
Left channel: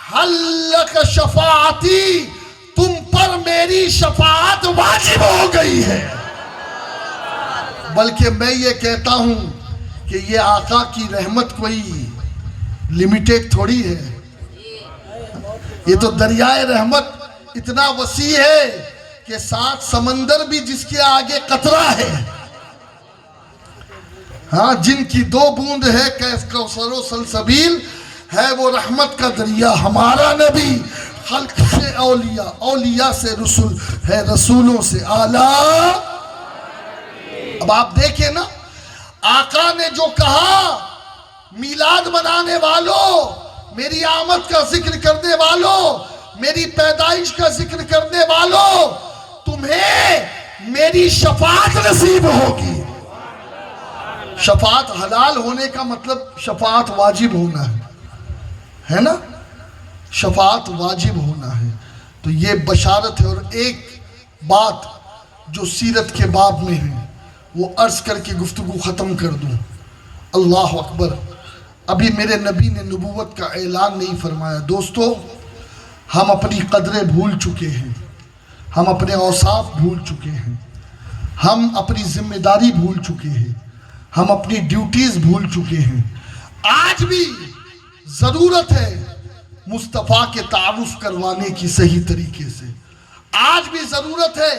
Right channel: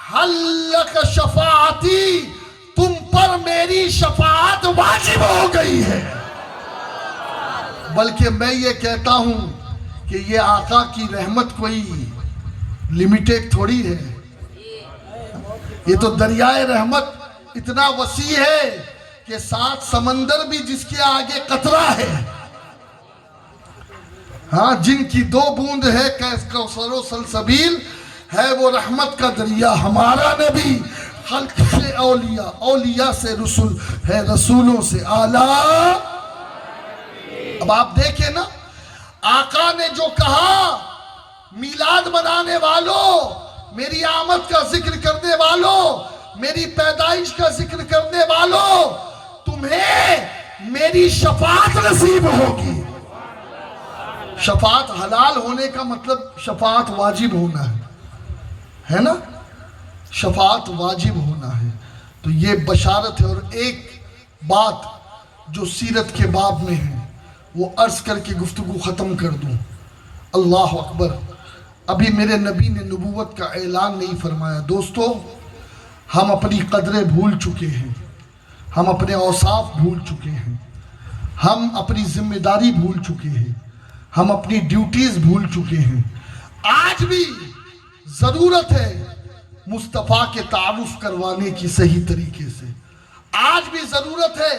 حلق شفاعتی, تم پر میری شفاعت واجب ہو گئی ہے. بلکہ میں یہ کہتا ہوں کہ یہ آقا کی رحمت کوئی لمیٹڈ تھوڑی ہے, یہ تو دریائے رحمت اتنا وسیع ہے کہ 7 سمندر بھی جس کے آگے قطرہ ہے. ہاں, جن کی 2 بوند ہے کوثر و سلسبیل ہے, وہ رحمت کا دریا ہمارا نبی. خلق سے اولیاء, اولیاء سے رسول ہے, رسولوں سے اعلیٰ. اب آپ دیکھیں نا, آقا نے جو کہا, میلاد منانے والوں, میری آمد کا ذکر کرنے والوں, میری پیدائش کا ذکر کرنے والوں, تمہیں میری شفاعت نصیب ہوگی. شفاعت حلال ہونے کا مطلب شفاعت واجب ہونا ہے نا, شفاعت واجب ہونا ہے. تو یہ بشارت ہے. اور ایک بات جو سیرت کے باب میں ہے وہ عرض کر کے گفتگو ختم کر دوں. اللہ اکبر, ابھی میرے نبی نے نبوت کا اعلان نہیں فرمایا. دوستو, ہم اپنی قدریں بھول چکے ہیں, ہم اپنے اوصاف بھول چکے ہیں, ہم اپنی ذمہ داری بھول چکے ہیں, ہم اپنی ڈیوٹیز بھول چکے ہیں. آج بھی ضرورت ہے مصطفیٰ کے تعارف کروانے کی صحیح طریقے سے. آج بھی ضرورت ہے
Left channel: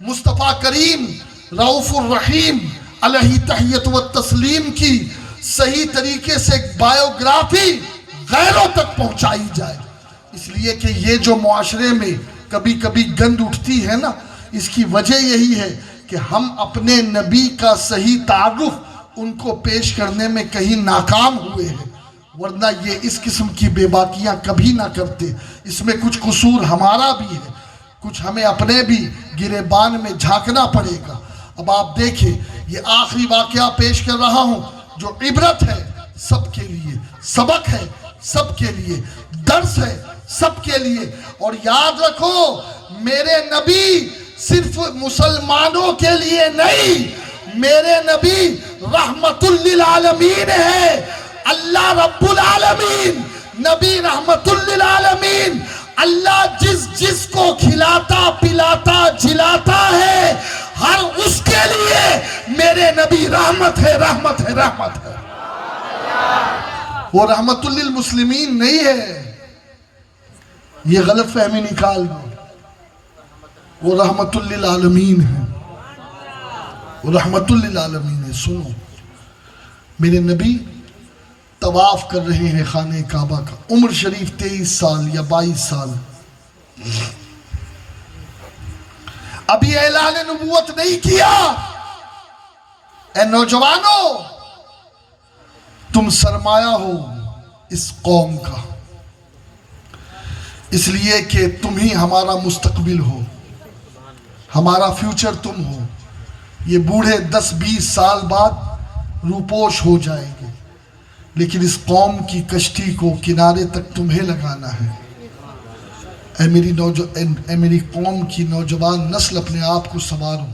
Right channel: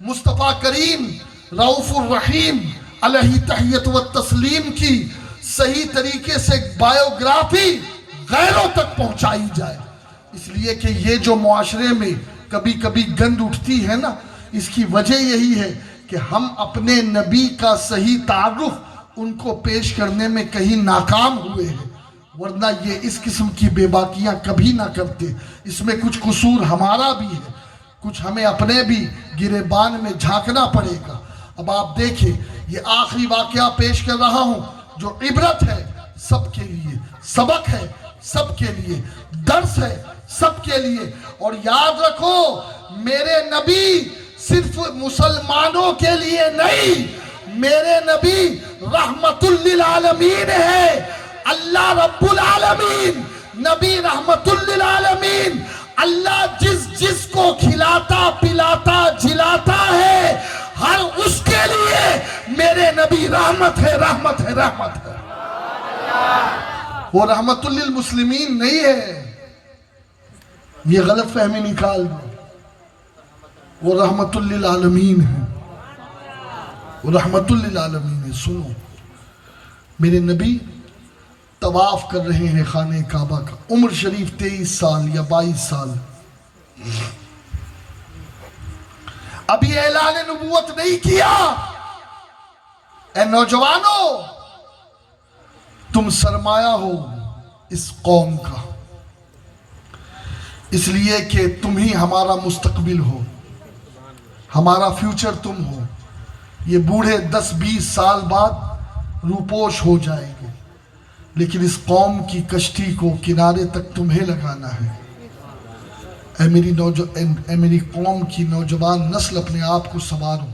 مصطفیٰ کریم رؤوف الرحیم علیہ تحیت و تسلیم کی صحیح طریقے سے بایوگرافی غیروں تک پہنچائی جائے. اس لیے کہ یہ جو معاشرے میں کبھی کبھی گند اٹھتی ہے نا, اس کی وجہ یہی ہے کہ ہم اپنے نبی کا صحیح تعارف ان کو پیش کرنے میں کہیں ناکام ہوئے ہیں. ورنہ یہ اس قسم کی بے باکیاں کبھی نہ کرتے. اس میں کچھ قصور ہمارا بھی ہے, کچھ ہمیں اپنے بھی گریبان میں جھانکنا پڑے گا. اب آپ دیکھیں, یہ آخری واقعہ پیش کر رہا ہوں جو عبرت ہے سب کے لیے, سبق ہے سب کے لیے, درس ہے سب کے لیے. اور یاد رکھو, میرے نبی صرف مسلمانوں کے لیے نہیں, میرے نبی رحمت للعالمین ہے, اللہ رب العالمین، نبی رحمت للعالمین، اللہ جس کو کھلاتا پلاتا جلاتا ہے، ہر اس کے لیے میرے نبی رحمت ہے، رحمت ہے، رحمت ہے۔ وہ رحمت للمسلمین نہیں ہے، یہ غلط فہمی نکال دو، وہ رحمت للعالمین ہے، وہ رحمت للعالمین ہے۔ سنو، میرے نبی طواف کر رہے ہیں خانہ کعبہ کا، عمر شریف 23 سال یا 22 سال، ابھی اعلان نبوت نہیں کیا۔ اے نوجوانوں، تم سرمایہ ہو اس قوم کا، اس لیے کہ تم ہی ہمارا مستقبل ہو، ہمارا فیوچر تم ہو۔ یہ بوڑھے 10-20 سال بعد روپوش ہو جائے گے، لیکن اس قوم کی کشتی کو کنارے تک تمہیں لگانا ہے۔ اے میری قوم کی نوجوان نسل، اپنے آپ کو سنوارو۔